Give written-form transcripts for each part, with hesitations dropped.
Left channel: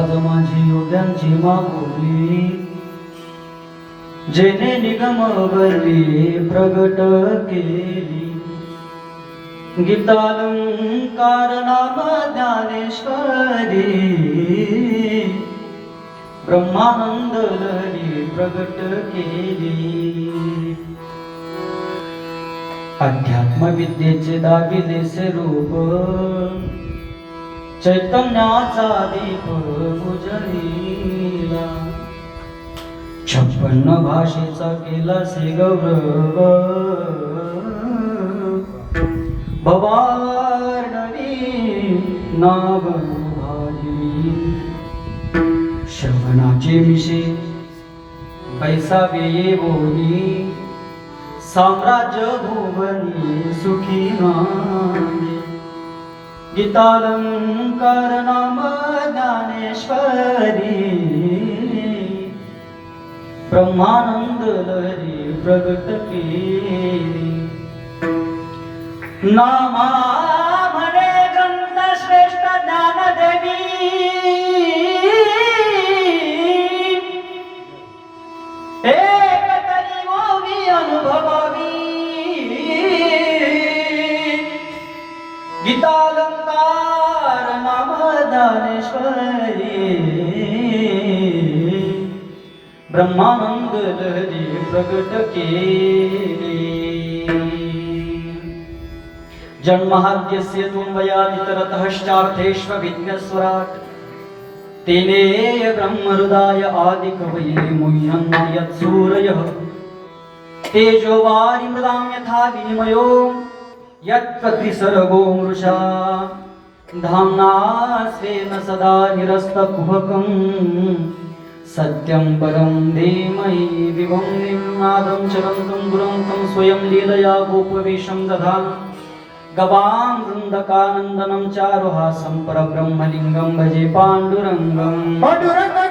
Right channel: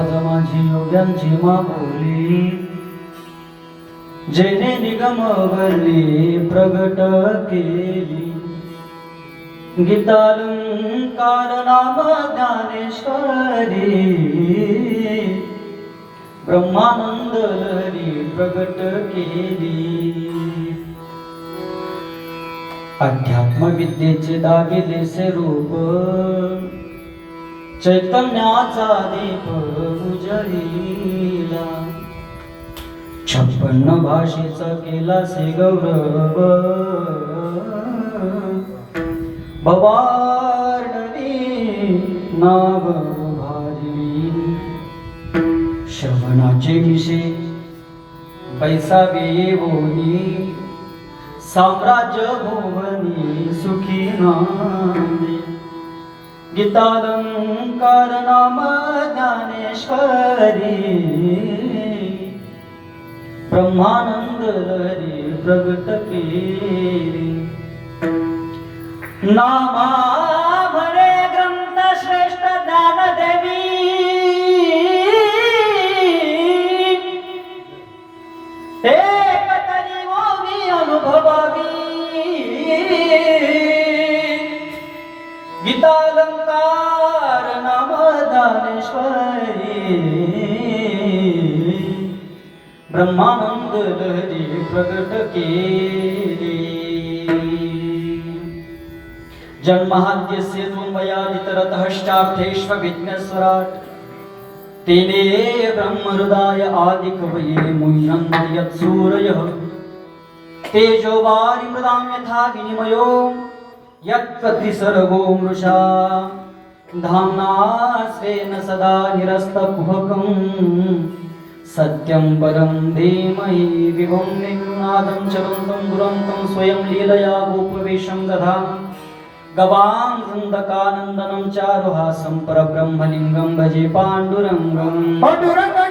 लाज माझी योग्यांची मागवली, जेने निगम वरली प्रगट केली. गीतालंकार नाम ज्ञानेश्वरी, ब्रह्मानंद लहरी प्रगट केली. अध्यात्म विद्येचे दाविलेसे रूप, चैतन्याचा दीप उजळीला. 56 भाषेचा केला से गौरव, भवार्णवी नाव भारी. श्रवणाचे विषय पैसा वेये बोली, साम्राज्य भुवनी सुखी नामे. गीतालंकार नाम ज्ञानेश्वरी, ब्रह्मानंद लहरी प्रगट केली. नामा म्हणे ग्रंथ श्रेष्ठ ज्ञानदेवी, एक तरी मोवी अनुभवावी. गीतालंकार नाम ज्ञानेश्वरी, ब्रह्मानंद लहरी प्रगट केली. जन्महाद्यस्य त्वमयादितरतश्चार्थेष्वभिज्ञस्वराट्, तेने ब्रह्महृदाय आदिकवये मुह्यन्ति यत्सूरयः. तेजो वारिमृदां यथा विनिमयो यत्प्रतिसर्गो मृषा, धाम्ना स्वेन सदा निरस्तकुहकम्. सत्यं परं धीमहि विभुं निर्नादं चलन्तं दुरन्तं स्वयं लीलया गोपवेशं दधामि. गवां वृन्दकानन्दनं चारुहासं परब्रह्मलिङ्गं भजे पाण्डुरङ्गं. पांडुरंगा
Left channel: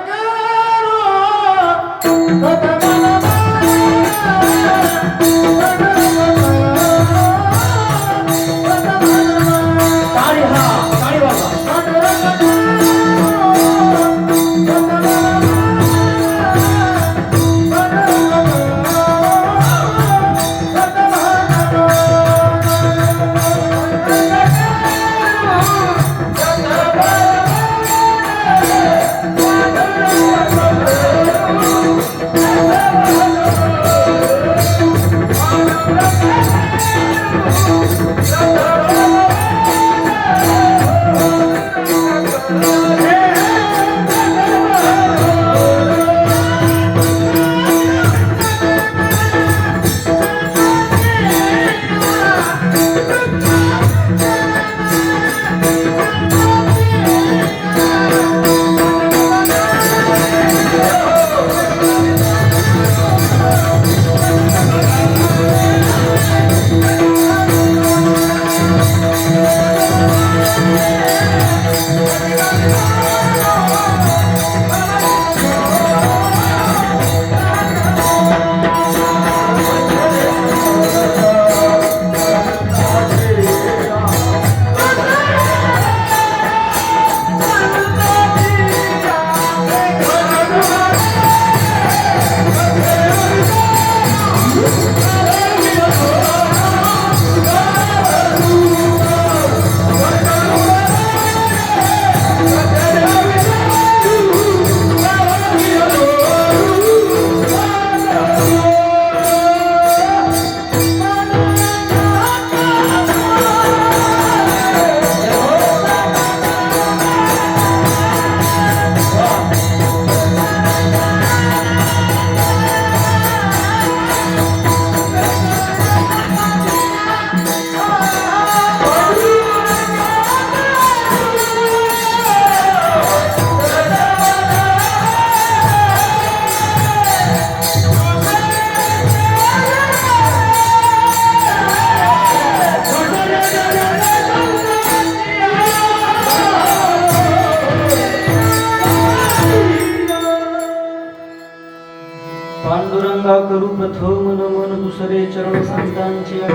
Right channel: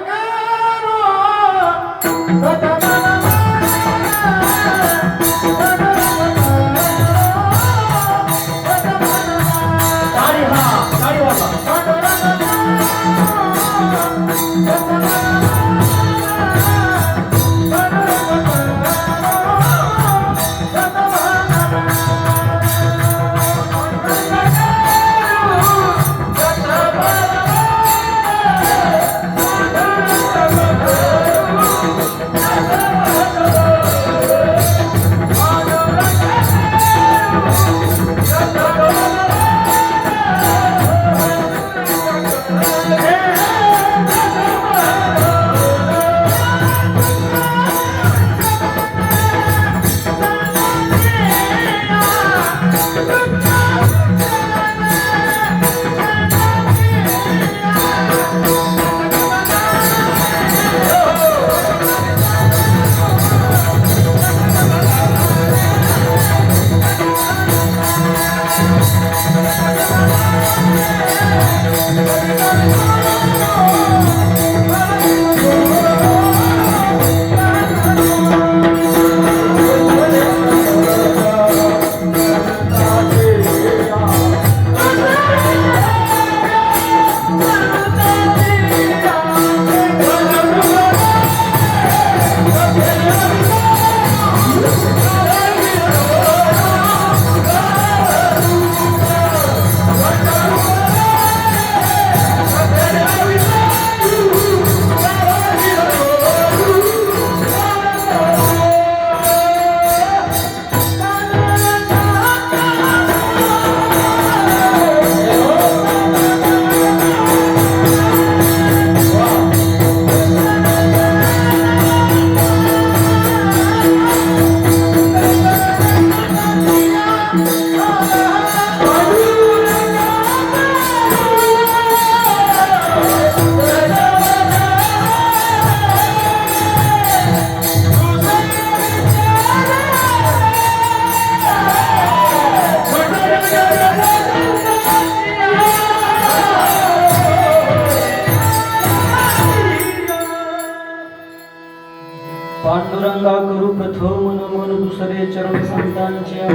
करू प्रथम नमन दुसरे चरण संतांचे,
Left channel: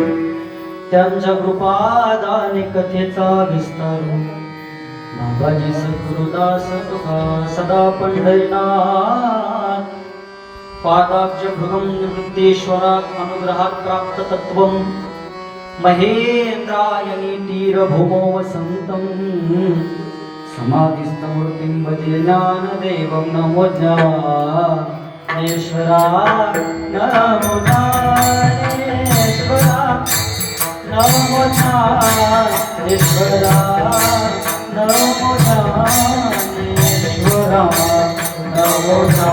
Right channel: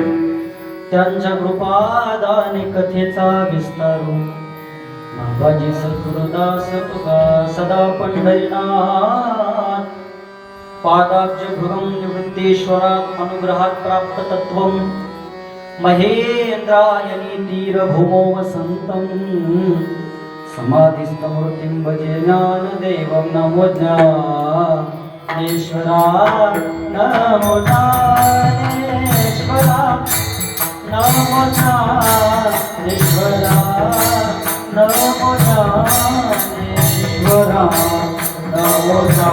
त्यांच्या कृपादाने कथेचा विस्तारू. नागाजी सद्गुरुदास तुका सदा पंढरीनाथ पादाब्ज भृगम निवृत्तेश्वरात अनुग्रहात प्राप्त तत्वम महेंद्रायणी तीर भूमो वसंतम समाधिस्थमूर्तिं भजे ज्ञानदेवं नमो ज्ञानेश्वरा नमो ज्ञानेश्वरा नमो ज्ञानेश्वरा नमो ज्ञानेश्वरा नमो ज्ञानेश्वरा नमो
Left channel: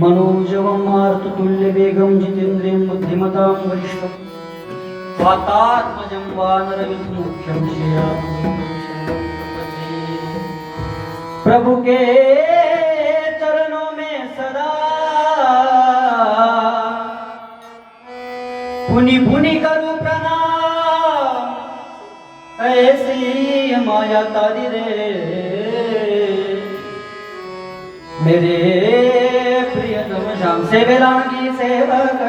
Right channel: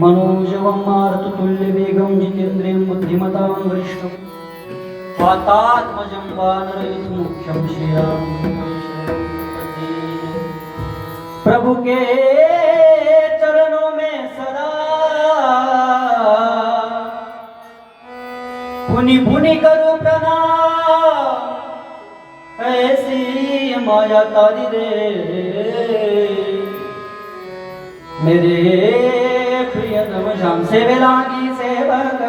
मनोजवं मारुततुल्य वेगं जितेन्द्रियं बुद्धिमतां वरिष्ठं वातात्मजं वानरयुतमुख्यं श्रीरामं प्रभु के चरणों में सदा पुनि पुनि करूं प्रणाम ऐसी माया तारी रे मेरे प्रियतम श्याम से बेलांगी सेवक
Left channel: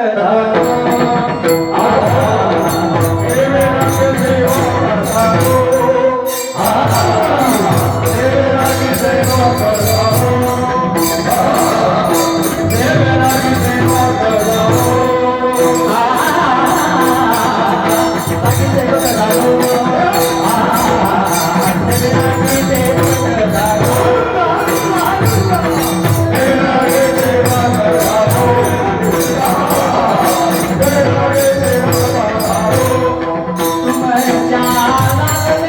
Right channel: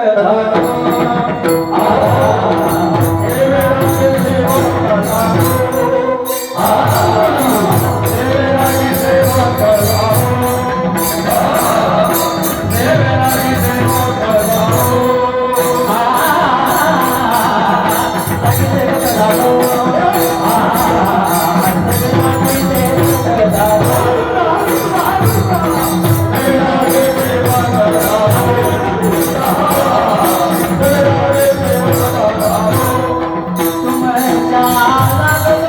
तुम जाना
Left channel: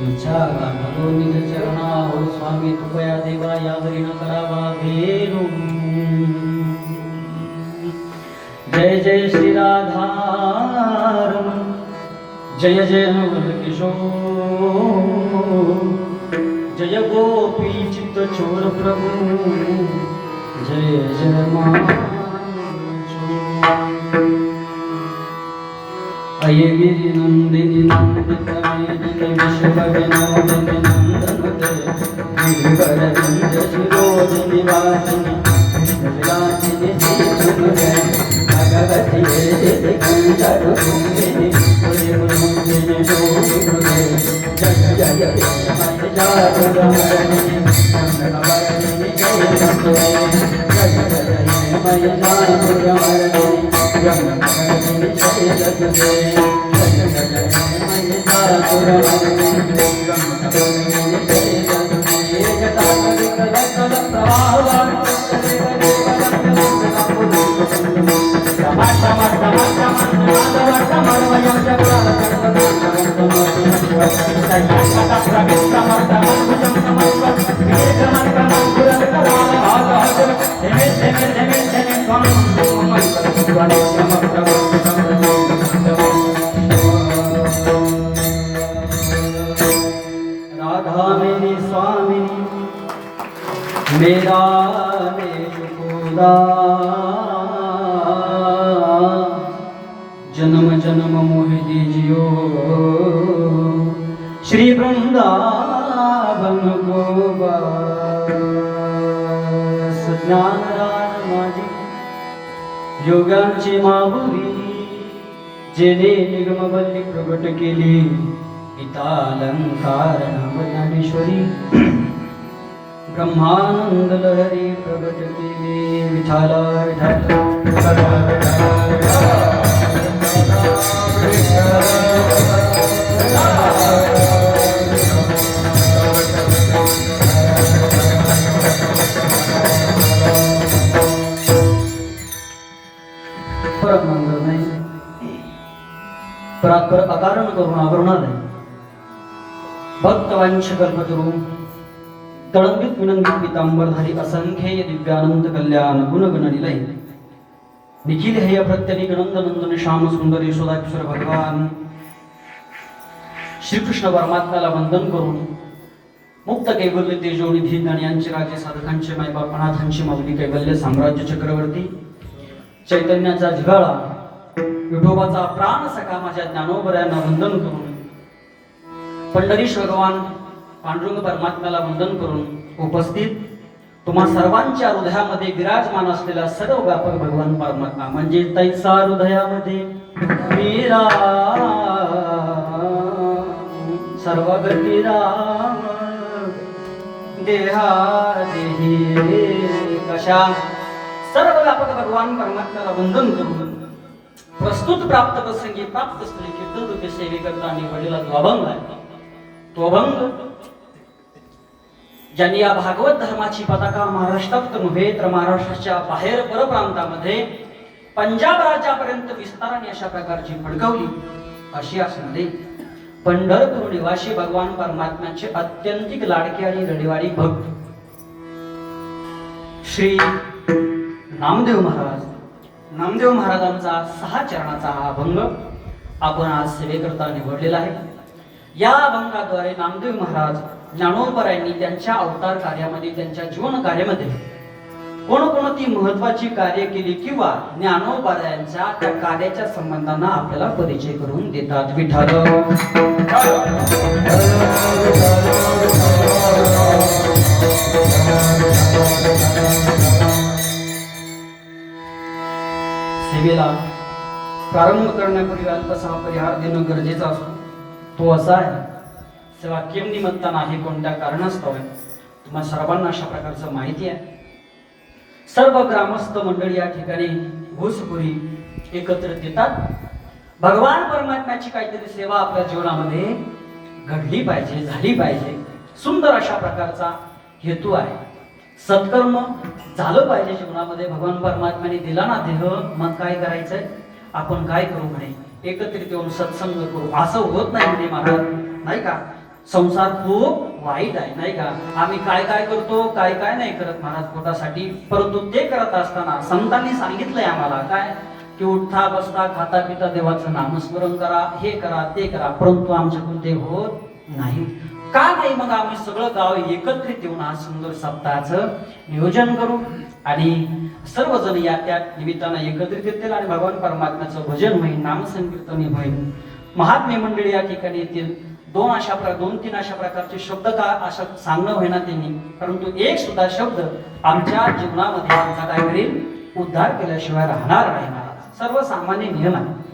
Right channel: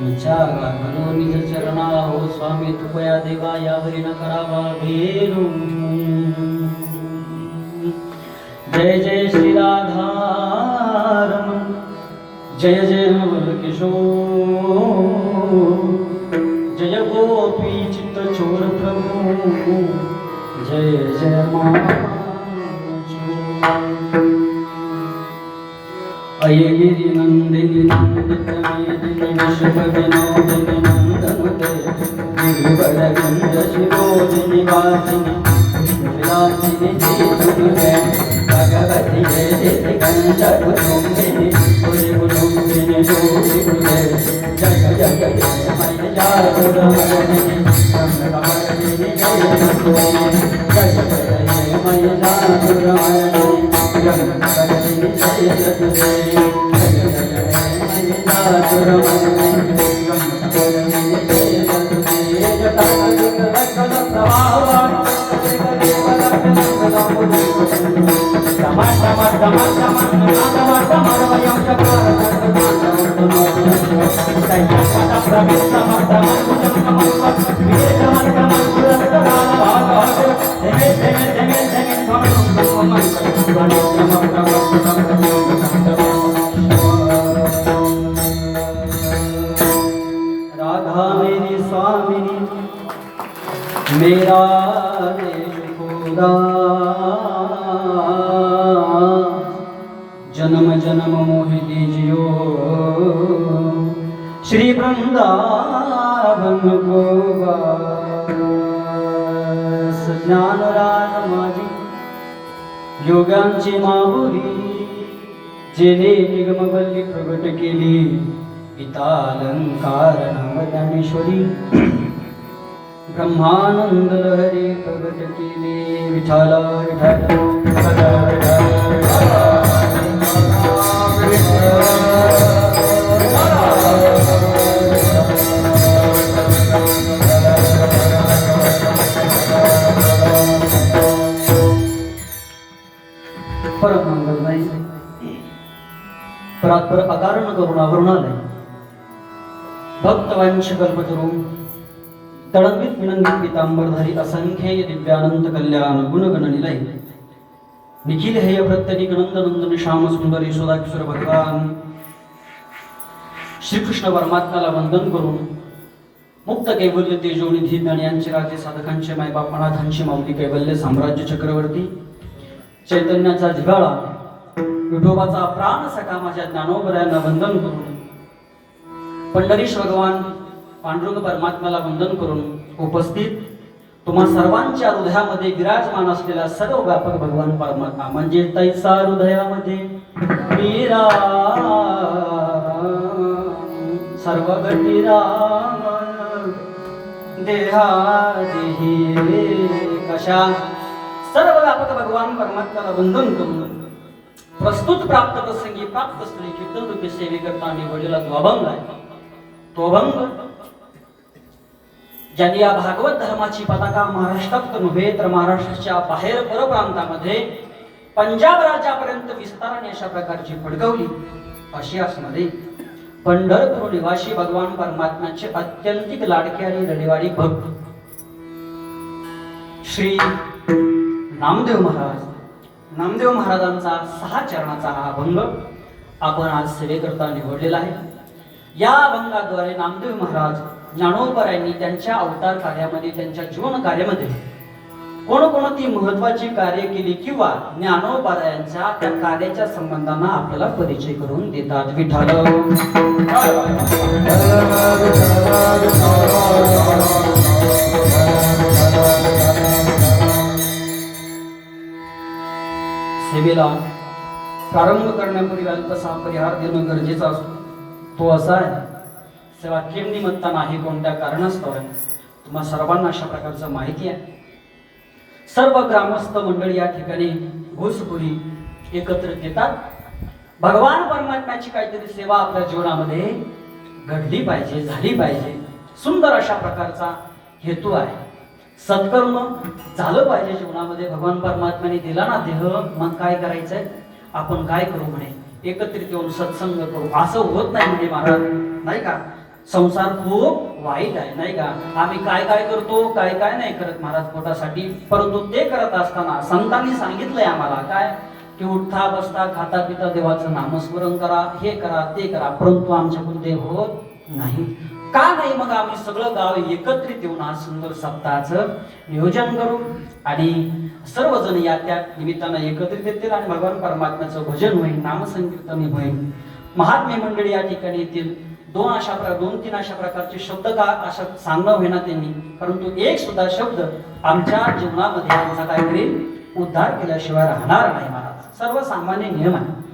घालो निज चरणा हो स्वामी तुपया देवा यावरी न करावा भेरू जय जय श्री राधारमण जय जय नवल किशोर जय गोपी चित्त चोर प्रभु जय जय अयगिरि नंदिनी नंदित मेदिनी विश्व विनोदिनी नंदनुते गिरिवर विंद शिरोदिनी वासिनी कृष्ण विलासिनी जीवनुते भगवती देवी कंचरु सुंदिनी पुरी पुरुंदिनी जोगी पुरे जय जय जय मय जागुरमणि संगमरणि जय नंदे जय जय मय जागुरमणि यमकरणि जय जगदे जय जय मय जागुरमणि यमकरणि जय जगदे जटाधिक रसद प्रवाहवान् राधा मेरी स्वामिनी मेरा देश खुदा जन्म जन्म मोह दीजियो श्री वृंदावन को बस ज्ञान रान माझी योगांची माहुरी जेने निगमवल्ली प्रगट केली गीतालंकार नाम ज्ञानेश्वरी ब्रह्मानंद लहरी प्रगट केली विठाला विठाला परम मंगल नाही परात्पर अकारण करुणावरुणालय भक्तवंश कल्पतरू तळंबित विनंदित पीतांबरधारी असंख्येय दिव्यानंद कल्याण गुणगण निलय निखिल हेय प्रत्यनिक नंदन श्याम सुंदर यशोदा किशोर भगवान श्रीकृष्ण परमात्म्याला वंदन करून मुक्त कैवल्य तेजोनिधी ज्ञानियांचे राजे साधकांचे मायबाप अनाथांची माऊली कैवल्य साम्राज्य चक्रवर्ती चैतन्याचा झिगाळा विठोबाचा प्राण सखा माझ्या ज्ञानोबऱ्यांना वंदन करून पंढरीश भगवान पांडुरंग परमात्म्याला वंदन करून उपस्थित तुम्हा सर्वांच्या हृदयामध्ये विराजमान असलेला सर्व व्यापक भगवान परमात्मा म्हणजे तैसा हृदयामध्ये मीरा सर्व गती राम देहा देही कशा सर्व व्यापक भगवान परमात्म्याला वंदन करून प्रस्तुत प्राप्त प्रसंगी प्राप्त स्त्री कीर्तन सेवे करता निवडलेला तो अभंग आहे तो अभंग ज्यांनी या भागवत धर्माची पताका महाराष्ट्रात नव्हे तर महाराष्ट्राच्या बाहेर परप्रांतामध्ये पंजाब राज्यापर्यंत विस्ताराने अशा प्रकारची फडकवली अशी असणारे पंढरपूर निवासी भगवान परमात्म्याचे अत्यंतिक लाडके आणि रडिवाडी भक्त श्री नामदेव महाराजांचा 6 चरणाचा हा अभंग आपण आज सेवेकरता निवडलेला आहे। या अभंगाद्वारे नामदेव महाराज ज्ञानोबरायांनी त्यांच्या अवतार कार्यामध्ये त्यांच्या जीवन कार्यामध्ये कोणकोणती महत्वाची कार्य केली किंवा ज्ञानोबरायांच्या त्या कार्याच्या संबंधांना आपल्याला परिचय करून देतात। विठ्ठल सेवेला प्रारंभ करण्यापूर्वी अल्पसा परिहार देणं गरजेचं असतो। तो असा आहे, सेवा केम निमित्तानं आहे, कोणत्या कारणास्तव आहे, तुम्हा सर्वांना अशा प्रकारचं माहिती आहे। सर्व ग्रामस्थ मंडळी या ठिकाणी घुसखोरी एकत्रित येतात। भगवान परमात्म्याची काहीतरी सेवा आपल्या जीवनामध्ये घडली पाहिजे, झाली पाहिजे, सुंदर अशा प्रकारचा हेतू आहे। सत्कर्म झालं पाहिजे जीवनामध्ये। भगवान परमात्म्याने दिला ना देह, मग काय करायचंय, आपण काय करू म्हणे, एकत्रित येऊन सत्संग करू, असं होत नाही म्हणजे महाराज, नाही का। संसार खूप वाईट आहे, नाही का? आम्ही काय काय करतो, काय काय नाही करत महाराज पोटासाठी, परंतु ते करत असताना संतांनी सांगितलंय आम्हाला काय, की उठता बसता खाता पिता देवाचं नामस्मरण करा, हे करा ते करा, परंतु आमच्याकडून ते होत नाही. का नाही? मग आम्ही सगळं गाव एकत्रित येऊन हा सुंदर सप्ताहाचं नियोजन करू आणि सर्वजण या त्या निमित्तानं एकत्रित येतील आणि भगवान परमात्म्याचं भजन होईल, नामसंकीर्तन होईल, महात्मे मंडळी या ठिकाणी येतील. दोन तीन अशा प्रकारचे शब्द का अशा सांगणं होईना त्यांनी, परंतु एक सुद्धा शब्द आमच्या जीवनामध्ये आमचा काय करेल, उद्धार केल्याशिवाय राहणार नाही महाराज. सर्वसामान्य नियम आहे.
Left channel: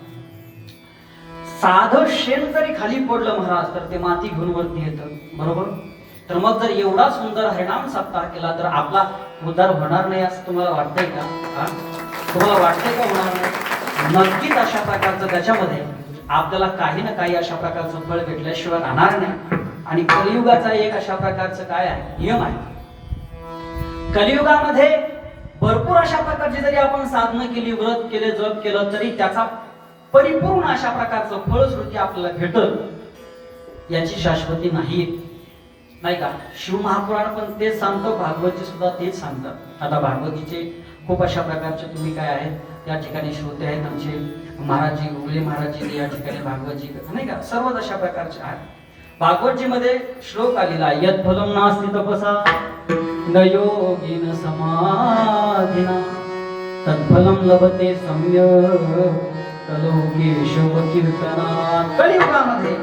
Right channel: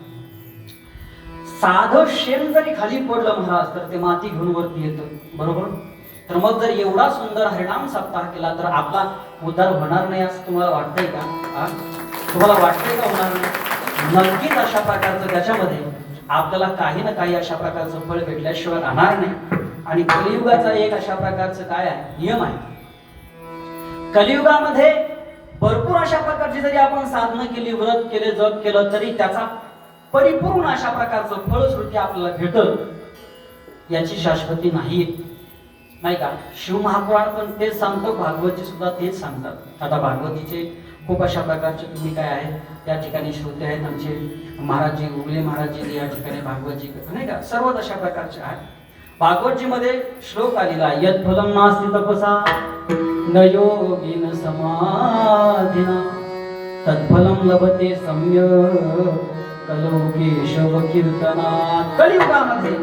साधं शेण जरी खाली पडलं महाराज तर ते माती घेऊन वरती येतं, बरोबर? तर मग जर एवढा सुंदर हरिनाम सप्ताह केला तर आपला उद्धार होणार नाही असं तुम्हाला वाटतंय का? तुम्हाला वाटतंय का होणार नाही? नक्कीच अशा प्रकारचं त्याच्यामध्ये आपल्याला काही ना काही अशा प्रकारचं फळ भेटल्याशिवाय राहणार नाही. आणि कलियुगाचा एक अशा प्रकारचं काय आहे, नियम आहे. कलियुगामध्ये भरपूर अशा प्रकारची जरी आपण साधनं केली, व्रत केले, जप केलं, तरी त्याचा परिपूर्ण अशा प्रकारचं फळश्रुती आपल्याला भेटत याची शाश्वती नाही, नाही का? शिव महापुराण पण तेच सांगतो, भागवतजी सुद्धा तेच सांगतात. आता भागवतीचे खूप अशा प्रकारचे तुम्ही काय आहेत त्या ठिकाणी श्रोते आहेत, आमचे महाराजजी उगले महाराजजी या ठिकाणी भागवतजी, नाही का? सर्वच अशा प्रकारचे आहेत. भागवतजी मध्ये श्लोक आलेला, यत् फलम नास्ति तपसा न योगिन समाधिना तत्फलम लभते सम्यक् कलोकेशव कीर्तनात्. कलियुगामध्ये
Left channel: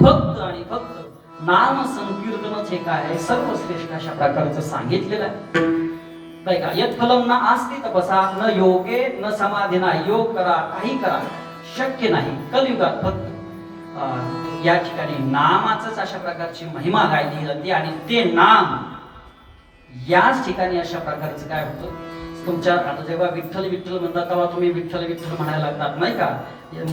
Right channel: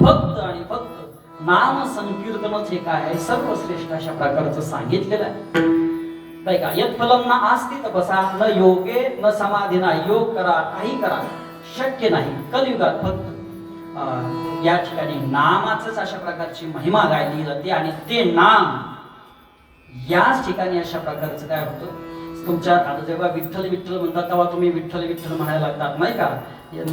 फक्त आणि फक्त नाम संकीर्तनच हे काय आहे, सर्वश्रेष्ठ अशा प्रकारचं सांगितलेलं आहे, नाही का? यत् फलम न आस्ति तपसा न योगे न समाधीना. योग करा, काही करा, शक्य नाही. कलियुगात फक्त या ठिकाणी नामाचंच अशा प्रकारची महिमा गायली जाते आणि ते नाम याच ठिकाणी अशा प्रकारचं काय होतं, तुमच्या आता जेव्हा विठ्ठल विठ्ठल म्हणतात तेव्हा तुम्ही विठ्ठल विठ्ठल म्हणायला लागतात, नाही का?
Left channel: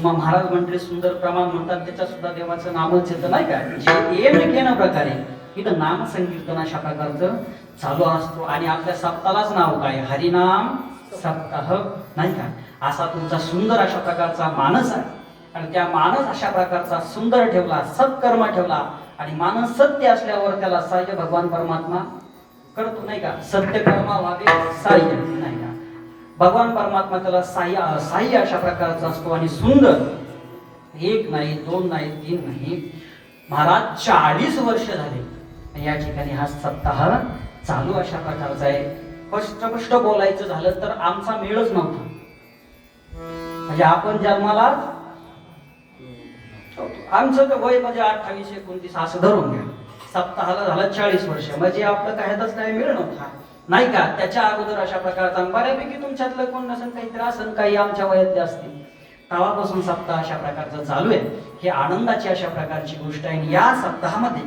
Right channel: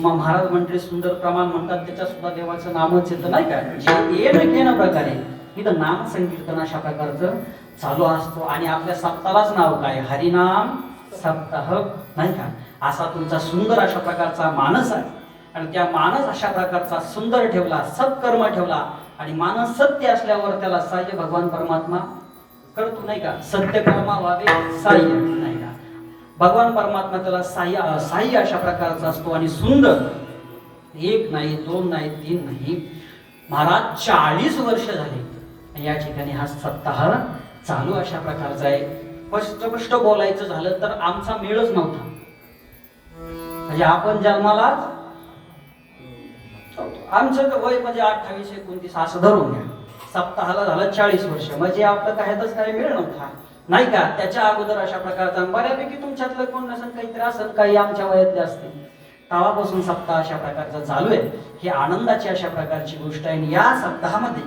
महाराज मंडळी सुंदर प्रमाण म्हणतात, त्याच्यात सुद्धा देवाचं नामच येतं, नाही का? जे येणं घेणं प्रकारे इथं नाम संकीर्तन अशा प्रकारचं चालू असतो. आणि आपल्या सप्ताहालाच नाव काय, हरिनाम सप्ताह, नाही का? असा तुमचा सुंदर अशा प्रकारचा मानस आहे. आणि त्या मानस अशा प्रकारचा सुंदर ठेवला, सत्कर्म ठेवला आणि मानस सत्य असल्यावर त्याला सहाय्य भगवान परमात्मा करतो, नाही का? सत्य कर्मा व्हावे सहाय्य, नाही का? भगवान परमात्मा त्याला सहाय्य अशा प्रकारचा असतो. आणि सुंदर एक नाही, दोन नाही, तीन नाही, महाराज 40 वर्ष झाले या ठिकाणी हा सप्ताह चालू अशा प्रकारचा आहे. स्पष्ट बोलायचं झालं तर आमचा मेळच नव्हता, म्हणजे आपण जन्माला आमचं वय म्हणजे 28-29 असं धरून घ्या, सप्ताहाला झालं 40 वर्ष, म्हणजे आपलं कायच काही मिळ नव्हता, नाही का? त्याच्या अगोदर अशा प्रकारचा बऱ्यापैकी तुमच्यातलं कोण नसेल, काहीतरी असेल, काही आमच्या वयातले असतील, तेव्हापासून सप्ताह अशा प्रकारचा चालू आहे. ही आनंदाची अशा प्रकारची गोष्ट आहे. या सप्ताहामध्ये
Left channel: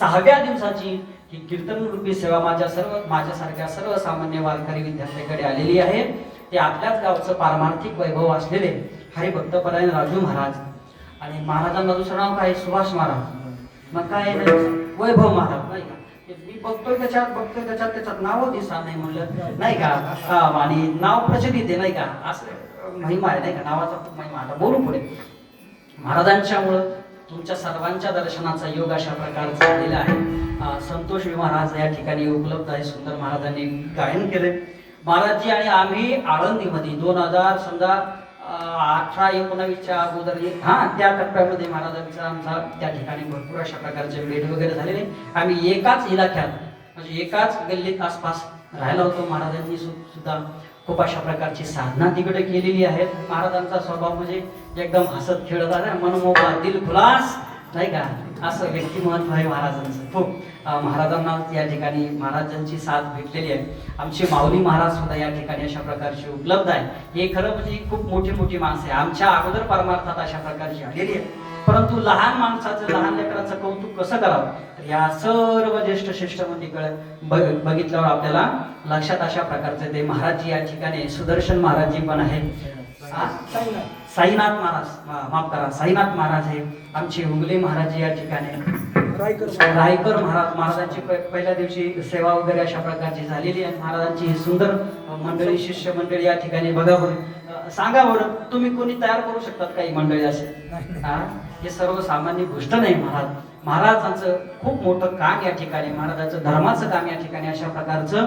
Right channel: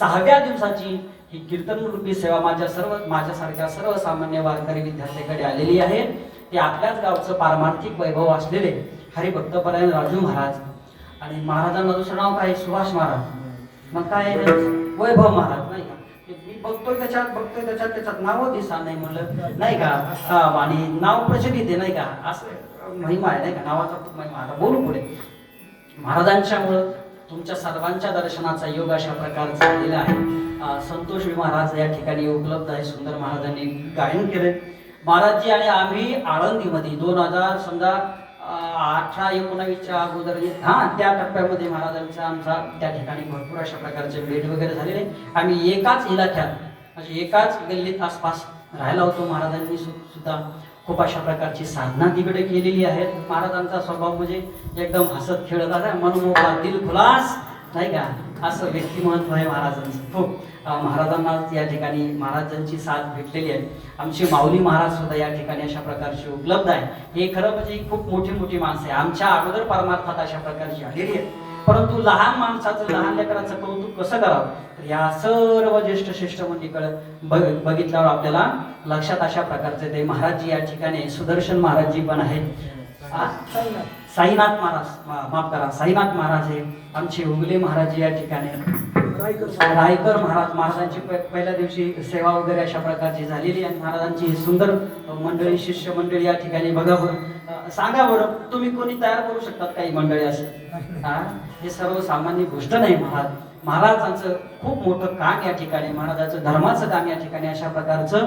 6व्या दिवसाची ही कीर्तन रूपी सेवा माझ्यासारख्या सर्वसामान्य वारकरी विद्यार्थ्याकडे आलेली आहे. ते आपल्याच गावचं पारमार्थिक वैभव असलेले हरिभक्तपरायण राजू महाराज, आणि महाराजांना दुसरं नाव काय, सुभाष महाराज, मग काय वैभव महाराज, नाही का? मी बघतोय त्याच्यात नाव दिसा नाही म्हणलं, नाही का? आणि नाव प्रचलित आहे, नाही का? असं महिमा आहे, नाही का? नावाचा खूप महिमा. आता बोलू पुढे. महाराजांच्यामुळं तुमच्या सर्वांच्या दर्शनाचा योग अशा प्रकारचा झालेला आहे. संतोष महाराज या ठिकाणी उपलब्ध आहे. सुंदर महाराजांनी गायन केले. महाराजजी आणि आम्ही आळंदीमध्ये 2000 समजा 18-19च्या अगोदर त्या टप्प्यामध्ये महाराजांचा आमचा त्या ठिकाणी भरपूर अशा प्रकारचे भेट वगैरे झालेले. आम्ही एकाच इलाक्यात म्हणजे एकाच गल्लीत आसपास राहिला होतो. महाराजांनी सुद्धा खूप अशा प्रकारची साधना तिकडे केलेली आहेत. महाराजांचा स्वभाव म्हणजे एकदम हसत खेळत आहे, मनमोकळा, दिल खुलास, नाही का? असं व्यक्तिमत्व आहे महाराजांचं. खूप महाराजांना या ठिकाणी महाराजांची साथ भेटलेली आहे. आमचे माऊली महाराज सुद्धा या ठिकाणी अशा प्रकारचे उपलब्ध आहे. हे खरं म्हणजे खूप मोठी मोठी माणसं आहे. आमच्या अगोदर परमार्थात अशा प्रकारची आलेली आहे. परंतु लहान माणसाचं, लहान लेकराचं कौतुक कसं करावं, तर या सर्व ज्येष्ठ श्रेष्ठ मंडळीकडे बघितल्यावर आपल्याला लक्षात अशा प्रकारचे ते महाराजजी या ठिकाणी, सुदर्शन महाराजजी पण आहे, साईनाथ महाराज, माफ करा, साईनाथ महाराज आहे, आमचे उगले महाराज या ठिकाणी, रायकर महाराज, महाराजांची पहिल्या दिवशी सेवा वगैरे अशा प्रकारची झालेली आहे. महाराजांची सुंदर मंडळी, शिष्य मंडळी या ठिकाणी बघा बरं. सांगा बरं, तुम्ही कोणी तयार करू शकतात काही मंडळी असे? हे सर्वसामान्य गोष्ट नाही. महाराजांचं खूप मोठं काम या ठिकाणी, महाराजांचं धर्माचं काम या ठिकाणी अशा प्रकारचं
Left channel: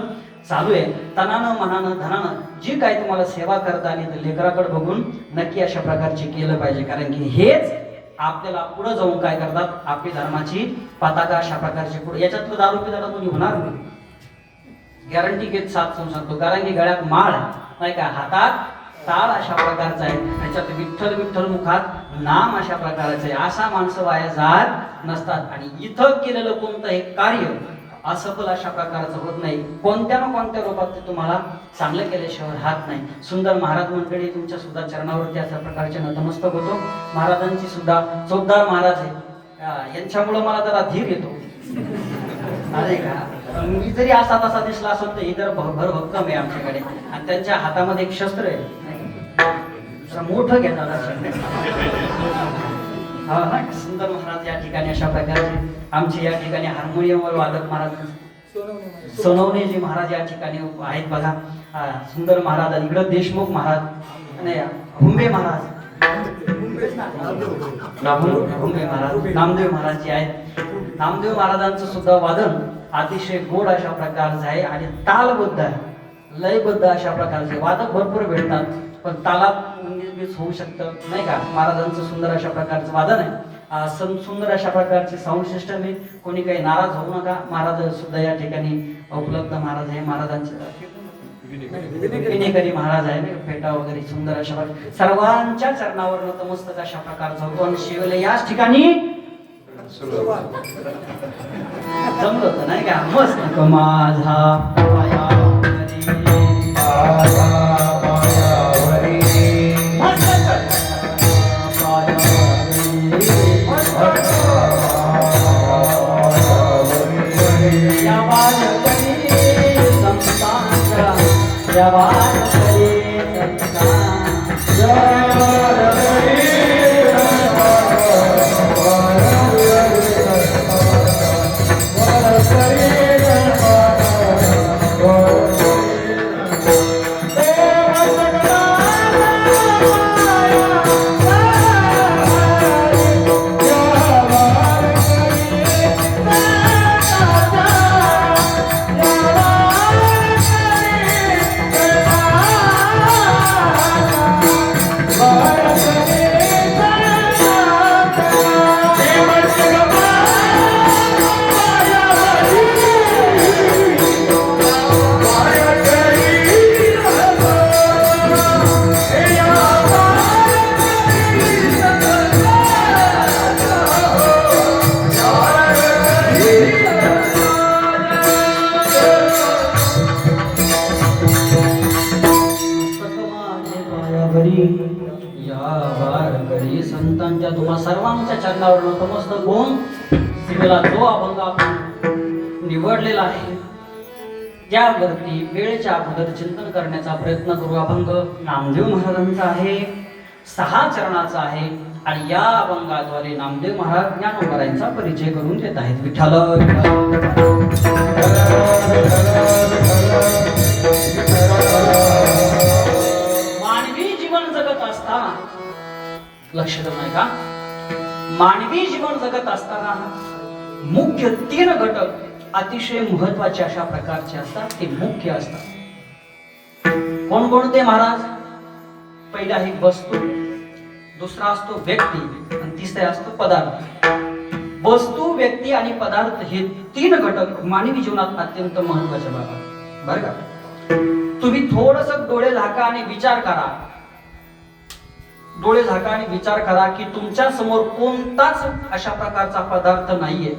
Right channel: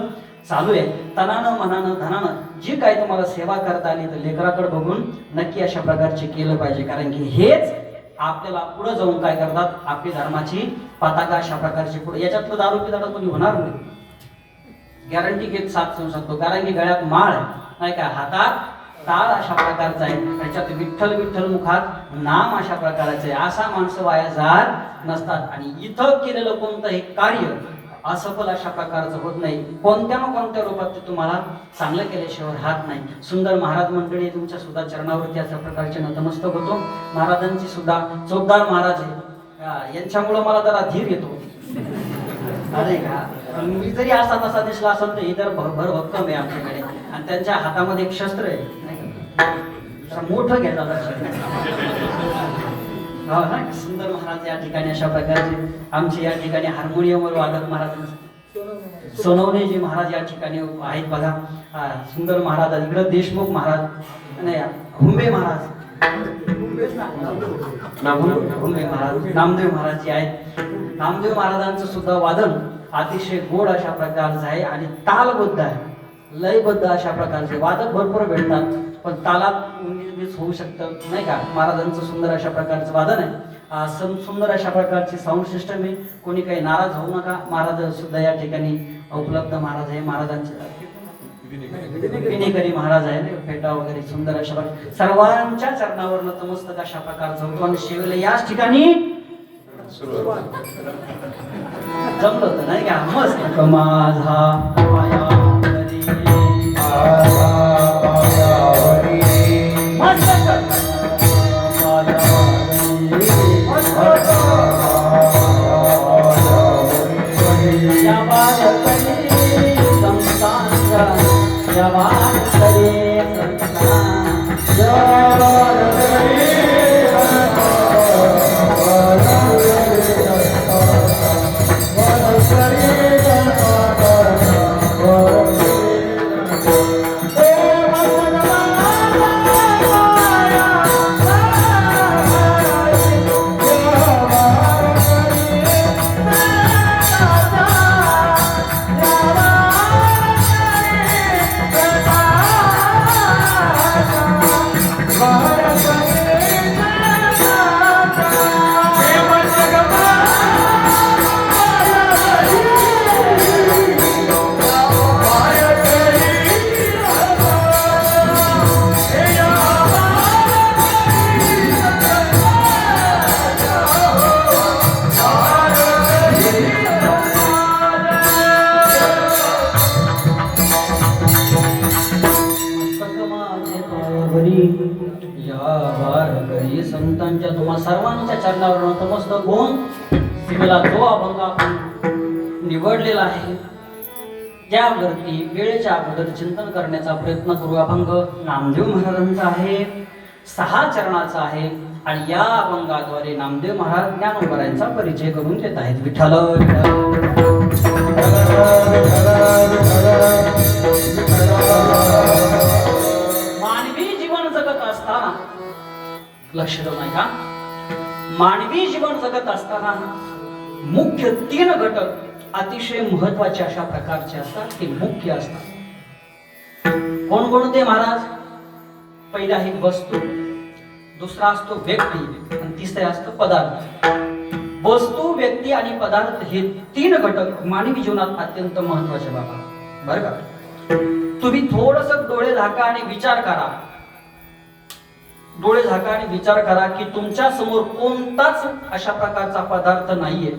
चालू आहे. तनानं मनानं धनानं जी काही तुम्हाला सेवा करता आली तर लेकराकडे बघून नक्की अशा प्रकारचे केलं पाहिजे, कारण की हेच आपल्याला पुढे जाऊन काय करतात, आपली धर्माची पताका अशा प्रकारची पुढे. याच्यातलं दारू पिताडा कोणी होणार नाही, गॅरंटी घेत साथ सांगतो. कारण की गळ्यात माळ आहे नाही का, हातात टाळ अशा प्रकारचा आहे, त्याच्यात विठ्ठल विठ्ठल मुखात नाम अशा प्रकारचं आहे. असा माणसं वाया जात नसतात. आणि इथं केलेलं कोणतंही कार्य असफल अशा प्रकारचं होत नाही. कोणत्या ना कोणत्या रूपात ते तुम्हाला चांगलं केल्याशिवाय राहत नाही. सुंदर महाराज मंडळी तुमच्या सुद्धा चरणावरती अशा प्रकारचे नतमस्तक होतो. महाराजांची सुद्धा चोपदार महाराज आहे, यांच्यामुळं मला जरा धीर येतो. अरे का मी जरी असा तसा दिसला असेल तर इतर भरभक्कम आहे आमच्याकडे. आणि त्यांच्या हातामध्ये एक शस्त्र आहे मोठं घेतात सुंदर महाराज या ठिकाणी अशा प्रकारचे. आमचे या ठिकाणी हार्मोनियमवर वादक महाराज सोनवणेजी महाराज या ठिकाणी आहेत बघा. सुंदर महाराज इकडं देशमुख महाराज नाही, हुंबे महाराज, हुंबे महाराज नामदेव महाराज जे आहेत. नामदेव महाराजांचं सुद्धा वादन अतिशय गोड अशा प्रकारचं आहे आणि तालबद्ध आहे, लयबद्ध अशा प्रकारचे. वादक भरपूर भेटतात पण तालात होऊ शकतं नाही का. महाराजांचं सुंदर अशा प्रकारचं वादन आहे, सुंदर अशा प्रकारचे साऊंड सिस्टम आहे. कोणी काही नाराज होऊ नका, महाराज सुद्धा या ठिकाणी उपलब्ध महाराज आहे. महाराजांचे विनेकरी महाराज आहे, फेटा वगैरे सुंदर अशा प्रकारे सर्वांच्या चरणावर नतमस्तक अशा प्रकारचा होतो. आणि शिवले याच ठिकाणी जमलं होतं नाही का, मस्त. माझा पायावरी संतांच्या तुम्हा सर्वांच्या चरणावर नतमस्तक होऊन शिवेला जो अभंग आपण निवडलेला आहे त्यावरती वेळेच्या अगोदर चिंतन करण्याचा प्रयत्न करू. अभंग नामदेव महाराजांचा आहे, 6 चरणाचा आहे आणि या अभंगाद्वारे नामदेव महाराज ज्ञानोबरायांचा परिचय करून देत आहेत. विठ्ठल मानवी जीवन जगत असताना लक्ष देऊ नाही का, मानवी जीवन जगत असताना मुख्य 3 घटक अतिशय महत्वाचे अशा प्रकारचे असतात, ते मुख्य असतात. कोणकोणते महाराज? पहिला आहे वस्तू, दुसरा असतो व्यक्ती आणि तिसरा असतो पदार्थ. वस्तू, व्यक्ती आणि पदार्थ हे 3 घटक मानवी जीवनात अत्यंत महत्वाचे बाबा बरं का. तुम्ही थोडस डोळे झाका आणि विचार करा, डोळे झाका आणि विचार करा की तुमच्या समोर कोणताच अशा प्रकारचा पदार्थ नाहीये,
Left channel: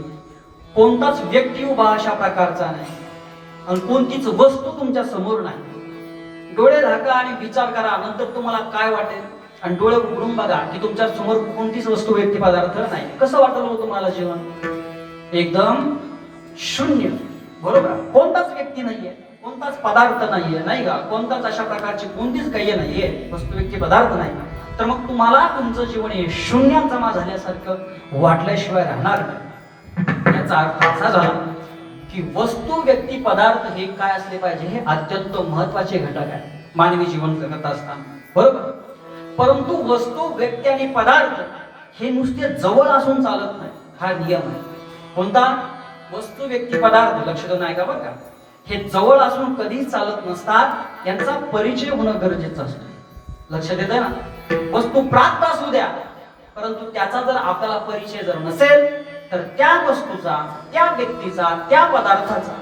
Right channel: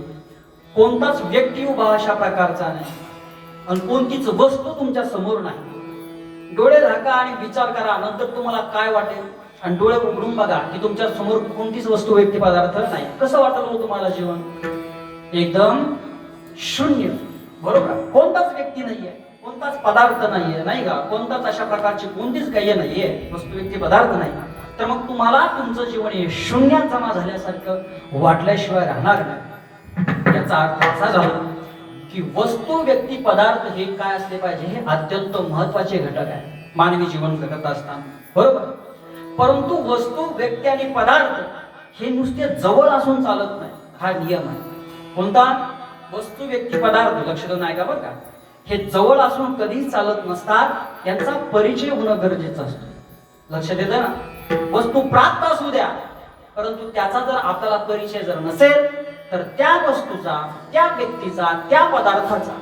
कोणताच व्यक्ती उभा अशा प्रकारचा नाही आणि कोणतीच वस्तू तुमच्या समोर नाही. डोळे झाका आणि विचार करा, नंतर तुम्हाला काय वाटेल. आणि डोळे उघडून बघा की तुमच्या समोर कोणतीच वस्तू, व्यक्ती, पदार्थ नाही. कसं वाटलं हो तुम्हाला जीवन? एकदम शून्य, बरोबर. कोणताच व्यक्ती नाहीये, कोणताच पदार्थ नाहीये नाही का, कोणताच अशा प्रकारची कोणतीच काही नाहीये, वस्तू, व्यक्ती, पदार्थ नाही. तर मग तुम्हाला तुमचं जीवन हे शून्यात जमा झाल्यासारखं वाटल्याशिवाय राहणार नाही. याचा अर्थ असा झाला की वस्तू, व्यक्ती, पदार्थ हे काय असले पाहिजे, हे अत्यंत महत्वाचे घटक आहे मानवी जीवन जगत असताना, बरोबर. परंतु वस्तू, व्यक्ती आणि पदार्थ हे नुसते जवळ असून चालत नाही, हा नियम आहे. कोणता? वस्तू व्यक्ती पदार्थ लक्ष देऊन ऐका बरं का. हे जवळ असून कधीच चालत नसतात, यांचा परिचय होणं गरजेचं असतं. लक्ष देतं ना. वस्तू प्राप्त असू द्या, परंतु त्याचा जर आपल्याला परिचय जर नसेल तर त्या वस्तूचा, त्या व्यक्तीचा, त्या पदार्थाचा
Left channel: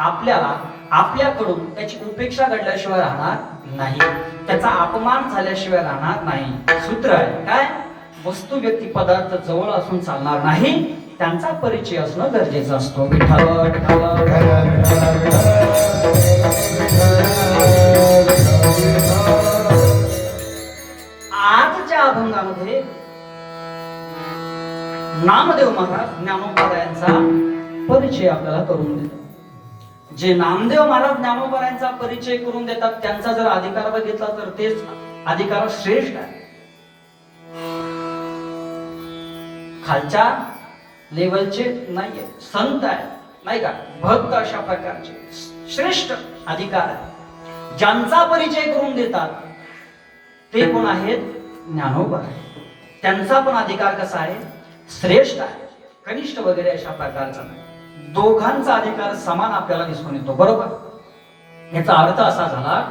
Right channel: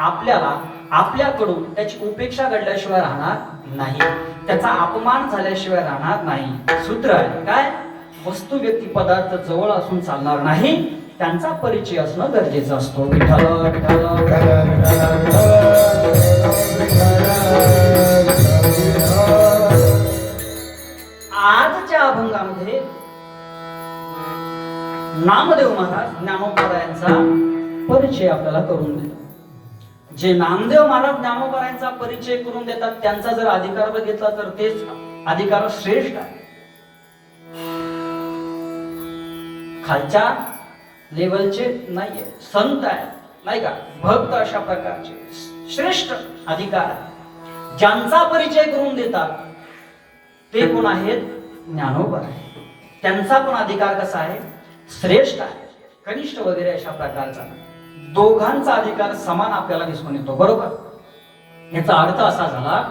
आपल्याला आपल्याकडून त्याची उपेक्षा घडल्याशिवाय राहणार नाही, त्याचा अपमान झाल्याशिवाय राहणार नाही. सूत्र आहे काय? वस्तू व्यक्ती पदार्थ जवळ असून चालणार नाही, त्यांचा परिचय असणं गरजेचं असतो. विठ्ठल विठ्ठल आजच्या अभंगामध्ये नामदेव महाराज ज्ञानोबा यांचा परिचय आपल्याला करून देतात. जे नामदेव महाराज ज्ञानोबा यांचा परिचय करून देतात त्यांचा जर अधिकार बघितला तर तेच अधिकार श्रेष्ठ आहे. खालच्या लेवलचे नाहीये, संत आहे नाही का, भक्त, अशा प्रकारचे श्रेष्ठ अधिकार आहे. ज्यांचा परिचय करून देतात ते कोण आहेत? ज्ञानोबा. त्यांचा पण अधिकार कसा आहे? श्रेष्ठ आहे, कनिष्ठ वगैरे अशा प्रकारचा नाही. दोघांचा अधिकार समान आपल्याला दिसून येतो. बरोबर. याचा अर्थ असा झाला,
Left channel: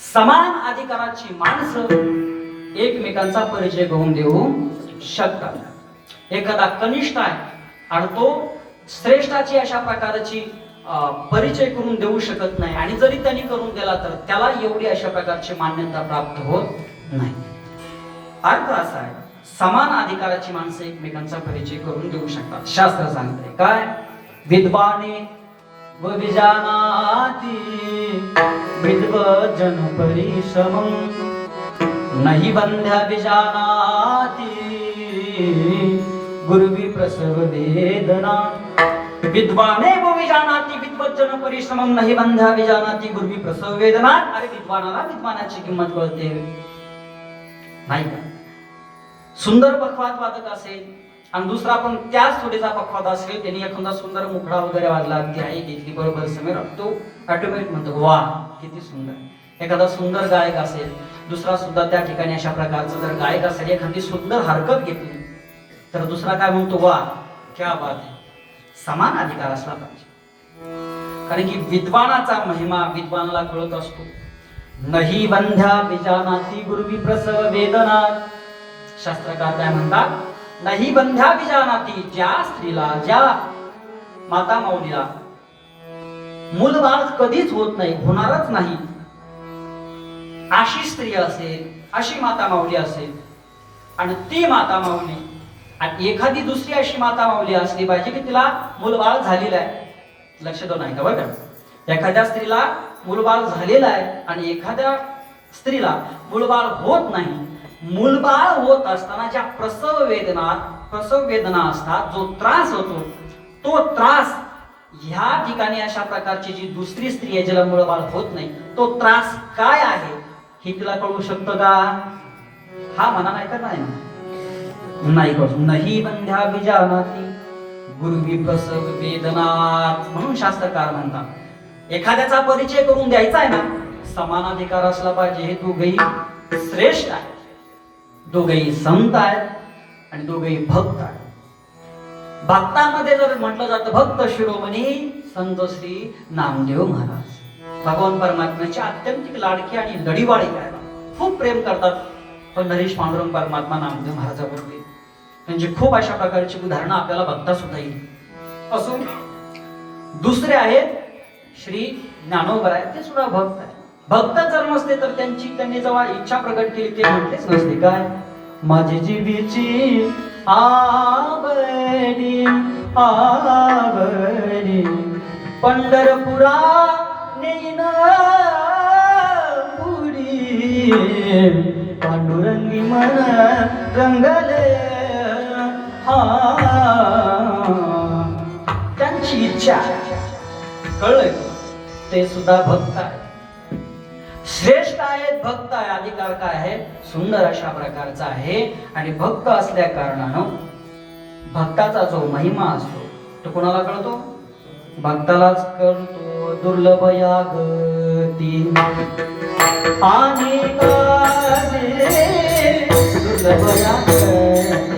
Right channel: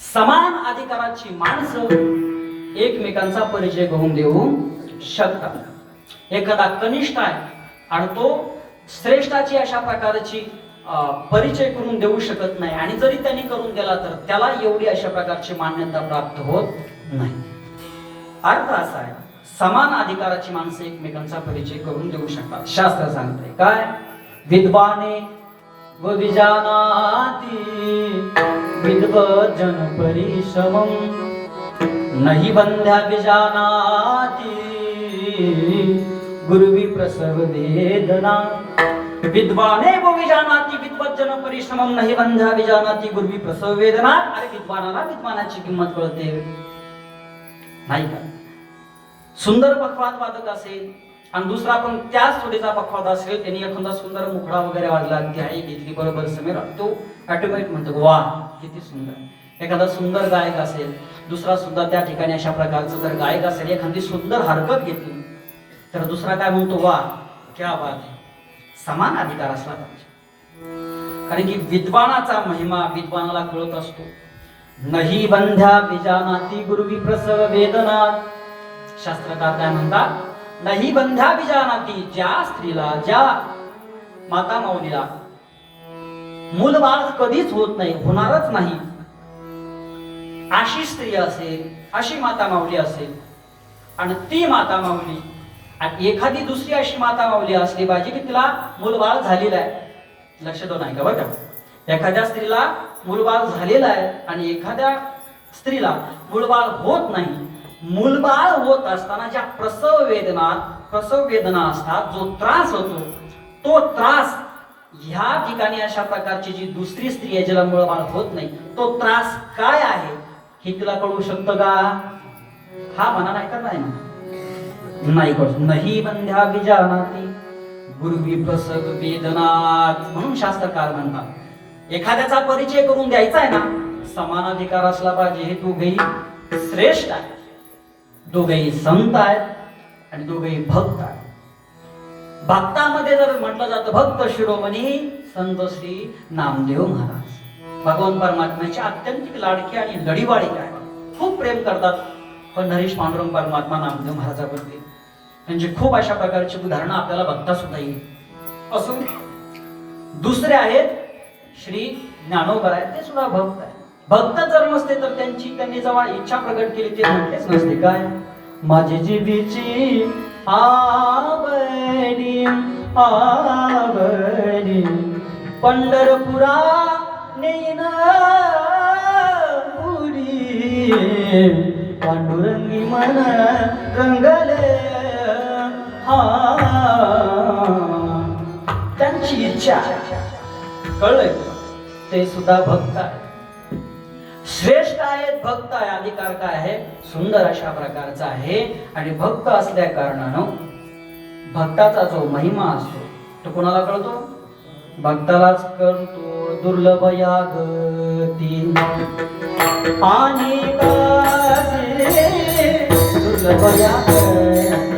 समान अधिकाराची माणसं एकमेकांचा परिचय करून देऊ शकतात. एखादा कनिष्ठ आहे आणि तो श्रेष्ठाची अशा प्रकारची परिचय करून देऊ शकत नाही, आणि जरी त्यांनी करून दिला तर त्याला एवढी अशा प्रकारची मान्यता प्राप्त होत नाही. अर्थ असा आहे, समान अधिकाराची माणसं एकमेकांचा परिचय करून देऊ शकतात. शास्त्र सांगते काय? विद्वाने व विजानाती विद्वज्जन परिश्रमं नहि बंध्या विजानाती गुरुवी प्रसव वेदना. विद्वाने व विजानाती विद्वज्जन परिश्रमं नहि बंध्या विजानाती गुरुवी प्रसव वेदना. अरे विद्वानाला विद्वानाची किंमत कळते नाही का? सुंदर पखवाद वादक असेल आणि दुसरा पण त्याच थोडीचा पखवाद असेल, त्यांनी एखादा सुंदर मुखडा वगैरे वाजला, ती आई घेतली बरोबर समीर, तो ऑटोमॅटिक म्हणतो वा किती सुंदर. एखादा सुंदर गायक असेल, दुसरा सुद्धा त्या ठिकाणी अशा प्रकारचा जर गायक असेल, एखादी सुंदर हरकत घेतली तर दुसरा काय म्हणतो? वा क्या बात आहे. समान अधिकार असला पाहिजे, कारण की विद्वानाचा महिमा विद्वानाला कळत असतो. नाही बंध्या विजानाती गुरुवी प्रसव वेदना. शास्त्रकार काय म्हणतात? नाही बंध्या विजानाती, ज्या स्त्रीला, ज्या माता माऊलीला मूलबाळ कधीच होत नाही, होणारच नाही, अशी स्त्री असेल, अशी माता माऊली असेल, आणि ती माता माऊली आणि एखादी दुसरी अशी माता माऊली असली पाहिजे की तिला मूलबाळ झालेलं आहे. लक्ष देऊन ऐका बरं का. एखाद्या स्त्रीला मूलबाळ झालेला आहे आणि एखाद्या स्त्रीला मूलबाळ होत नाही. मूलबाळ होत असताना ज्या प्रसव वेदना असतात, जो त्रास होतो, तो त्रास ह्या ठिकाणी अशा प्रकारची जी दुसरी स्त्री आहे ज्याला मूलबाळ होत नाही, तो त्रास काय आहे हे तिला कळू शकतं का? हा म्हणा नाही तर नाही म्हणा, नाही कळू. नाही बंध्या विजानाती गुरुवी प्रसव वेदनात. म्हणून शास्त्रकार म्हणतात एखाद्याचा परिचय करून द्यायचा आहे ना, समान अधिकार असला पाहिजे. हे दोघेही श्रेष्ठ आहे, दोघेही संत आहेत आणि दोघेही भक्त आहेत. भक्तामध्ये जर म्हटलं जातं भक्त शिरोमणी संत श्री नामदेव महाराज, भगवान परमात्म्याची अत्यंत लाडकी आणि लढीवाळी आहे, खूप प्रेम करतात. पण नरेश पांडुरंग परमात्मा नामदेव महाराजावरती म्हणजे खूप अशा प्रकारची उदाहरणं आपल्याला बघता सुद्धा येईल. असून दुसरे आहेत श्री ज्ञानोबा आहेत, ते सुद्धा भक्त आहेत. भक्त जर नसते तर त्यांनी जेव्हा इच्छा प्रकट केली ते म्हटलेच नसते काय? माझी जीवीची आवडी आवडी पंढरपुरा नेन पुरी पांडुरंगी मन रंगले. त्यांची इच्छा कळलं, ते सुद्धा भक्त आहे, श्रेष्ठ आहेत, भक्त आहे. अधिकार काय आहे? सुंदर अशा प्रकारचा आहे. आणि भक्त असल्या कारणानं भक्ताचा जो महिमा असतो तो कोणाला कळतो? भक्तालाच कळतो. दुर्लभ यागती आणि दुर्लभ यागती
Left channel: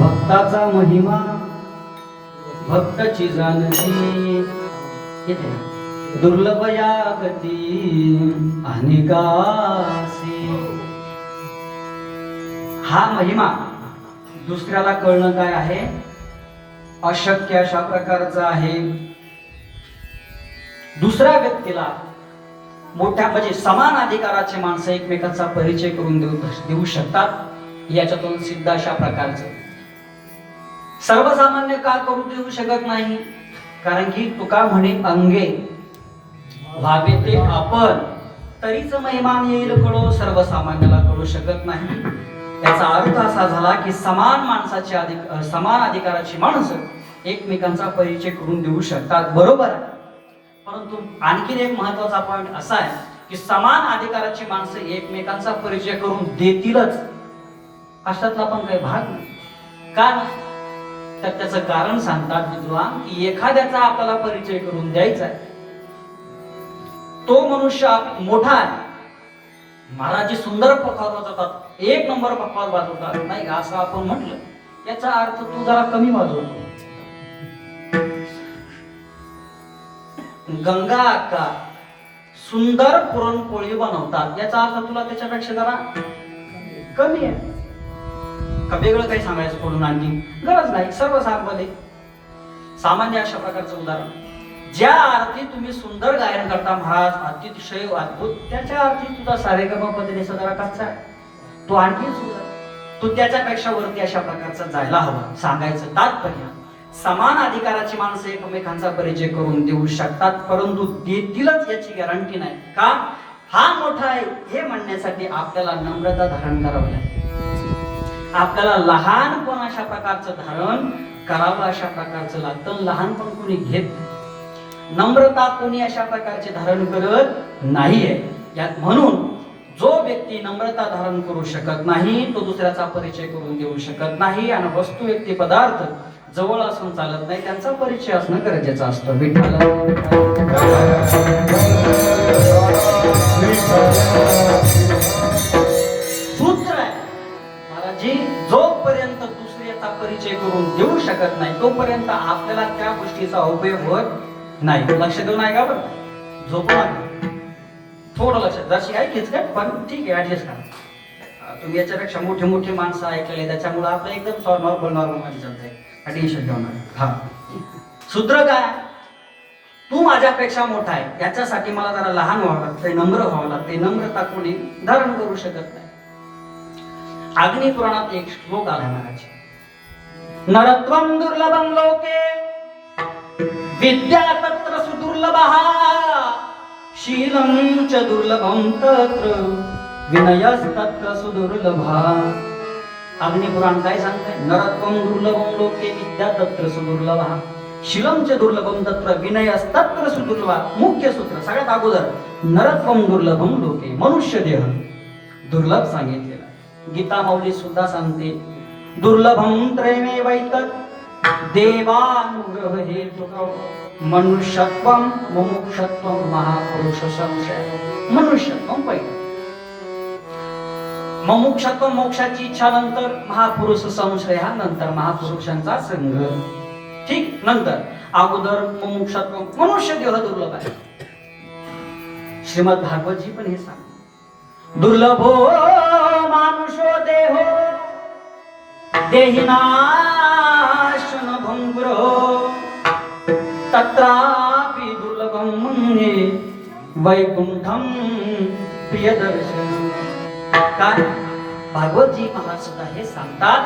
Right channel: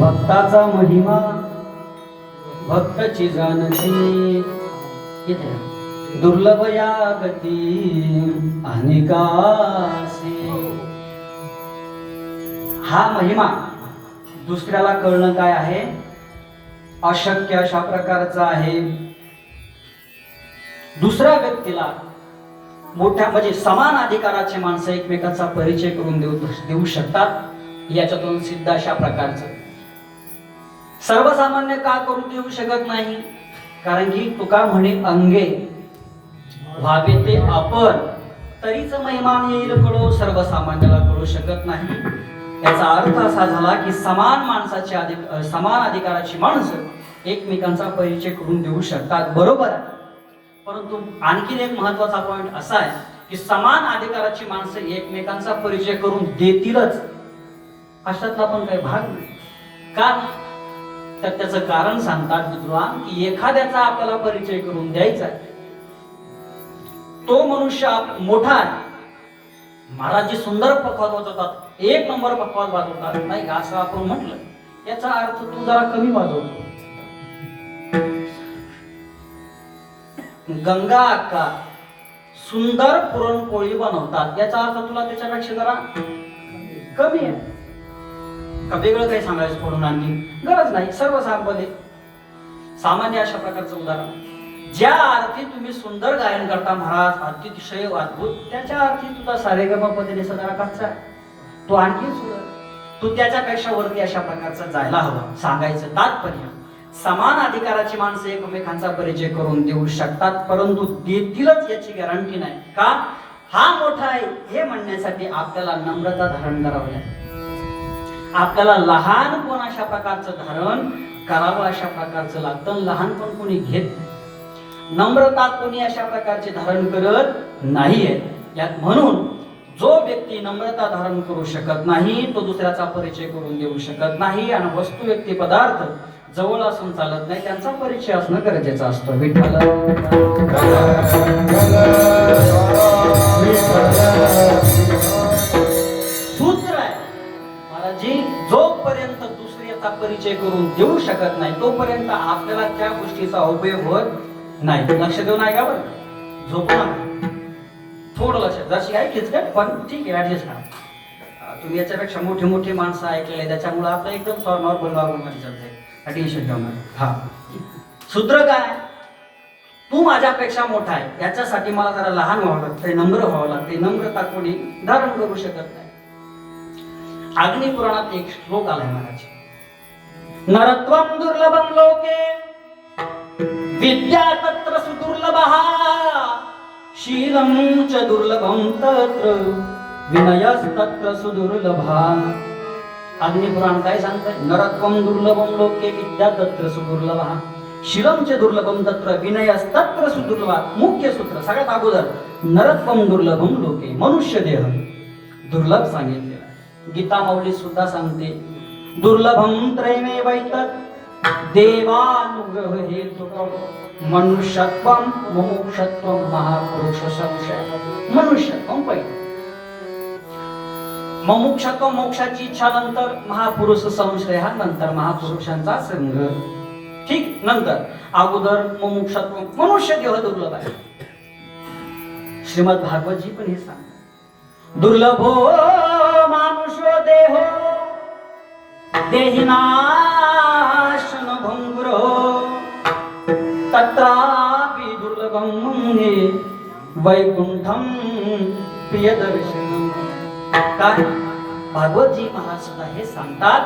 भक्ताचा महिमा भक्तची जाणती इथे दुर्लभ या गती अनेकासे. हा महिमा दुसऱ्याला कळणं काय आहे अशक्य अशा प्रकारचा आहे. दुसऱ्या व्यक्तीला मोठ्या म्हणजे समान अधिकाराचे माणसं एकमेकांचा परिचय करून देऊ शकतात. याच्यातून सिद्ध अशा प्रकारचं सर्वसामान्य का करू देऊ शकत नाही कारण की तुका म्हणे अंगे व्हावे ते आपण तरीच महिमान येईल कळो सर्वसामान्याला कळू शकत नाही. याचा अर्थ असा झाला की समान माणसाचे समान अधिकाराची माणसं एकमेकांचा परिचय करून देऊ शकतात बरोबर आहे. परंतु आणखीन एक महत्वाचा पॉइंट असा आहे की समान अधिकाराची माणसं एकमेकांचा परिचय करून देतीलच अशातला पण काही भाग नाही. का तर त्याचं कारण सांगतात विद्वान की एखाद्याचा आपल्याला परिचय करून द्यायचा आहे तो मनुष्य मोठा आहे महाराज सुंदर पखवाज वाजवतात एक नंबर पखवाज वाजवतात नाही असं आपण म्हटलं याचा अर्थ तू जरा कमी वाजवतो. गंगा अक्का सुंदर पुरणपोळी बनवतात याचा अर्थ तुला त्याच्यापेक्षा जरा कमी आहे का वेगळं काही सांगायचं पडून आणखी गरज नाही. सर्वसामान्य सामान्य अशा प्रकारचं उदाहरण ज्या अर्थी तुम्ही सुंदर गायन करता महाराज अतिशय अद्भुत त्याच्या अर्थी तुझा सारेगम पद्धतीने जरा कच्चा आहे तो आणखी सुंदर तू त्याच्यापेक्षा वरती अशा प्रकारचा जायला हवा. सांगायचं तात्पर्य समान अधिकाराची माणसं एकमेकांचा परिचय करून देऊ शकतात परंतु देतीलच याची गॅरंटी नाही. का हा मोठा आहे हे म्हणण्यासाठी आपल्याला नम्रता धारण करावी लागते. आपल्याला लहानपण अशा प्रकारचं धारण करावं अशा प्रकारचं लागतं. लहानपण कोणी घेत नम्रता कोणी अशा प्रकारचे धारण करत नाहीये. यात म्हणून जो व्यक्ती नम्रता धारण करू शकत नाही तो दुसऱ्याचा परिचय करून देऊ शकत नाही आणि वस्तू व्यक्ती पदार्थ जवळ असून चालत नाही त्यांचा परिचय असणं गरजेचं असतं. विठ्ठल सूत्र आहे महाराजी जोपर्यंत दुसऱ्याचा परिचय करून देऊ शकत नाही तोपर्यंत आपल्याला त्या गोष्टीचा उपयोग होत नाही. लक्ष देऊ नाही का बरं झोपून थोडं लक्ष जशी आहे किचकट पण ठीक आहे ऍडजस्ट करा. तुम्ही याच्यापेक्षा मोठी मोठी माणसं ऐकले त्याच्यामुळे आपलं एकदम नॉर्मल मध्ये चालतंय टेन्शन ठेवणार. हा सूत्र काय तू माझ्यापेक्षा मोठा आहे याच्यासाठी मला जरा लहान व्हावं लागतं नम्र व्हावं लागतं. नम्रता कोणी धारण करू शकत नाही. अग्निपुराणात एक श्लोक आला महाराज नरत्वं दुर्लभं लोके विद्या तत्र सुदुर्लभः शीलं च दुर्लभं तत्र विनयस्तत्र सुदुर्लभः. अग्निपुराण काय सांगतंय नरत्वं दुर्लभं लोके विद्या तत्र सुदुर्लभः शीलं च दुर्लभं तत्र विनयस्तत्र सुदुर्लभः. मुख्य सूत्र सगळ्यात अगोदर नरत्वं दुर्लभं लोके मनुष्य देह दुर्लभ सांगितले. गीता माऊली सुद्धा सांगते दुर्लभं त्रयमेवैतत् देवानुग्रह हेतुकं मनुष्यत्वं मुमुक्षत्वं महापुरुष संशय. मनुष्यत्वं पहिलं मुमुक्षत्व मोक्षाची इच्छा नंतर महापुरुष संशय हा नंतर महापुरुषांचा संघ ठीक नंतर अगोदर मुमुक्षत्व मनुष्य देह दुर्लभ आहे. श्रीमद भागवत जी पण हे सांग दुर्लभो मानुषो देहो देहिनाशन भंगुरो तत्रापि दुर्लभं मुने वैकुंठम प्रियदर्शनम. काय भागवतजी महाराज सुद्धा हे सांगतात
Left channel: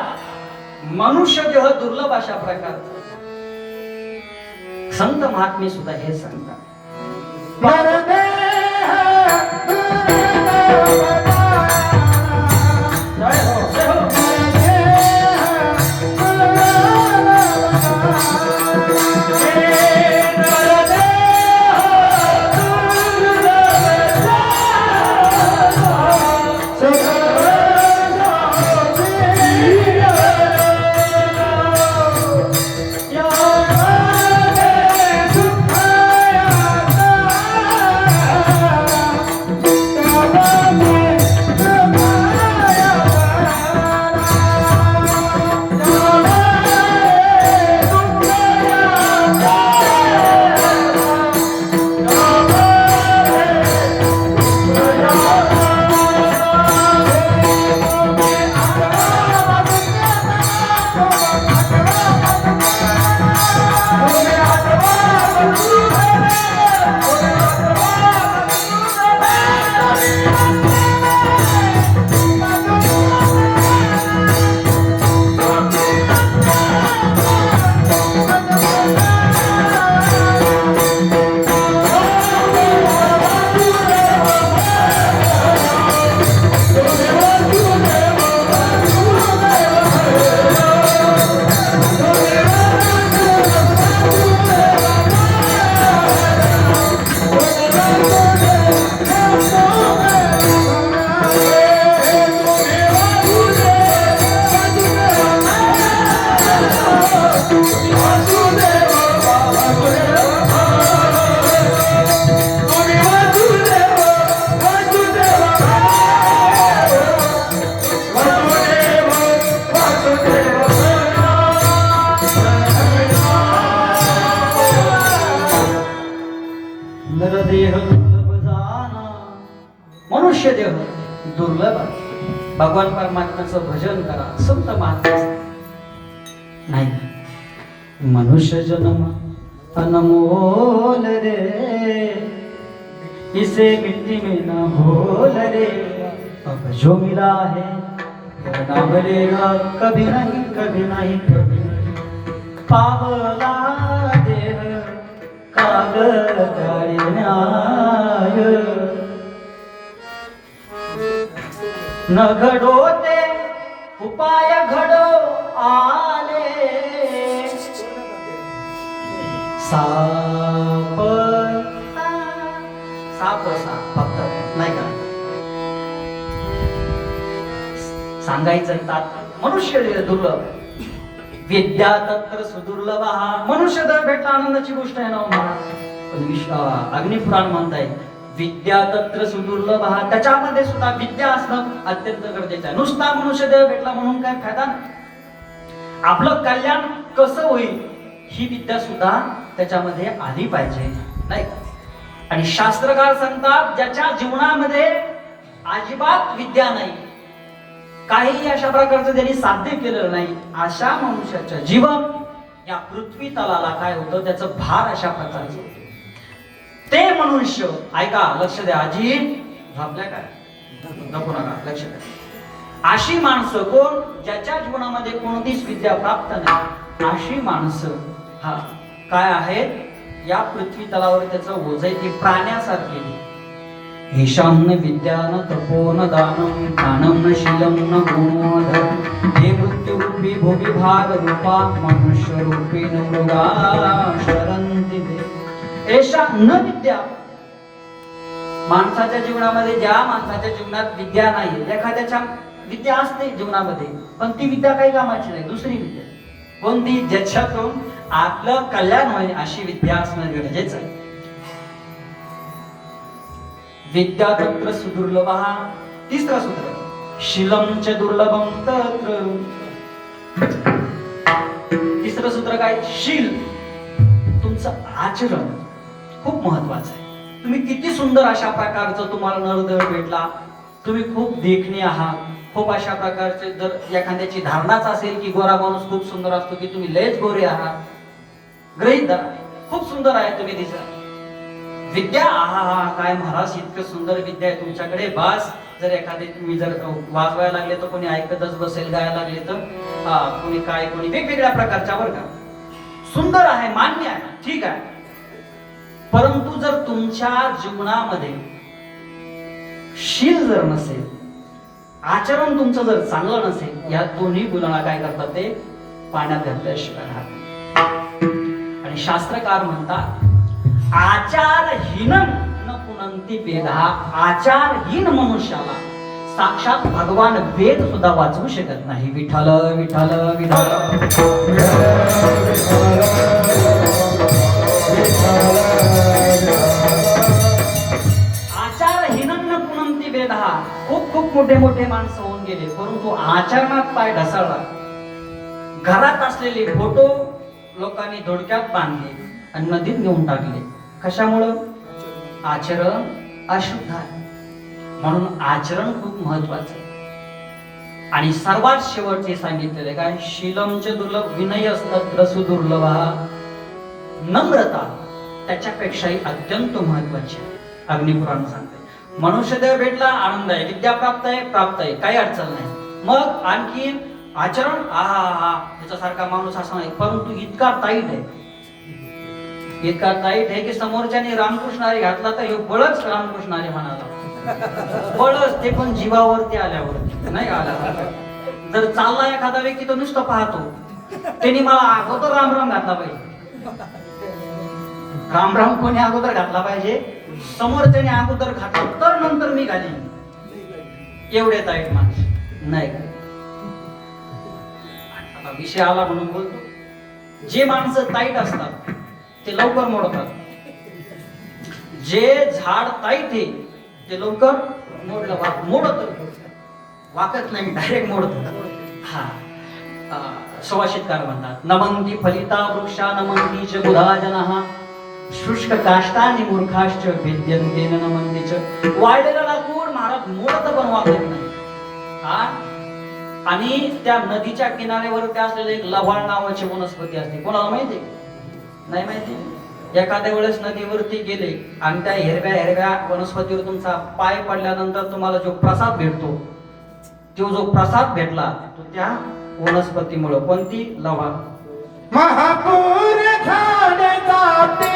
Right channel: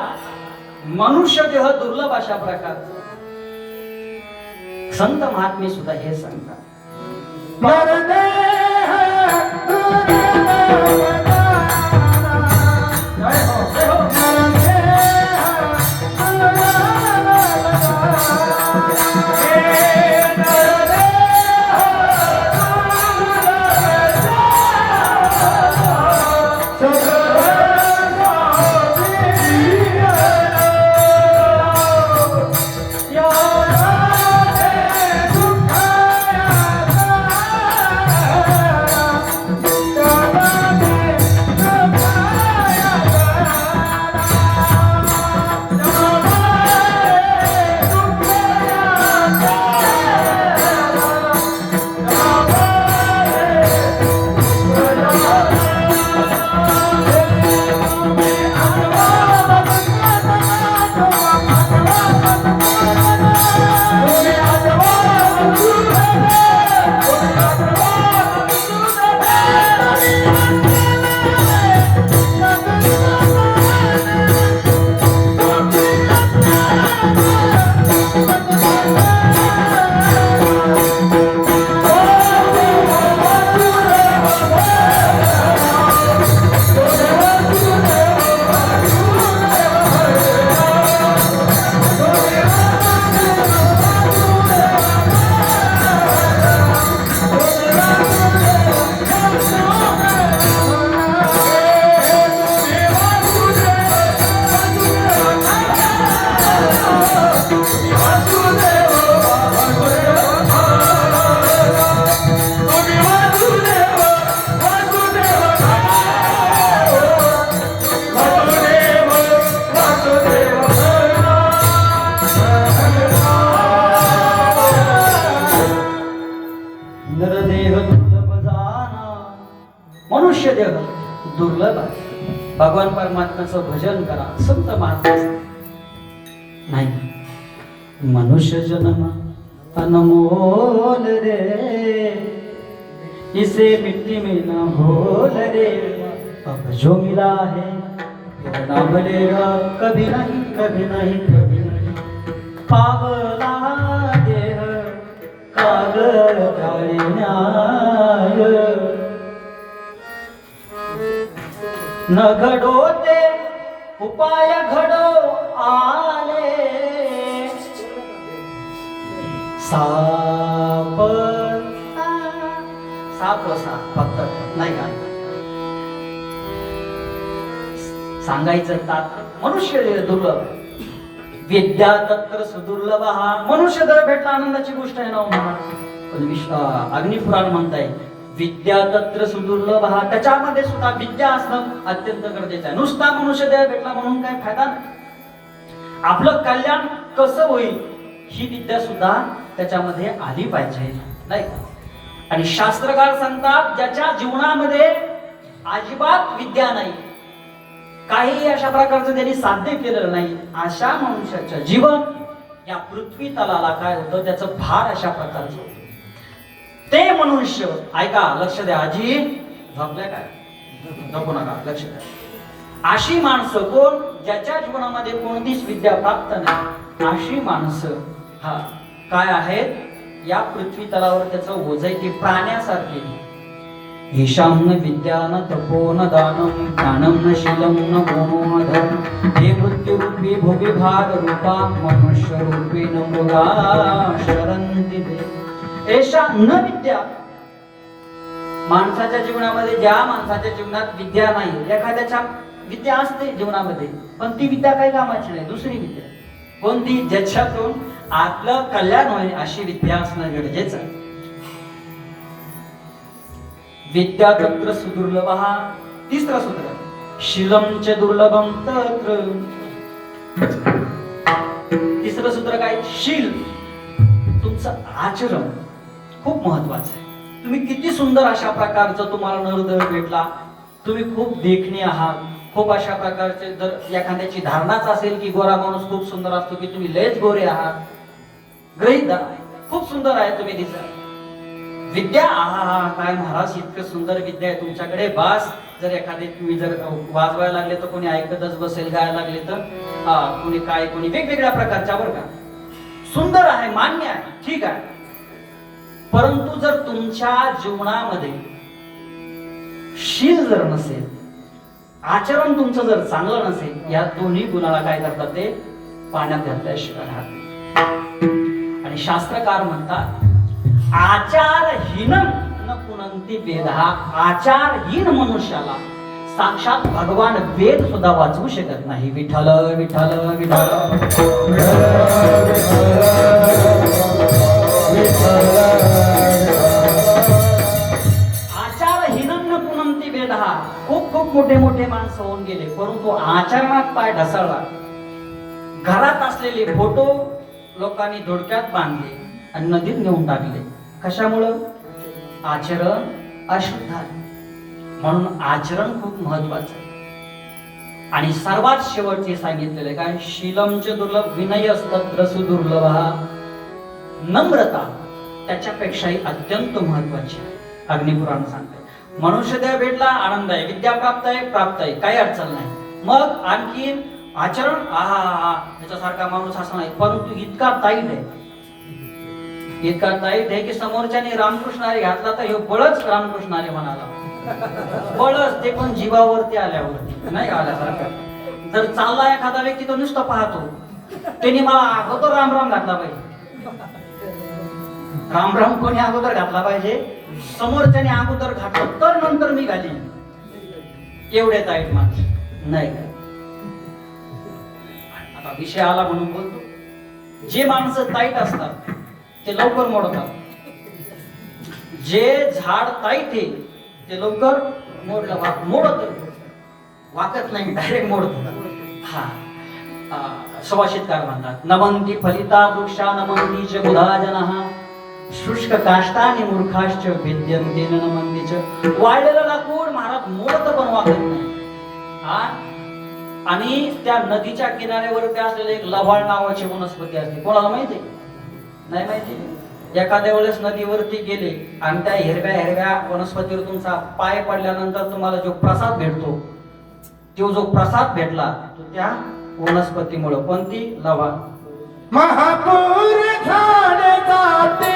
मनुष्य देह दुर्लभ अशा प्रकारचा संत महात्मे सुद्धा हे सांगतात. मनुष्य देह दुर्लभ आहे. भगवान परमात्म्याचं भजन करा, संत महात्मा नाही. मनुष्य जन्म अनमोल रे, इसे मिट्टी में न घोल रे. अब जो मिला है वो ना मिलेगा कभी नहीं, कभी नहीं, कभी नहीं. पावला देह कागदारी न्याय, न घडोते उपाय घडो आले. साप साप फक्त नाही का सांगायचं तात. मनुष्य दुर्लभ, विद्या तत्र सुदुर्लभ. हा मनुष्य जर भेटला आनंदाची गोष्ट आहे ना महाराज. अग्निपुराण म्हणताय विद्या तत्र सुदुर्लभ. हा त्याच्यामध्ये सुद्धा विद्या असणं अत्यंत गरजेचं आहे. नुसता मनुष्य देह भेटला म्हणून काय फायदा नाही. आपलं कल्याण कसं होईल ही विद्या सुद्धा त्याच्यामध्ये आली पाहिजे, नाही का. आणि शास्त्रकार सांगतात ज्याच्या जीवनामध्ये अजिबात विद्या नाही, काही अशा प्रकारचं त्यांनी साध्य केलं नाही, अशा मनुष्याचं जीवन या पृथ्वी तलाला काय होतं, त्याचं भार अशा प्रकारचं होतं. ते मनुष्य ऐका, लक्ष द्या. आजी झोपल्या काय, नको नका, लक्ष द्या. अशी माणसं कोण, ज्याच्या जीवनामध्ये कोणतीच विद्या प्राप्त नाही, अशी माणसं हा काय आहेत, या पृथ्वी तलावर त्याचं ओझ ती प्राण्यासारखी. ईशान विद्या न तपो न दानम दानम न शीलम न गुणो धर्म. हे मृत्यू रूपी भोगी भाग रूपा मनुष्य रूपी न मृगा शरंती दे. एषा न विद्या. माणसाच्या जीवनामध्ये, ज्या माणसाच्या जीवनात विद्या नाही, एखाद्याच्या विद्या असते जीवनामध्ये पण ती विद्या काही कामाची नाही, दुसरी विद्या कोणती, ज्याच्यातून आपलं कल्याण होईल अशी विद्या असणं गरजेचं आहे. विद्या तत्र सुदुर्लभ. हा तिसरा सूत्र. शीलम च दुर्लभम तत्र. तिसरं सूत्र काय, शील. तुमचं आचरण खूप महत्वाचं आहे. तुम्ही किती सुंदर अशा प्रकारचं तुम्हाला नरदळ भेटला, तुम्ही खूप देखणे आहात, खूप अशा प्रकारचे, जर एखाद्याची धारणाच असेल की गोरा माणूस खूप सुंदर असतो, की तुम्ही लयच गोरे आहात, ग्रहित धरा, खूप सुंदर आहे तुम्ही दिसा. विद्या, आहा काय महाराज इतकं सुंदर विद्या आहे तुमच्याकडे, बास. जर एखादे तुम्ही जर वाजवायला लागले तर कोणी ऐकतच बसेल, गायला लागले तर कोणी काय, कोणी वेगवेगळ्या प्रकारच्या बरं का. सुंदर आहे, मान्य आहे, ठीक आहे. परंतु जर तुमच्या जीवनामध्ये शील जर नसेल, आचरण तुमचं जर चांगलं नसेल, या दोन्ही गुणाला काय करतात ते पाण्यात घातल्याशिवाय राहत नाही. आणि शास्त्रकार म्हणतात आचारहीनं न पुनंती वेदहा. आचारहीन मनुष्याला साक्षात भगवान वेद सुद्धा वाचवू शकत नाही. विठ्ठल विठ्ठल विठ्ठल आचारहीनं न पुनंती वेदहा. खूप खूप मोठे मोठे माणसं होऊन गेले, परंतु आचरणात पाय ढासळला. घरात असलेले फोटो लोकांनी धोडक्यात बांधले आणि नदीत नेऊन टाकले. कशामुळं? आचरण अशुद्ध आहे. म्हणून आचरण खूप महत्वाचं आहे. आणि सर्वात शेवटचे सांगितलेले काय? शीलमच दुर्लभ विनय असतात सुदुर्लभ. नम्रता त्याच्यापेक्षाही अत्यंत महत्वाची आहे. अग्निपुराण सांगते मनुष्य देह भेटला आनंद आहे, विद्या प्राप्त आहे, काही अडचण नाही. मग आणखी आचरण याच्यासारखा माणूस असा नाही, परंतु इतका ताईट आहे, इतका ताईट आहे की समोरच्याने रामकृष्ण हरी घातला तर हे बळच रामकृष्ण हरी म्हणाला. बळच, ते पण जीवावरती आल्यावर नाही आल्यासारखं. जर चालला एखादा व्यक्ती तो नुसतं पाहतो, त्याने मला अगोदर रामराम घातला पाहिजे. रामराम कोणी अगोदर घातला पाहिजे? समोरच्याने अगोदर घातला तर नंतर मी घालीन. एवढे ताईट माणसं नाही. आता विषय आला म्हणून बोलतो. जे माणसं ताईट असतात ते लवकर मोडतात. जे झाड ताईट आहे ते लवकर मोडत वाकत नाही, डायरेक्ट मोडत. सुभाषितकार म्हणतात नमंती फलिता वृक्षा नमंती च बुधा जनः शुष्क काष्टानि मूर्खाश्च भिद्यन्ते न नमंती च. वाळलेलं लाकूड महाराज मोडत पण वाकत नाही. आणि त्या नदीच्या किनाऱ्यावर असलेले एक लव्हाळ नावाची वनस्पती असते. कोणाला माहिती? नाही माहिती. एखाद्या वेळेस नदीवरती गेले आणि त्या हिरव्या हिरव्या वनस्पतीवर तुमचा पाय पडल्यानंतर तुम्हाला जो प्रसाद भेटतो, तो जो प्रसाद भेटला तो त्या वनस्पतीमुळे. कोणती? लव्हाळ. महापूर झाड जाते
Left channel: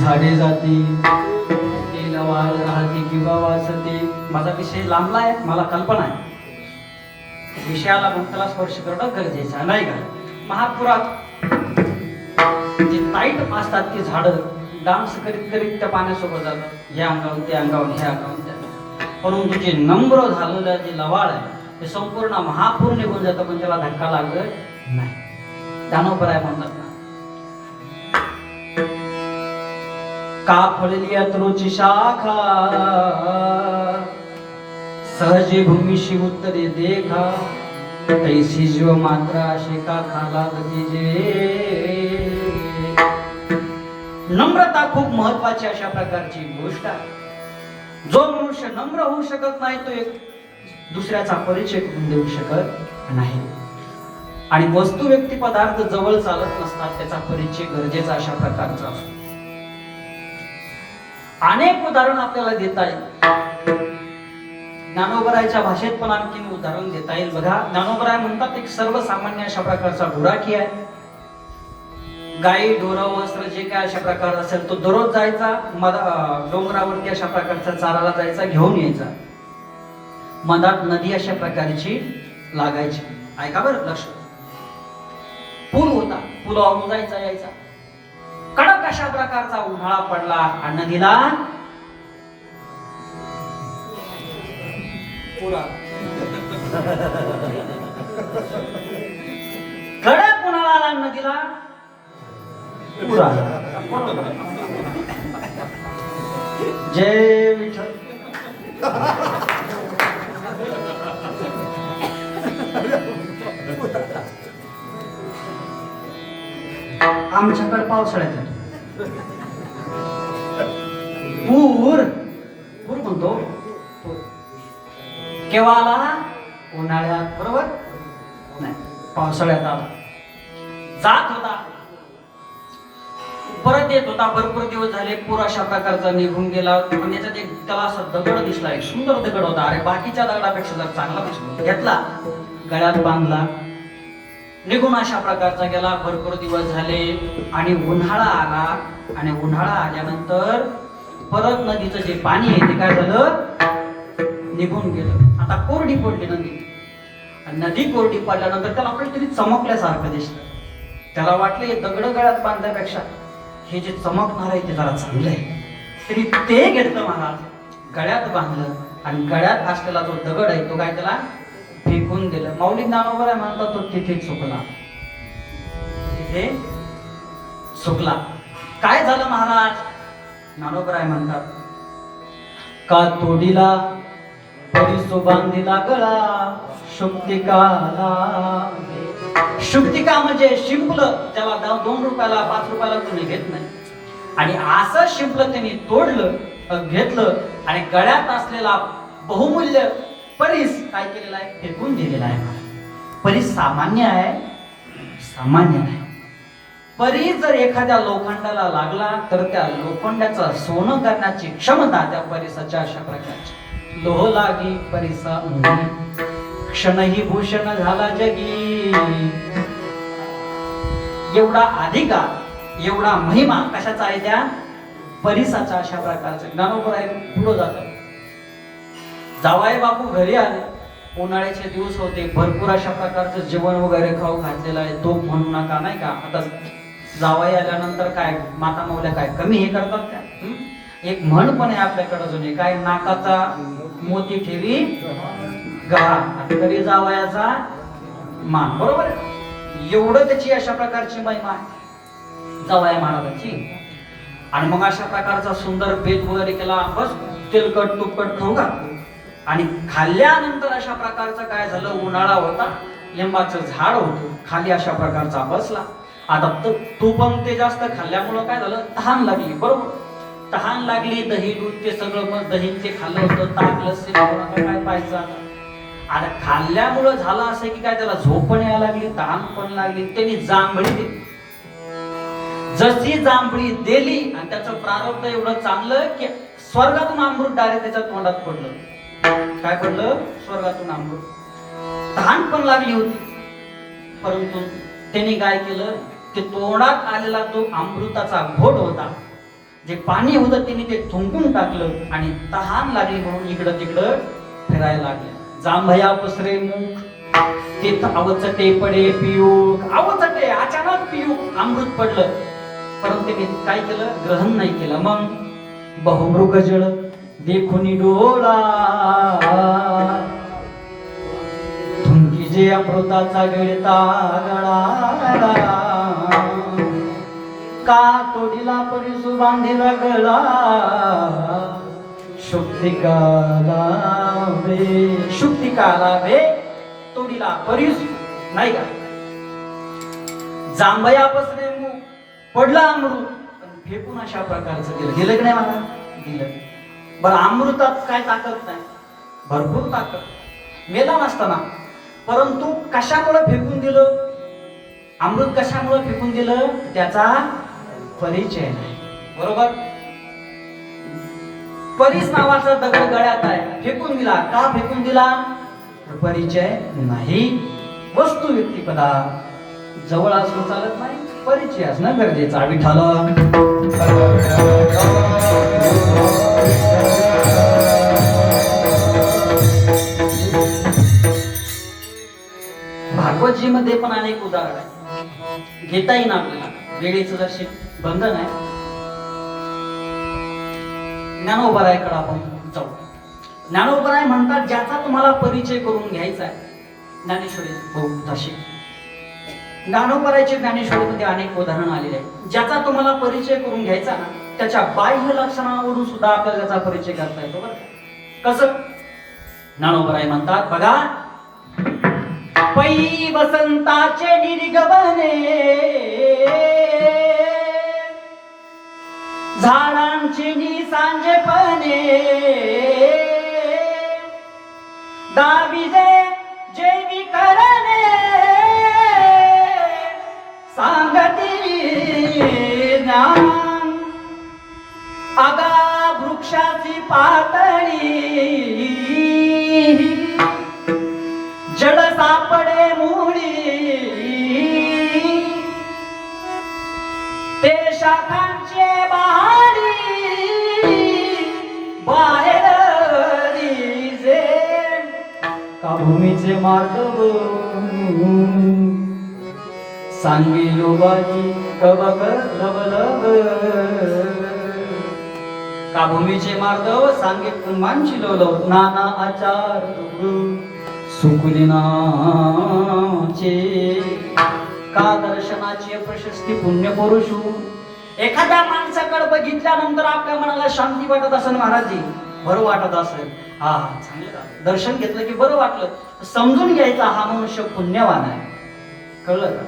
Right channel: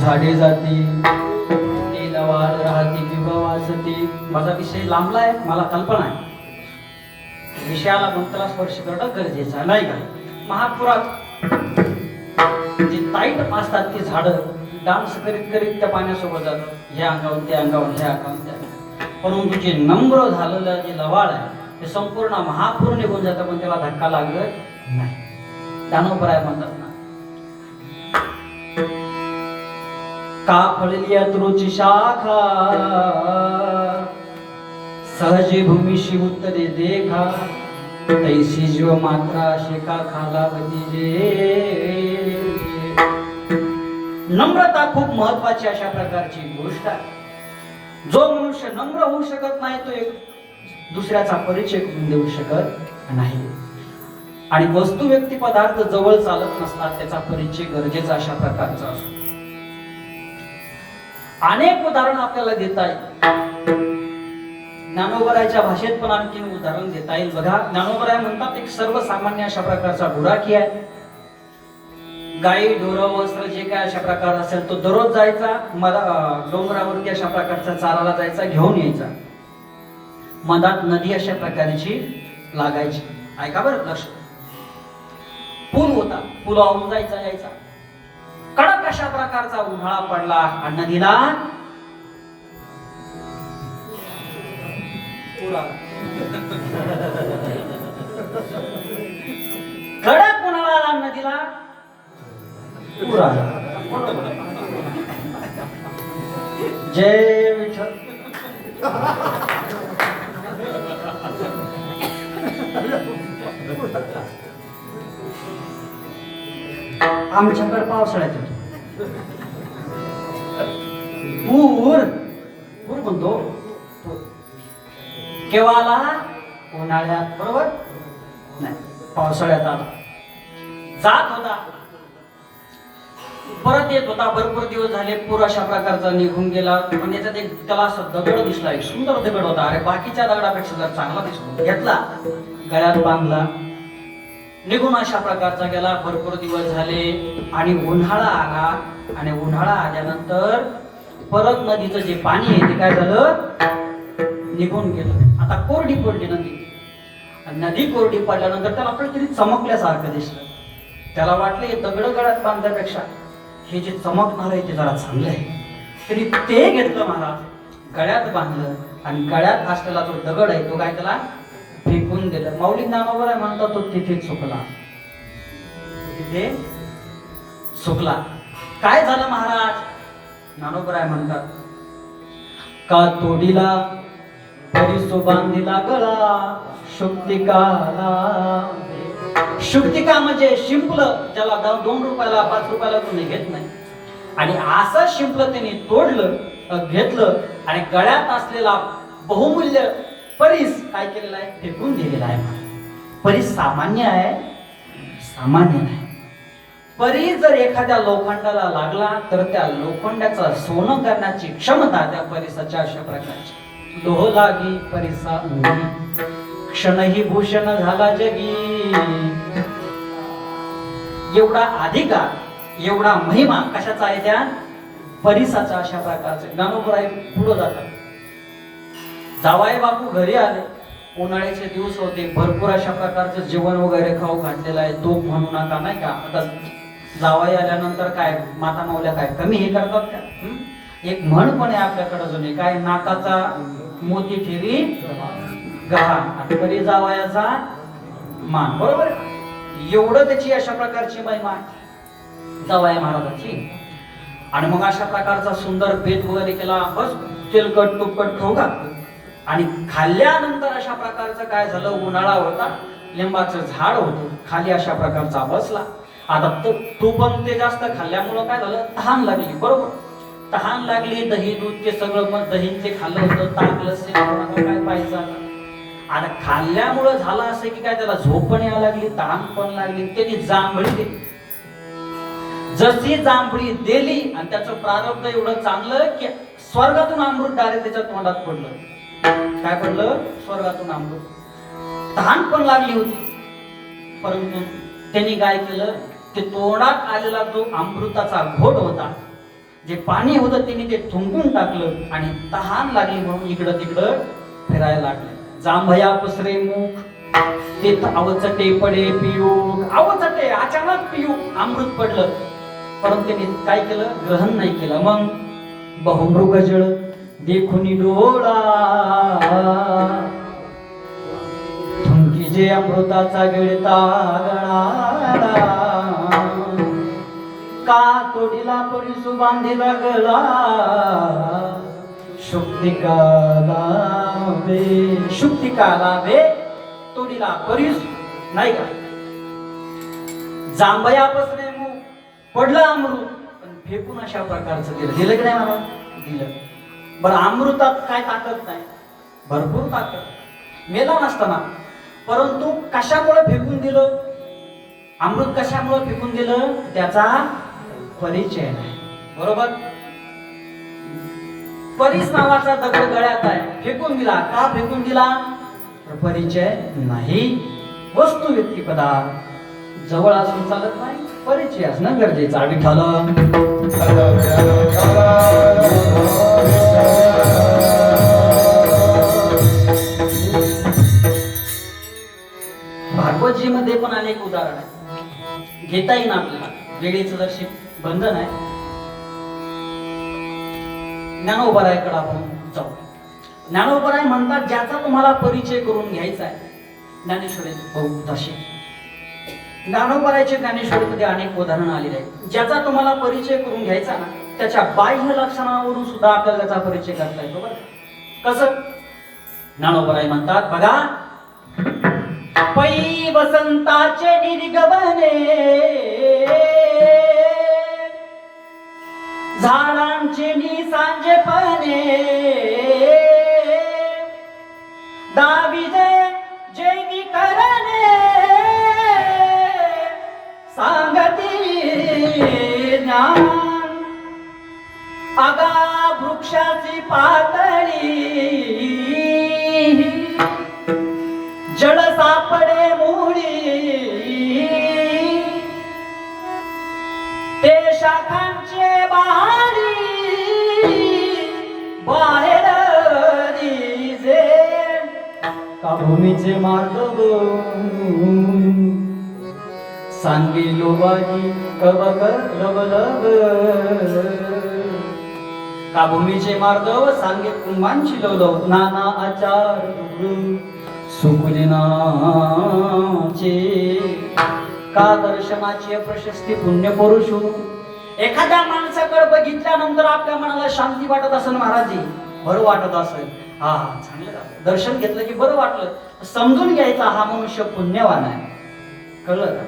झाडे जाती लवाल राहते किंवा वाचते. माझा विषय लांबला आहे, मला कल्पना आहे. विषयाला मंत्राला स्पर्श करणं गरजेचं नाही का? महापुरात जे ताईट असतात ती झाडं डान्स करीत करीत त्या पाण्यासोबत जातात, हे अंगावून ते अंगावून हे अंगावून त्या. परंतु जे नम्र झालेलं जे लवाळ आहे ते संपूर्ण महापूर निघून जातं, पण त्याला धक्का लागत नाही. दानवपराय म्हणतात ना. का फळली अत्रुची शाखा सहजी भूमीशी उत्तरे देखा. तैसी जीव मात्रा शेका खाला जे नम्रता खूप महत्वाची अशा प्रकारची गोष्ट आहे. जो मनुष्य नम्र होऊ शकत नाही तो एक दुसऱ्याचा परिचय करून देऊ शकत नाही. आणि वस्तू व्यक्ती पदार्थ जवळ चालत नसतात त्याचा परिचय गरजेचा अशा प्रकारचा असतो. अनेक उदाहरण आपल्याला देता येईल. ज्ञानोबरायच्या भाषेत पण आणखी उदाहरण देता येईल. बघा, ज्ञानोबराय म्हणतात एक सर्वसामान्य अशा प्रकारचा गुराखी आहे. गाई ढोर वस्त्र जे काय अशा प्रकार असेल तो दररोज जायचा डोंगरावरती अशा प्रकारचा चाराला जायचा, घेऊन यायचा. मधात नदी अशा प्रकारची लागायची. ऐका बरं, लक्ष. पूल होता, पुलावरून जायचा यायचा. कडक अशा प्रकारचा उन्हाळा पडला आणि नदीला पूर आला. कडक उन्हाळा आला, नदीला पूर आला. जय विठ्ठल. आमच्याकडे पावसाळ्यात येतो पूर. पूर म्हणतो केव्हा आला? उन्हाळ्यात, बरोबर नाही, पावसाळ्यात आला. जात होता, परत येत होता. भरपूर दिवस झाले, पूर अशा प्रकारचा निघून गेला. पण याच्यात एक त्याला असा दगड दिसला, एक सुंदर दगड होता. अरे बाकीच्या दगडापेक्षा जर चांगला दिसला, घेतला, गळ्यात बांधला, निघून अशा प्रकारचा गेला. भरपूर दिवस झाले आणि उन्हाळा आला. आणि उन्हाळा आल्यानंतर परत नदीचं जे पाणी आहे ते काय झालं? निघून गेलं. आता कोरडी पडली नदी. आणि नदी कोरडी पडल्यानंतर त्याला काहीतरी चमकल्यासारखं दिसलं. त्याला वाटलं हे दगड गळ्यात बांधल्यापेक्षा हे जे चमकणार आहे ते जरा चांगलं आहे. तरी ते घेतलं महाराज, गळ्यात बांधलं आणि गळ्यात असलेला तो दगड आहे तो काय त्याला फेकून दिलं. माऊली ज्ञानोबराय म्हणतात तो तिथे चुकला. तिथे चुकला. काय झालं महाराज? ज्ञानोबराय म्हणतात का तोडीला परिसो बांधिला गळा शुक्तिकाला. शुक्तिका म्हणजे शिंपलं, त्याला 2 रुपयाला 5 रुपयाला तुम्ही घेत नाही. आणि असं शिंपलं त्यांनी तोडलं, घेतलं आणि गळ्यात असलेला बहुमूल्य परीस काय केलेला आहे? फेकून दिलेला आहे. परीस सामान्य आहे? सामान्य नाही. परीस जर एखाद्या लोखंडाला लागला तर त्या लोखंडाचं सोनं करण्याची क्षमता त्या परिसाच्या अशा प्रकारची. लोह लागी परिसा अंगी, क्षणही भूषण झाला जगी. एवढा अधिकार, एवढा महिमा कशाचा आहे? त्या परिसाचा अशा प्रकारचा. ज्ञानोबराय पुढे जातात. जावाई बापू घरी आले, उन्हाळ्याचे दिवस होते, भरपूर अशा प्रकारचं जेवण वगैरे खाऊ घातलेलं आहे. तो म्हणू नका, नाही का? आता जावाई आल्यानंतर काय माता मावल्या काय कमी हे करतात का? एक म्हण पण आहे आपल्याकडे जुने, काय नाकाचा मोती ठेवी गहा तरी जावयाचा मान, बरोबर आहे? एवढं त्याची अशा प्रकारची महिमा आहे जावया महाराजांची. आणि मग अशा प्रकारचा सुंदर भेद वगैरे केला, बस तेलकट तुपकट खाऊ घातलं. आणि खाल्ल्यानंतर अशा प्रकारचं काय झालं? उन्हाळा होता, लिंबाचं झाड होतं, खाली अशा प्रकारचा बसला. आता तू पण ते जास्त खाल्ल्यामुळं काय झालं? तहान लागली, बरोबर? तहान लागली, दही दूध ते सगळं, मग दही ते खाल्लं होतं, ताक लस्सी काय पाहिजे. आता खाल्ल्यामुळं झालं असं की काय त्याला झोप पण यायला लागली, तहान पण लागली. त्यांनी जांभळी दिली. जशी जांभळी दिली आणि त्याचं प्रारब्ध एवढं चांगलं की स्वर्गातून अमृत डायरेक्ट त्याच्या तोंडात पडलं. काय पडलं? स्वर्गातून अमृत. तहान पण लागली होती, परंतु त्यांनी काय केलं? ते तोंडात आलेला जो अमृताचा घोट होता, जे पाणी होतं, त्यांनी ते थुंकून टाकलं आणि तहान लागली म्हणून इकडं तिकडं फिरायला लागले. जांभया पसरे मुख, ते अवचटे पडे पियूक. अवचटे, अचानक पियूक अमृत पडलं, परंतु त्यांनी काय केलं? ग्रहण नाही केलं. मग बहुमृग जळ देखुनी डोळा, थुंकी जे अमृताचा गिळता गळा. का तोडीला परिसू बांधिला गळा शुक्तिकाला वे. शुक्तिकाला वे तोडीला परीस नाही का. जांभया पसरे मुख पडला अमृत, पण फेकून अशा प्रकारचं दिलं की नाही म्हणा दिलं. बरं अमृतात काय ताकद नाही, भरपूर ताकद, मेला नसताना, परंतु कशामुळे फेकून दिलं अमृत, कशामुळे फेकून दिलं त्याचा परिचय नाही. बरोबर. परीस नावाचा दगड गळ्यात आहे, फेकून दिला. का फेकून दिला? तर परिचय नाही. वस्तू व्यक्ती पदार्थ जवळ असून चालत नाही, परिचय असणं गरजेचं. विठ्ठल भागवतजी मध्ये पण अनेक उदाहरण आहे, घेता येईल आपल्याला, वेळेचं जर बंधन आहे. ज्ञानोबरायकडे आपण जाऊ. ज्ञानोबराय म्हणतात ज्याचा तुम्हाला परिचय करून घ्यायचा आहे, ज्ञानेश्वरी बहुताशी ज्ञानोबरायचे ज्ञानेश्वरीमध्ये अनेक उदाहरण आलेले आहेत. ज्याचा तुम्हाला परिचय करून घ्यायचा ना, त्याच्या बाह्य लक्षणावरून सुद्धा आपल्याला त्याचा परिचय करता येतो. बरं कसं? ज्ञानोबराय म्हणतात बघा, पै वसंताचे निर्गमने झाडांची निसांजेपणे दाविजे जैविकरणे सांगती ज्ञान आगा वृक्षाची पातळी जड सापडे मुळी ते शाखांचे बहारी बाहेर दिसे का भूमीचे मार्ग सांगिलो बाजी कबग लवलग का भूमीचे मार्ग सांगे कुंभांची लवलव नाना आचार सुकुलिनाचे का दर्शनाची प्रशस्ती पुण्य पुरुषू. एखाद्या माणसाकडे बघितल्यानंतर आपल्या मनाला शांती वाटत असेल महाराजजी, बरं वाटत असेल, हा चांगलं दर्शन घेतलं की बरं वाटलं, समजून घ्यायचा हा मनुष्य पुण्यवान आहे. कळलं का?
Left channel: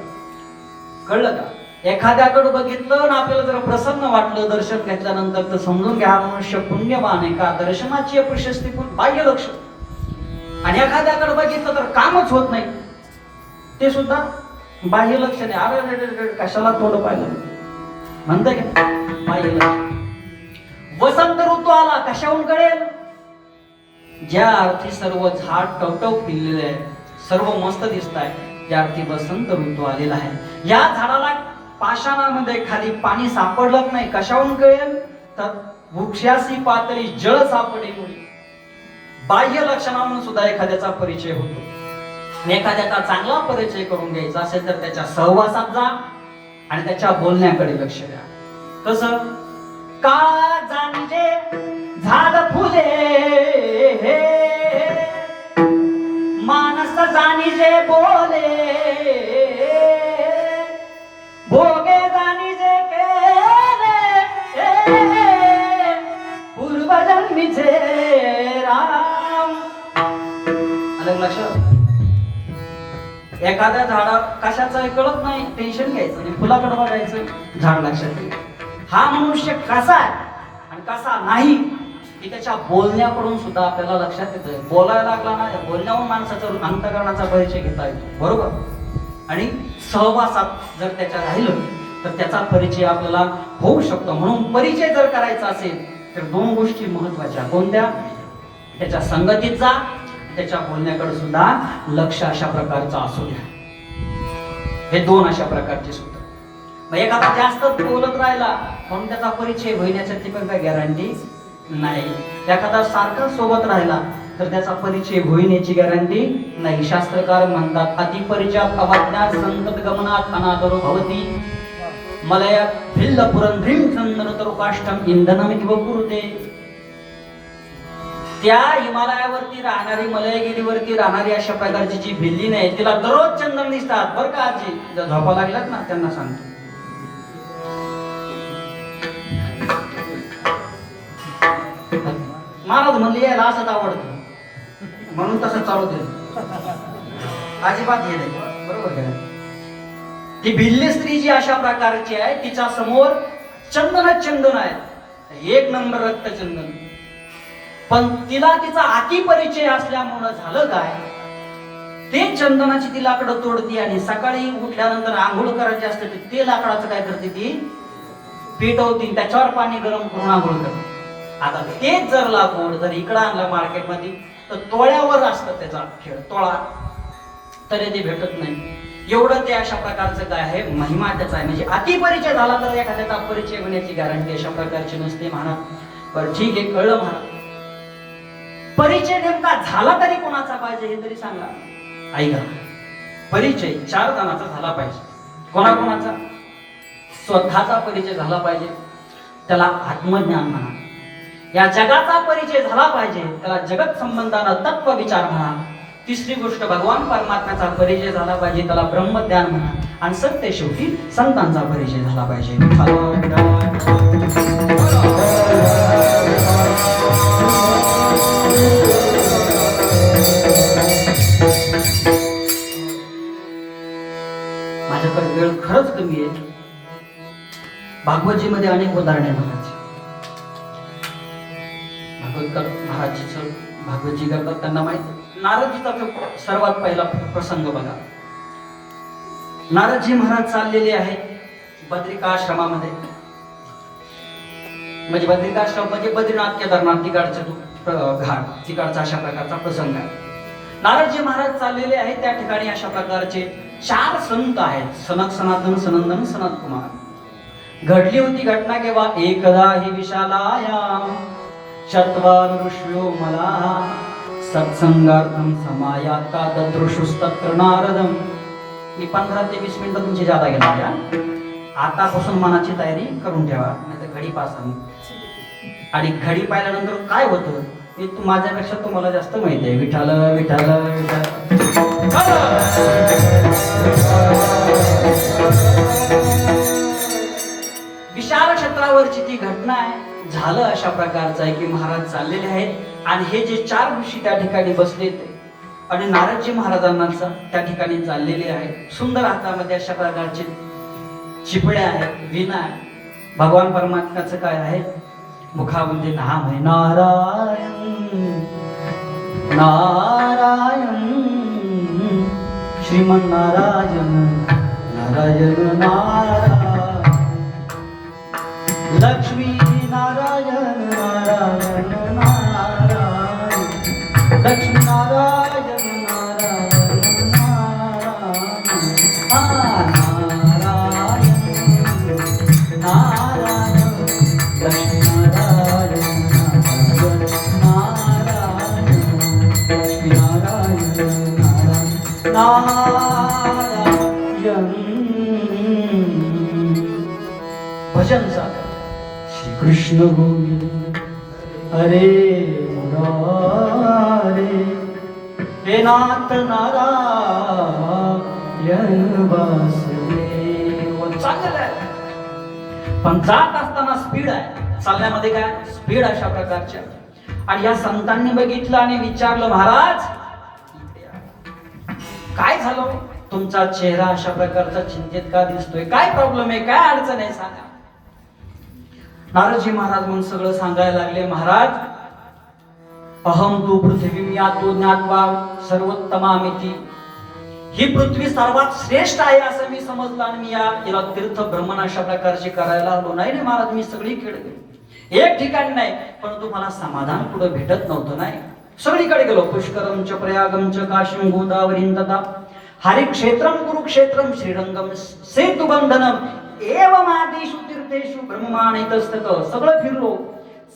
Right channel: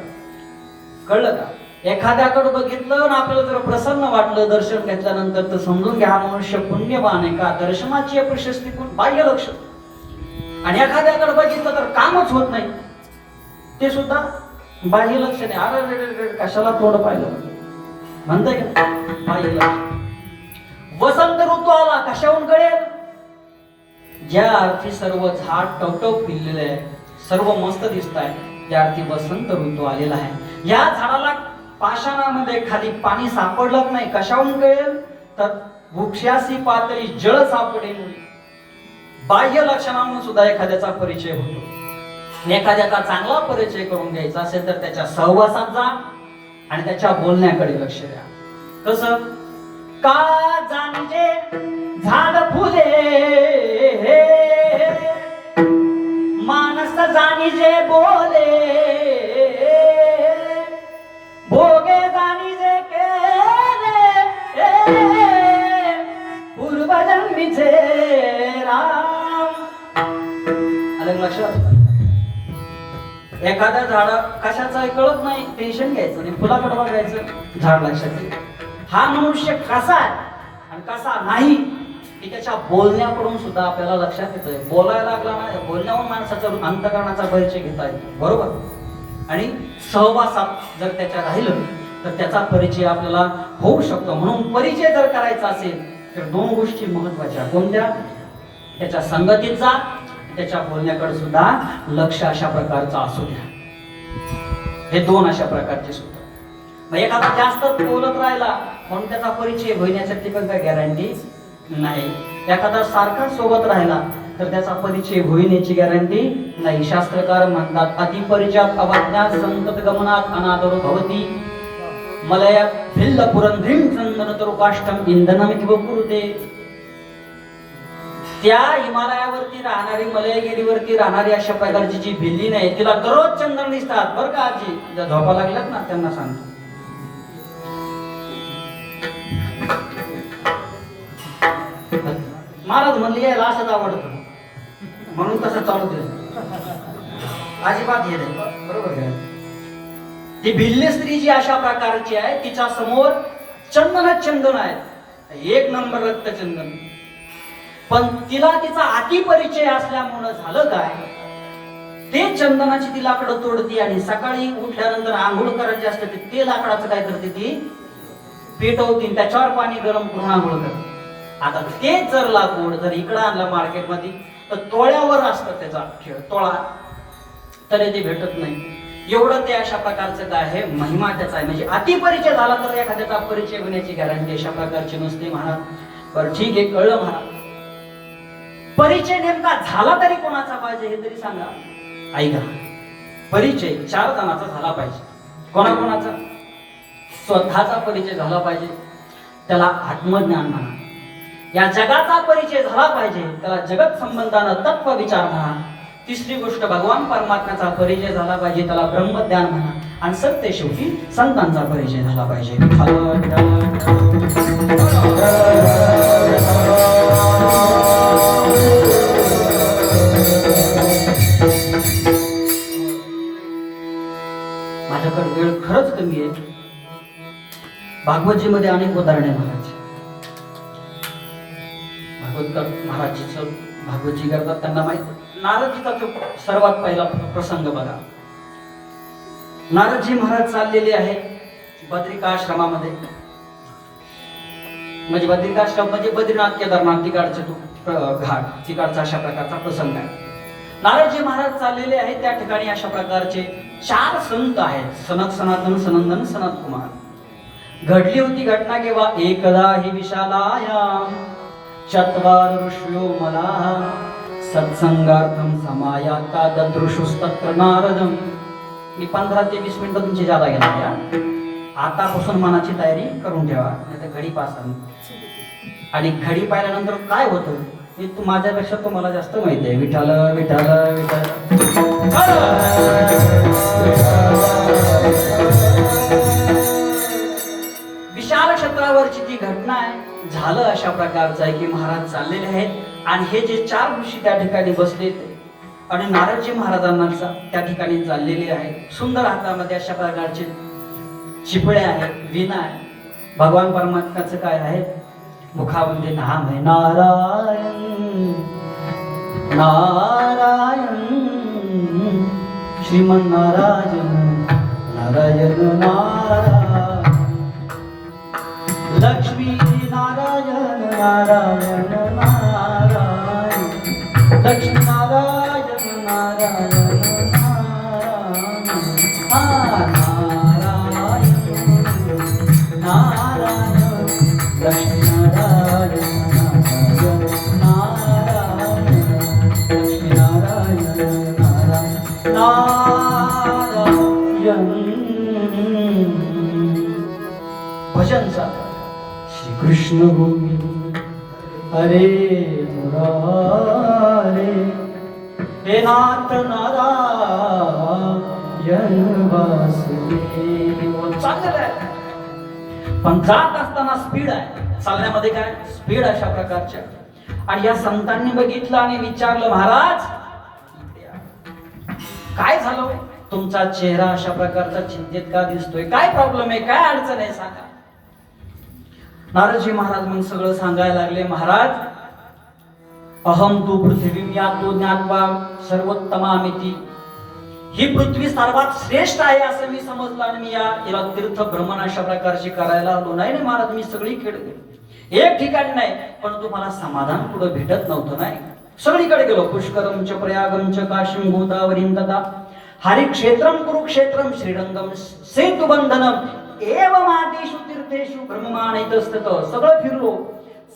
कळलं का? एखाद्याकडे बघितलं आणि आपल्याला जर प्रसन्न वाटलं दर्शन घेतल्यानंतर, तर समजून घ्या हा मनुष्य पुण्यवान आहे. का दर्शनाची प्रशस्ती बाह्य लक्ष. आणि एखाद्याकडे बघितलं तर कामच होत नाही, ते सुद्धा बाह्य लक्ष नाही. अरे कशाला तोड पाहिलं म्हणताय का? बाह्य लक्ष. वसंत ऋतू आला कशाहून कळेल? ज्या अर्थी सर्व झाड टवटव फिरलेले आहे, सर्व मस्त दिसत आहे, त्या अर्थी वसंत ऋतू आलेला आहे. या झाडाला पाषाणामध्ये खाली पाणी सापडलं नाही, कशाहून कळेल? तर वृक्षाची पातळी जळ सापडे मुळे. बाह्य लक्षणांना सुद्धा एखाद्याचा परिचय होतो. आणि एखाद्याचा चांगला परिचय करून घ्यायचा असेल तर त्याच्या सहवासात जा आणि त्याच्या बोलण्याकडे लक्ष द्या. कसं? का जाणीजे झाड फुले मानस जाणीजे बोले भोगे जाणीजे केले पूर्वजन्मीचे राम. अलग लक्षात. एखाद्या झाडा कशाचं कळत नाही, टेन्शन घ्यायचं आणि फुलाकडे बघायचं, झाड लक्षात. हा मनुष्य कसा आहे आणि कसा नाही की त्याच्या बोलण्याकडून सुद्धा आपल्याला लक्षात येतं. बोलायला लागला ना, बोलण्यावर माणसाचा अंतकरणाचा परिचय घेता येतो. बरोबर. आणि सहवासात जर त्याच्या राहिलं तर त्याचा परिचय आपल्याला होऊ शकतो. म्हणून परिचय जर करायचा असेल तर दोन गोष्टी महत्वाच्या. कोणत्या? त्याच्या संगतीचा, त्याच्या बोलण्याकडे सुद्धा लक्ष अशा प्रकारचं असू द्या. हे दोन अशा प्रकारचे सूत्र. मग एखादा जास्त बोलत राहिला म्हणून त्याचा परिचय होण्यासाठी पण काही गॅरंटी नाही. एखादा सारखा सोबत राहिला तर त्याचा परिचय होण्याची गॅरंटी नाही. शास्त्रकार म्हणतात अतिपरिचयात अवज्ञा संतत गमनात अनादरो भवती मलय भिल्ल पुरंध्रीम चंदन तरू काष्ठम इंधनमिति वपुरुते. त्या हिमालयावरती राहणारी, मलयगिरीवरती राहणारी अशा प्रकारची जी भिल्ली नाही, तिला दररोज चंदन दिसतात. बरं का आजी, ज्या झोपा लागल्यात ना त्यांना सांगतो. महाराज म्हणले यायला असंच आवडतं म्हणून तसं चालू दिलं. अजिबात येत नाही, बरोबर का? ती भिल्ली स्त्री जी अशा प्रकारची आहे, तिच्या समोर चंदन आहे, एक नंबर रक्तचंदन. पण तिला तिचा अति परिचय असल्यामुळे झालं काय, ते चंदनाची ती लाकडं तोडती आणि सकाळी उठल्यानंतर आंघोळ करायची असते ते लाकडाचं काय करते, ती पेटवती, त्याच्यावर पाणी गरम करून आंघोळ करते. आता तेच जर लाकूड जर इकडं आणलं मार्केटमध्ये तर तोळ्यावर असतं त्याचा खेळ, तोळा तरी ते भेटत नाही. एवढं ते अशा प्रकारचं काय आहे, महिमा त्याचा आहे. म्हणजे अतिपरिचय झाला तर एखाद्याचा परिचय होण्याची गॅरंटी अशा प्रकारची नसते. म्हणा बरं ठीक आहे, कळलं. म्हणा परिचय नेमका झाला तरी कोणाचा पाहिजे हे तरी सांगा. ऐका, परिचय 4 जणांचा झाला पाहिजे. कोणाकोणाचा? स्वतःचा परिचय झाला पाहिजे, त्याला आत्मज्ञान म्हणा. या जगाचा परिचय झाला पाहिजे, त्याला जगत संबंधानं तत्व विचार म्हणा. तिसरी गोष्ट भगवान परमात्म्याचा परिचय झाला पाहिजे, त्याला ब्रह्मज्ञान म्हणा. आणि सत्य शेवटी संतांचा परिचय झाला पाहिजे. माझ्याकडे वेळ खरंच कमी आहे. भागवतजी मध्ये अनेक उदाहरणे महाराज. भागवतजी करतात, त्यांना माहिती. नारदजीचा सर्वात पहिला प्रसंग बघा. नारदजी महाराज चाललेले आहेत बद्रिकाश्रमामध्ये. म्हणजे बद्रिकाश्रम म्हणजे बद्रीनाथ केदारनाथ तिकडचा घाट, तिकडचा अशा प्रकारचा प्रसंग आहे. नारदजी महाराज चाललेले आहेत, त्या ठिकाणी अशा प्रकारचे 4 संत आहेत. सनक, सनातन, सनंदन, सनत कुमार. घडली होती घटना केव्हा, एकदा ही विशालायाम चत्वार ऋषयो मला सत्संगार्थम समायाता ददृशुस्तत्र नारदम. मी 15 ते 20 मिनिटं तुमची जादा घेणार. आतापासून मनाची तयारी करून ठेवा, नाही तर घडी पासा. आणि घडी पाहिल्यानंतर काय होतं हे तू माझ्यापेक्षा तुम्हाला जास्त माहिती आहे. विठाल विठाल विठाल. विशाल क्षेत्रावरची ती घटना आहे. झालं अशा प्रकारचं आहे की महाराज चाललेले आहेत आणि हे जे 4 ऋषी त्या ठिकाणी बसले आणि नारदजी महाराजांना त्या ठिकाणी चाललेले आहेत. सुंदर हातामध्ये अशा प्रकारचे चिपळ्या आहेत, वीणा आहे. भगवान परमात्म्याचं काय आहे, मुखामध्ये नाम आहे नारायण नारायण श्रीमन नारायण नारायण नारायण लक्ष्मी नारायण नारायण नारायण लक्ष्मी नारायण नारायण नारायण नारायण लक्ष्मी नारायण नारायण लक्ष्मी नारायण नारायण. भजन सागर श्री कृष्ण गोविंद हरे मुरारे हे नाथ नारायण वासुदेव. चांगलं आहे, पण जात असताना स्पीड आहे. चालण्यामध्ये काय स्पीड अशा प्रकारच्या. आणि या संतांनी बघितलं आणि विचारलं, महाराज काय झालं, तुमचा चेहरा अशा प्रकारचा चिंतेत का दिसतोय, काय प्रॉब्लेम आहे, काय अडचण आहे सांगा. नारदजी महाराज मग सगळं सांगायला लागले. महाराज अहम तू पृथ्वी यातो ज्ञात्वा सर्वोत्तमामिती. ही पृथ्वी सर्वात श्रेष्ठ आहे असं मी समजलं आणि मी याला तीर्थ भ्रमण अशा प्रकारचे करायला आलो. नाही नाही महाराज, मी सगळीकडे गेलो, एक ठिकाणी नाही, परंतु मला समाधान कुठं भेटत नव्हतं. नाही, सगळीकडे गेलो. पुष्करम च प्रयागम च काशीम गोदावरीम तथा हरिक्षेत्रम कुरुक्षेत्रम श्रीरंगम सेतुबंधनम एवं आदिषु तीर्थेषु ब्रह्ममानैतस्तत. सगळं फिरलो,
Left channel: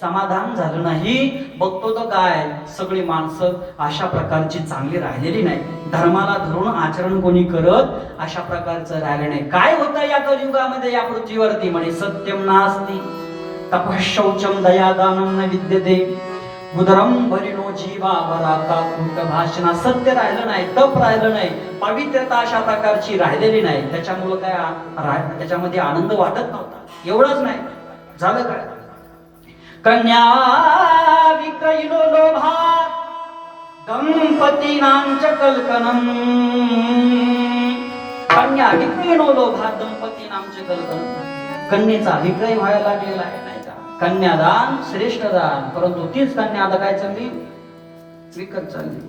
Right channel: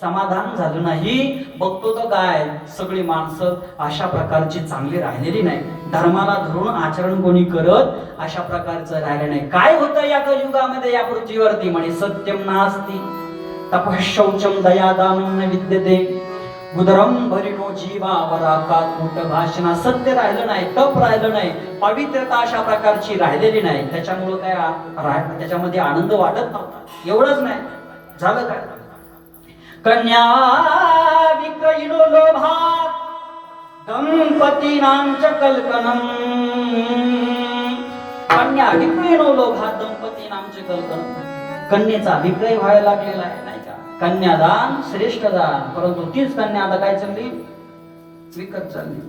समाधान झालं नाही. बघतो तर काय, सगळी माणसं अशा प्रकारची चांगली राहिलेली नाही. धर्माला धरून आचरण कोणी करत अशा प्रकारचं राहिलं नाही. काय होतं या कलियुगामध्ये या पृथ्वीवरती, म्हणे सत्यम नास्ति तपःशौचम दयादानं न विद्यते उदरम भरिनो जीवा वराकात्मक भाषणा. सत्य राहिलं नाही, तप राहिलं नाही, पवित्रता अशा प्रकारची राहिलेली नाही. त्याच्यामुळं काय त्याच्यामध्ये आनंद वाटत नव्हता. एवढंच नाही, झालं काय, कन्या विक्रयिनो लोभा दंपतीनां च कल्कनम कन्या विक्रय नो लोभा दंपती नामचे कल्पना. कन्येचा विक्रय व्हायला लागलेला आहे नाही का. कन्यादान श्रेष्ठ दान, परंतु तीच कन्या आता काय चालली, विकत चालली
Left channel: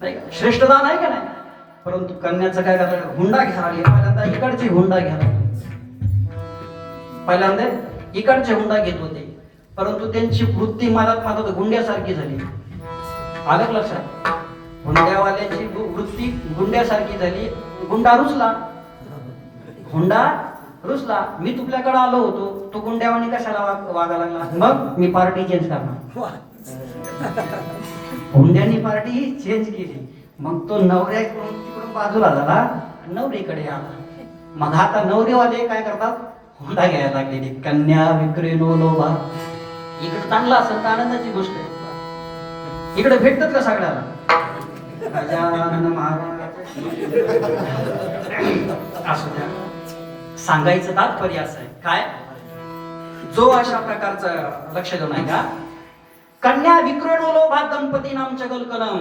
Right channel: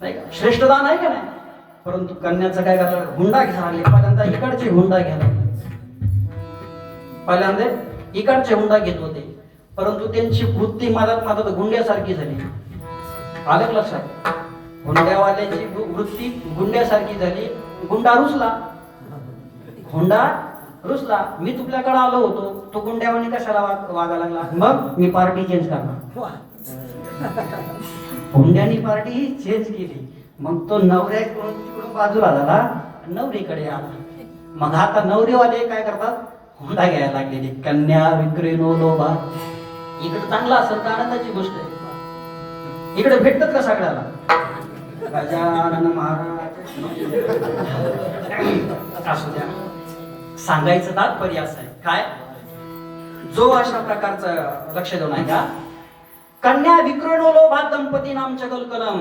नाही का. श्रेष्ठ दान आहे का नाही, परंतु कन्याचं काय करतात, हुंडा घ्यायला लागले. पहिल्यांदा इकडचे हुंडा घ्यायला, पहिल्यांदा इकडचे हुंडा घेत होते, परंतु त्यांची वृत्ती मधात गुंड्यासारखी झाली. आलं लक्षात, हुंड्यावाल्याची वृत्ती गुंड्यासारखी झाली. गुंडा रुसला, हुंडा रुसला. मी तुझ्याकडे आलो होतो, तो गुंड्यावानी कशाला वागायला लागला, मग मी पार्टी चेंज करणार. हुंड्यानी पार्टी चेंज केली. मग तो नवऱ्याकडून तिकडून बाजूला झाला, नवरीकडे आला. मग आता नवरीवाले काय करतात, हुंडा घ्यायला लागलेली. कन्या विक्रय नो लोभा. इकडे चांगला असेल तर आनंदाची गोष्ट आहे. इकडे भेटतात का सगळ्याला, गजानन महाराज असू द्या. सांगायचं तात्पर्य असं आहे काय, जो अशा प्रकारचं लक्ष देऊन आहे का, कन्या विक्रय नो लोभा दंपती नामच्या कलकलम.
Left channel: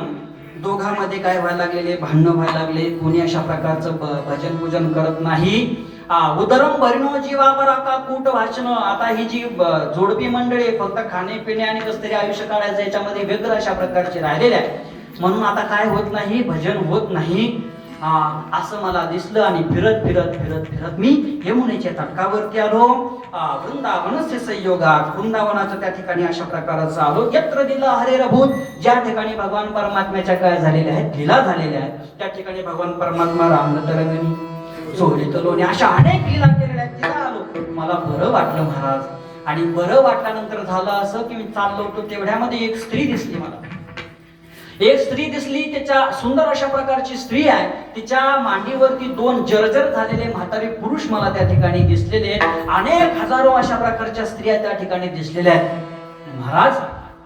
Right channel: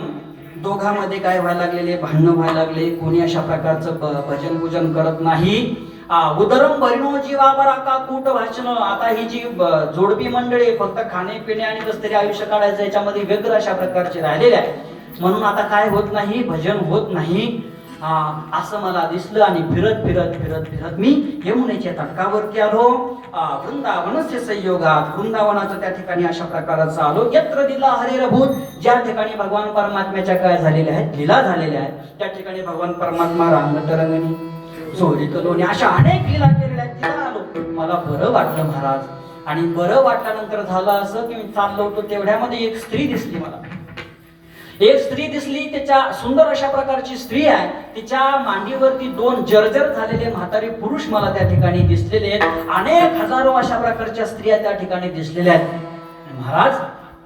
दोघांमध्ये काय व्हायला लागलेले, भांडणं व्हायला लागले. कोणी अशा प्रकारचं भजन पूजन करत नाही. उदरम भरिनो जीवा बरा का कूट भाषण. आता ही जी जोडपी मंडळी फक्त खाणे पिणे आणि कस तरी आयुष्य काढायचं याच्यामध्ये व्यग्र अशा प्रकारचे राहिलेले आहे. म्हणून आता काय होत नाही, भजन होत नाही असं मला दिसलं. आणि फिरत फिरत फिरत फिरत मी यमुनेच्या तटकावरती आलो. वृंदावनस्य संयोगात, वृंदावनाचं त्या ठिकाणी अशा प्रकारचं आलो. यत्र दिला हरेरभूत, ज्या ठिकाणी भगवान परमात्म्याच्या काय झालेल्या आहेत, लीला झालेल्या आहेत, त्या ठिकाणी भगवान परमात्मा रांगतरंगणी चोरीत लोणी अशा अनेक लीला केलेल्या आहेत. तिला आलो, मला बरं वाटलं महाराज. आणि बरं वाटल्यानंतर झालं असं की मी चाललो होतो, तेवढ्यामध्ये एक स्त्री दिसली मला. एक स्त्री दिसली, त्याच्या सुंदर अशा प्रकारची स्त्री आहे. तिच्या मांडीवरती दोन जर्जर झालेले म्हातारे पुरुष मला त्या ठिकाणी दिसलेले आहेत. अनेक हजारो अशा प्रकारच्या स्त्रिया त्या ठिकाणी दिसलेल्या आहेत. महाराज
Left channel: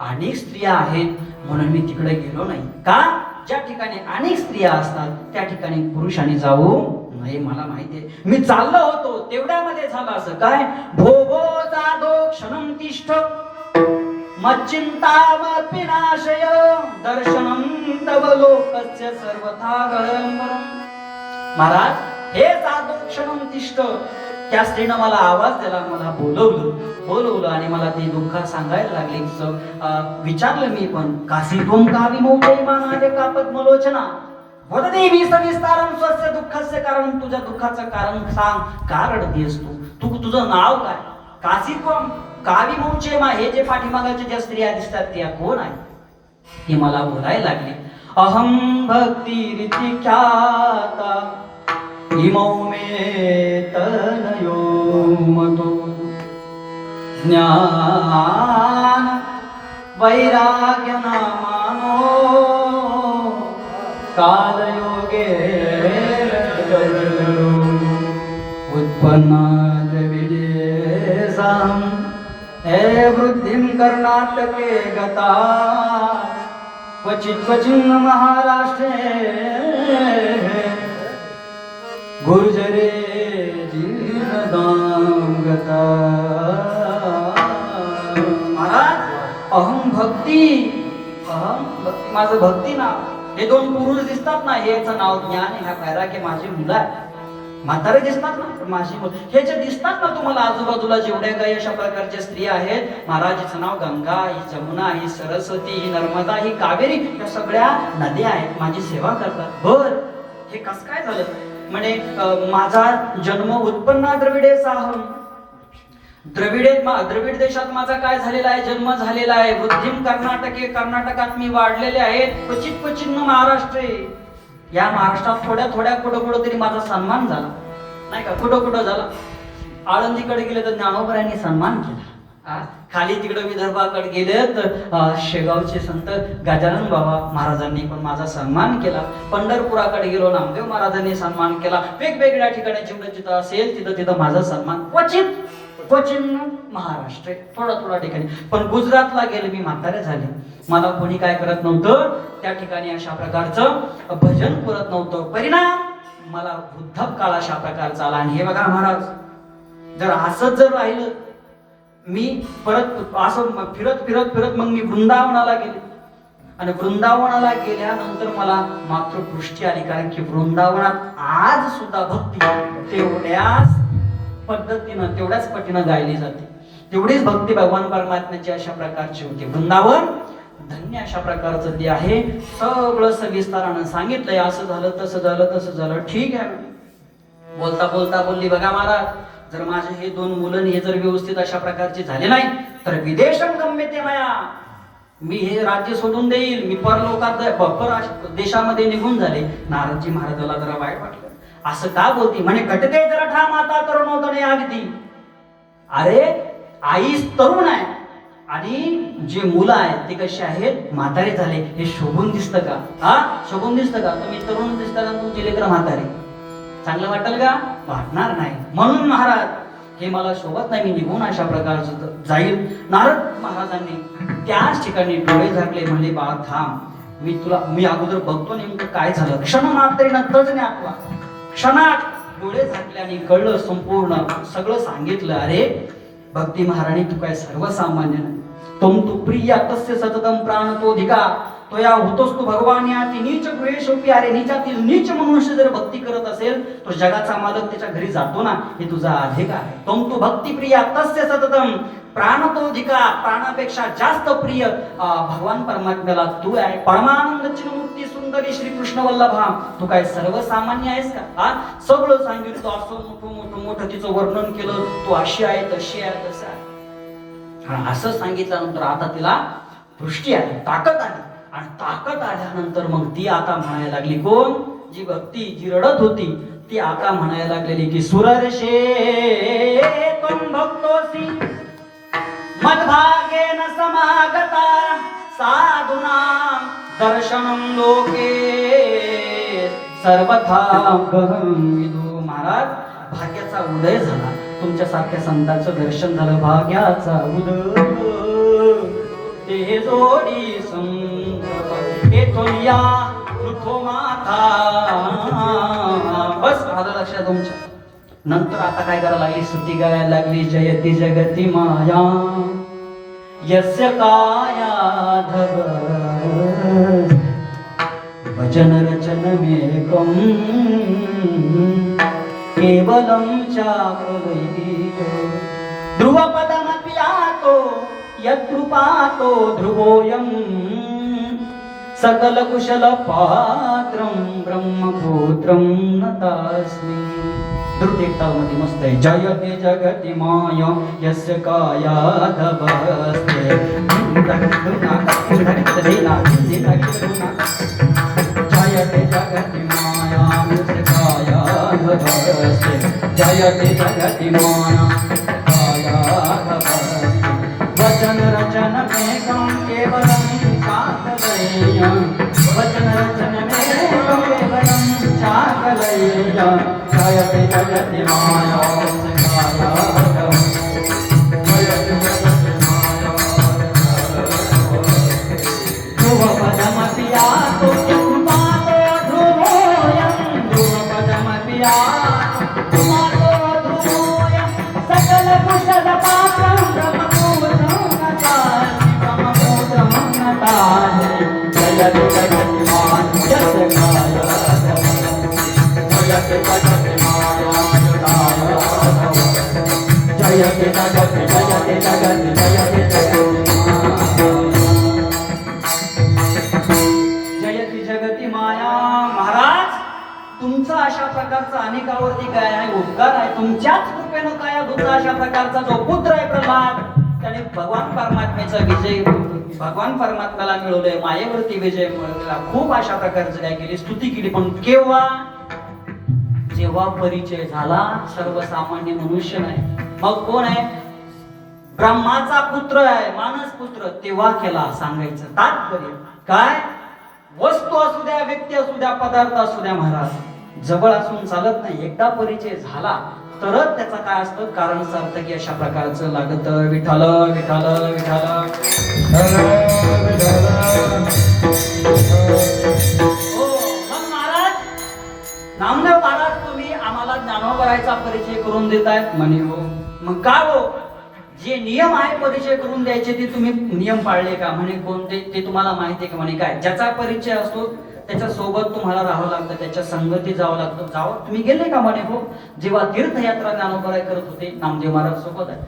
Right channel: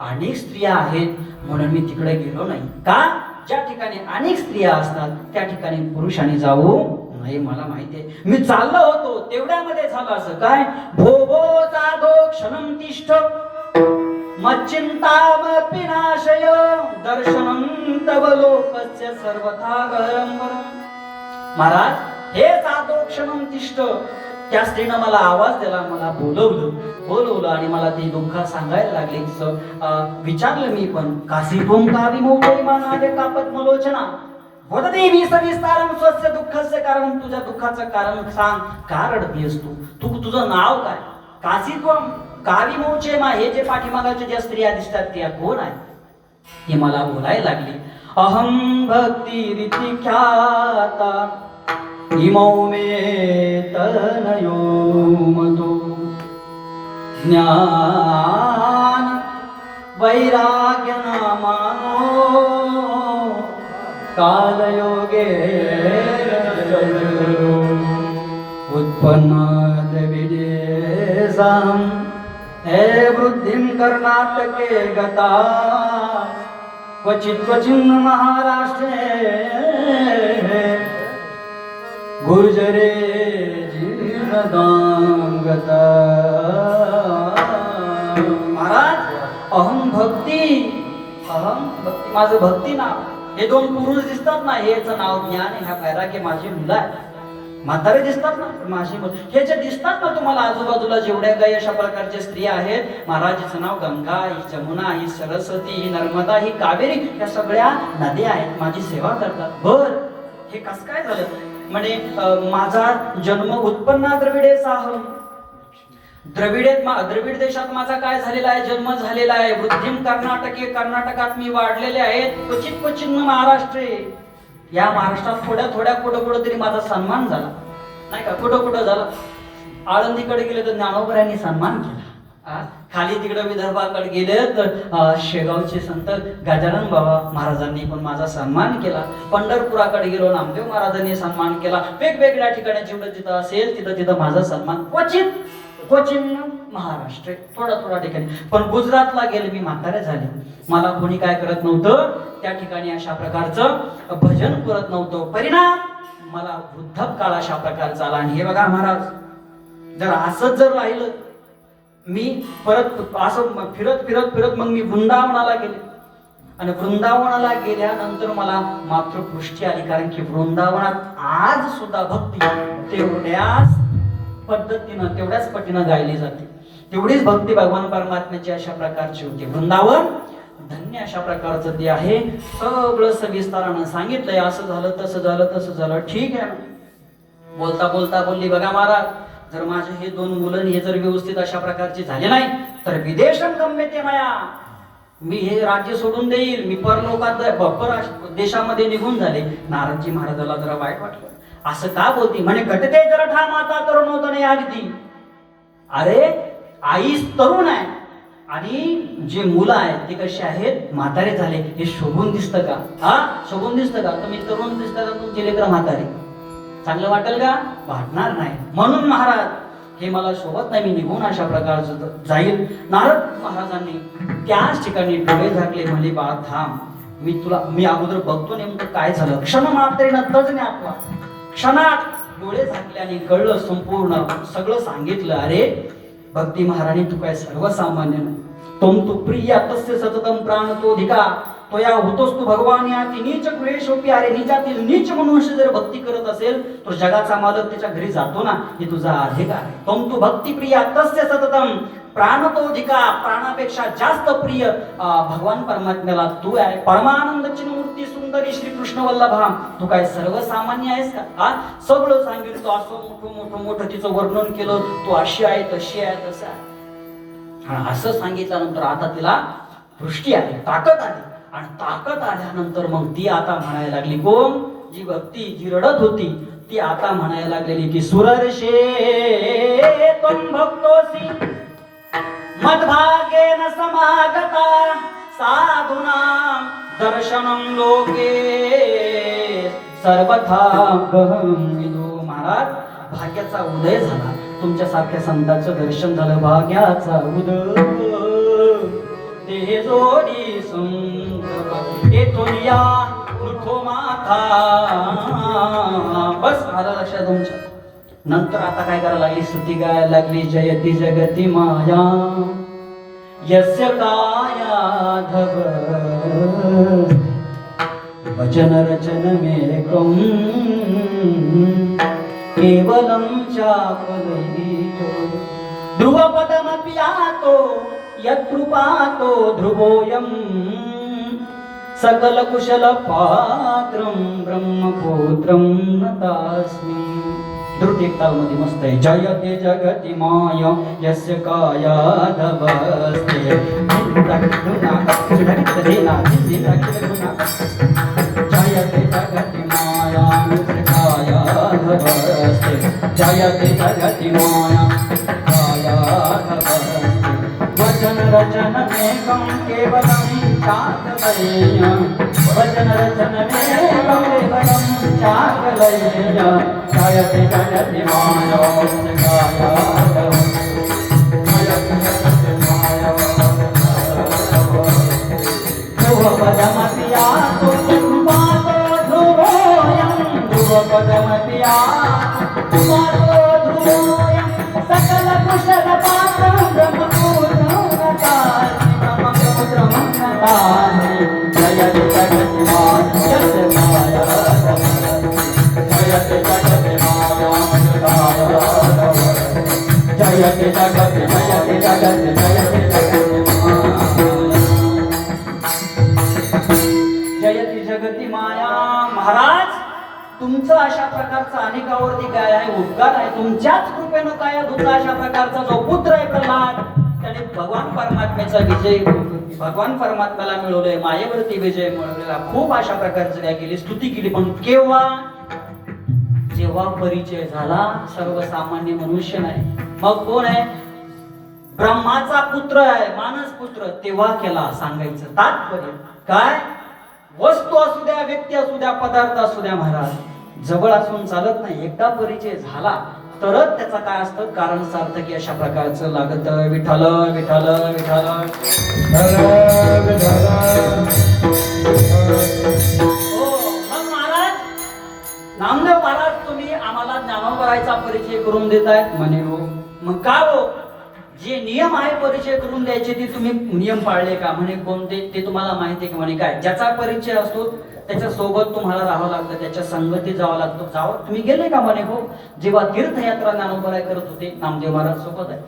अनेक स्त्रिया आहेत म्हणून मी तिकडे गेलो नाही. का, ज्या ठिकाणी अनेक स्त्रिया असतात त्या ठिकाणी पुरुषांनी जाऊ नाही. मला माहितीये, मी चाललो होतो तेवढ्यामध्ये झालं असं काय, भोभो जादो क्षणं तिष्ठ मच्चिंतामपि नाशय दर्शनं तव लोकस्य सर्वथा गहरं. महाराज हे जादो क्षणं तिष्ठ, त्या स्त्रीनं मला आवाज दिला, मला बोलवलं आणि मला ते दुःख सांगायला लागले. विचारलं मी पण, काशी त्वं का विमोचयमानादे का पद्मलोचना वददेवी सविस्तारं स्वस्य दुःखस्य कारण. तुझ्या दुःखाचं कारण सांग, का रडतेस तू, तुझं नाव काय, काशी त्वं का विमोचयमा. हे जे पाठीमागाच्या ज्या स्त्रिया दिसतात त्या कोण आहे, ती मला बोलायला लागली. अहं भक्ती रीती ख्याता इमौ मे तनयो मतो ज्ञान वैराग्य नामानो कालयोगे उत्पन्ना द्रविडेसां हे वृद्धिं कर्नाटके गता क्वचित् क्वचिन् महाराष्ट्रे गुर्जरे जीर्णदां गता. महाराज अहं भक्ती माझं भक्ती नाव. हे दोन पुरुष दिसतात ना, हेच नाव ज्ञान आहे. ह्या वैराग्य माझी मुलं आहे. म्हातारे दिसतात ना, पण माझी मुलं. हे जे दिसतात ना तुम्हाला आजूबाजूला जेवढ्या काही अशा प्रकारच्या स्त्रिया आहेत, महाराजांचं नाव गंगा, ही जमुना, ही सरस्वती, ही नर्मदा, ही कावेरी, या सगळ्या नद्या आहेत, माझी सेवा करतात. बर हे कसं काय झालं म्हणे, माझा जन्म उत्पन्ना द्रविडे साहम. द्रविड देशात माझा काय झालेला आहे, जन्म झालेला आहे. वृद्धिम कर्नाटके, कर्नाटकात मी वाढलेले आहेत. क्वचित क्वचित महाराष्ट्रे, या महाराष्ट्रात थोड्या कुठं तरी माझा सन्मान झाला नाही का. कुठं झाला, आळंदीकडे गेले तर ज्ञानोबरायांनी सन्मान केला. खाली तिकडे विदर्भाकडे गेले तर शेगावचे संत गजानन बाबा महाराजांनी पण माझा सन्मान केला. पंढरपुराकडे गेलो, नामदेव महाराजांनी सन्मान केला. वेगवेगळ्या ठिकाणी जिथं जिथं असेल तिथं माझा सन्मान. क्वचित महाराष्ट्र, थोडा ठिकाणी. पण गुजरातला गेले मी, म्हातारे झाले, मला कोणी काय करत नव्हतं. त्या ठिकाणी अशा प्रकारचं भजन करत नव्हतं. परिणाम मला वृद्धकाळ अशा प्रकारचा आला. आणि हे बघा महाराज, जर असंच जर राहिलं, मी परत असं फिरत मग मी वृंदावनाला गेले. आणि वृंदावनाला गेल्यानंतर मला मात्र पुष्टी आली, कारण की वृंदावनात आज सुद्धा भक्ती तेवढ्याच पद्धतीनं तेवढ्याच पटीनं गायली जाते. तेवढीच भक्ती भगवान परमात्म्याची अशा प्रकारची होती. वृंदावन धन्य अशा प्रकारचं ते आहे. सगळं सविस्तारानं सांगितलंय, असं झालं तसं झालं तसं झालं. ठीक आहे, बोलता बोलता बोलली, बघा महाराज, जर माझे हे 2 मुलं हे जर व्यवस्थित अशा प्रकारचे झाले नाही तर विदेशम गम्यते मया, मी हे राज्य सोडून देईल, मी परलोकात देशामध्ये निघून झाले. नारदजी महाराजाला जरा वाईट वाटलं. असं का बोलती? म्हणे घटके जरा ठाम आता तरुण होतं नाही अगदी. अरे आईच तरुण आहे आणि जे मुलं आहेत ते कसे आहेत, म्हातारे झाले. हे शोभून दिसतं का? हा, शोभून दिसतं का? तुम्ही तरुण दिसता का, तुमची लेकरं म्हातारे? चांगलं वाटेल का? वाटणार नाही. म्हणून महाराज हे मला शोभत नाही, मी निघून अशा प्रकारचं जाईल. नारद महाराजांनी त्याच ठिकाणी डोळे झाकले, म्हणजे बाळा थांब, मी अगोदर बघतो नेमकं काय झालं. क्षण मात्रेनं तज्ञ आपला क्षणात डोळे झाकले आणि कळलं, संपूर्ण सगळं सांगितलं. अरे भक्ती महाराणी, तू काय सर्वसामान्य नाही. तम तू प्रिया तस्य सततम प्राण तो धिका, तो या होतोस तू भगवान याची नीच गृहेशोपी. अरे नीचातील नीच मनुष्य जर भक्ती करत असेल तो जगाचा मालक त्याच्या घरी जातो ना, हे तुझा अधिकार आहे. तम तू भक्ती प्रिया तस्य सततम प्राण तो धिका, प्राणापेक्षा जास्त प्रिय भगवान परमात्म्याला तू आहे. परमानंद चिन्मूर्ती सुंदरी श्री कृष्ण वल्लभा, तू काय सर्वसामान्य आहेस का? हा, सगळं सांगितलं, असं मोठं तिचं वर्णन केलं. तू अशी आहे, तशी आहे, तसं आहे. असं सांगितल्यानंतर आता तिला दृष्टी आली, ताकद आली. आणि ताकद आल्यानंतर मग ती आता म्हणायला लागली, कोण? जी भक्ती जी रडत होती ती आता म्हणायला लागलेली की सुरर्षे त्वं भक्तोसी मद्भागेन समागता साधूनां दर्शनं लोके सर्वथा विदो. महाराज, भाग्याचा उदय झाला, तुमच्या सारख्या संतांचं दर्शन झालं. भाग्याचा उदय ते जोडी सुंदर एकोनिया लुठो माथा. बस आलं लक्षात तुमच्या. नंतर आता काय करायला लागली, स्तुती गायला लागली. जयती जगती माया यस्य कायाधव वचन रचनमेकं केवलं चापलैतो ध्रुवपदमप्यातो यत्कृपातो ध्रुवोऽयं सकल कुशल पात्रं ब्रह्मपुत्रं नतास्मि. द्रुत एक तालमध्ये मस्त आहे. जयते जगति माया यस्य कायाधवस्ते जयते जगति माया यस्य कायाधवस्ते जयते जगति माया कायाधवस्ते वचन रचन मेकं केवलं चाकलय्य वचन रचन मेकं केवलं चाकलय्य जयते जगति माया कायाधवस्ते जयते जगति माया ध्रुवपदमपि यातो यत्कृपातो ध्रुवोऽयं ध्रुवपदमपि यातो ध्रुवोऽयं सकल कुशल पात्रं ब्रह्मपुत्रं नतास्मि ब्रह्मपुत्रं नतास्मि. जयते जगति माया यस्य कायाधवस्ते जयते जगति माया जयते जगति जयते जगति जयते जगति जयते जगति माया. महाराज, तुमचं अशा प्रकारचा अनेकावरती काय आहे उद्गार आहे. तुमच्याच कृपेनं काय होता अशा प्रकारचा जो पुत्र आहे प्रल्हाद, त्याने भगवान परमात्म्याचा विजय भगवान परमात्म्याला मिळवलंय, मायेवरती विजय मिळवलेला. खूप अशा प्रकारचं काय केली, स्तुती केली. पण केव्हा? जेव्हा परिचय झाला सर्वसामान्य मनुष्य नाही, मग कोण आहे? ब्रह्माचा पुत्र आहे, मानस पुत्र. तेव्हा केला. सांगायचं तात्पर्य काय? वस्तू असू द्या, व्यक्ती असू द्या, पदार्थ असू द्या, महाराज जवळ असून चालत नाही. एकदा परिचय झाला तरच त्याचा काय असतं कारण सार्थकी अशा प्रकारचं लागत. विठ्ठल विठ्ठल विठ्ठल हो. मग महाराज, नामदेव महाराज, तुम्ही आम्हाला ज्ञानोबरायचा परिचय करून देताय म्हणे. हो. मग का हो? जे नियम आहे परिचय करून द्यायचे ते तुम्ही नियम पाळले का? म्हणे कोणते ते तुम्हाला माहिती आहे का? म्हणे काय? ज्याचा परिचय असतो त्याच्या सोबत तुम्हाला राहावं लागतं, त्याच्या संगतीत जावं लागतं. तुम्ही गेले का? म्हणे हो. जेव्हा तीर्थयात्रा ज्ञानोबा करत होते नामदेव महाराज सोबत आहे.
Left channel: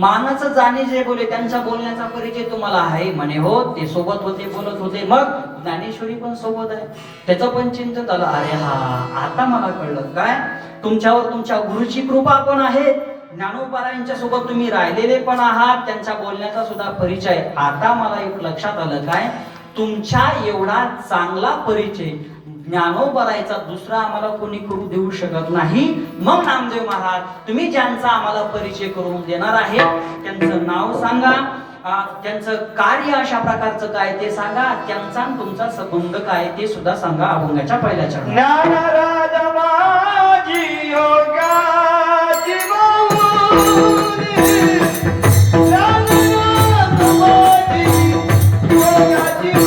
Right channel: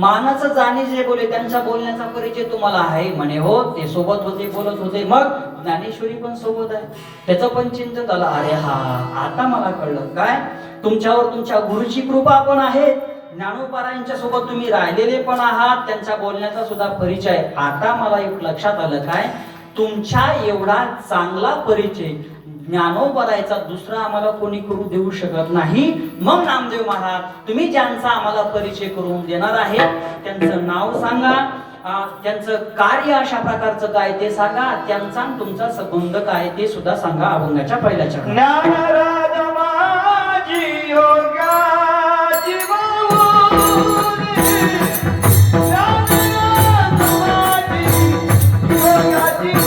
मानाचं जाणे जे बोले त्यांच्या बोलण्याचा परिचय तुम्हाला आहे? म्हणे हो. ते सोबत होते, बोलत होते. मग ज्ञानेश्वरी पण सोबत आहे, त्याचं पण चिंतन झालं. अरे हा, आता मला कळलं काय तुमच्यावर तुमच्या गुरुची कृपा पण आहे. ज्ञानोबारायांच्या सोबत तुम्ही राहिलेले पण आहात, त्यांच्या बोलण्याचा सुद्धा परिचय. आता मला एक लक्षात आलं काय, तुमच्या एवढा चांगला परिचय ज्ञानोबारायचा दुसरा आम्हाला कोणी करू देऊ शकत नाही. मग नामदेव महाराज तुम्ही ज्यांचा आम्हाला परिचय करून देणार आहे त्यांचं नाव सांगा, त्यांचं कार्य अशा प्रकारचं काय ते सांगा, त्यांचा तुमचा संबंध काय ते सुद्धा सांगा. अभंगाच्या पहिल्या चरणात. ज्ञानराज माझी योगाची माऊली, ज्ञानराज माझी योगाची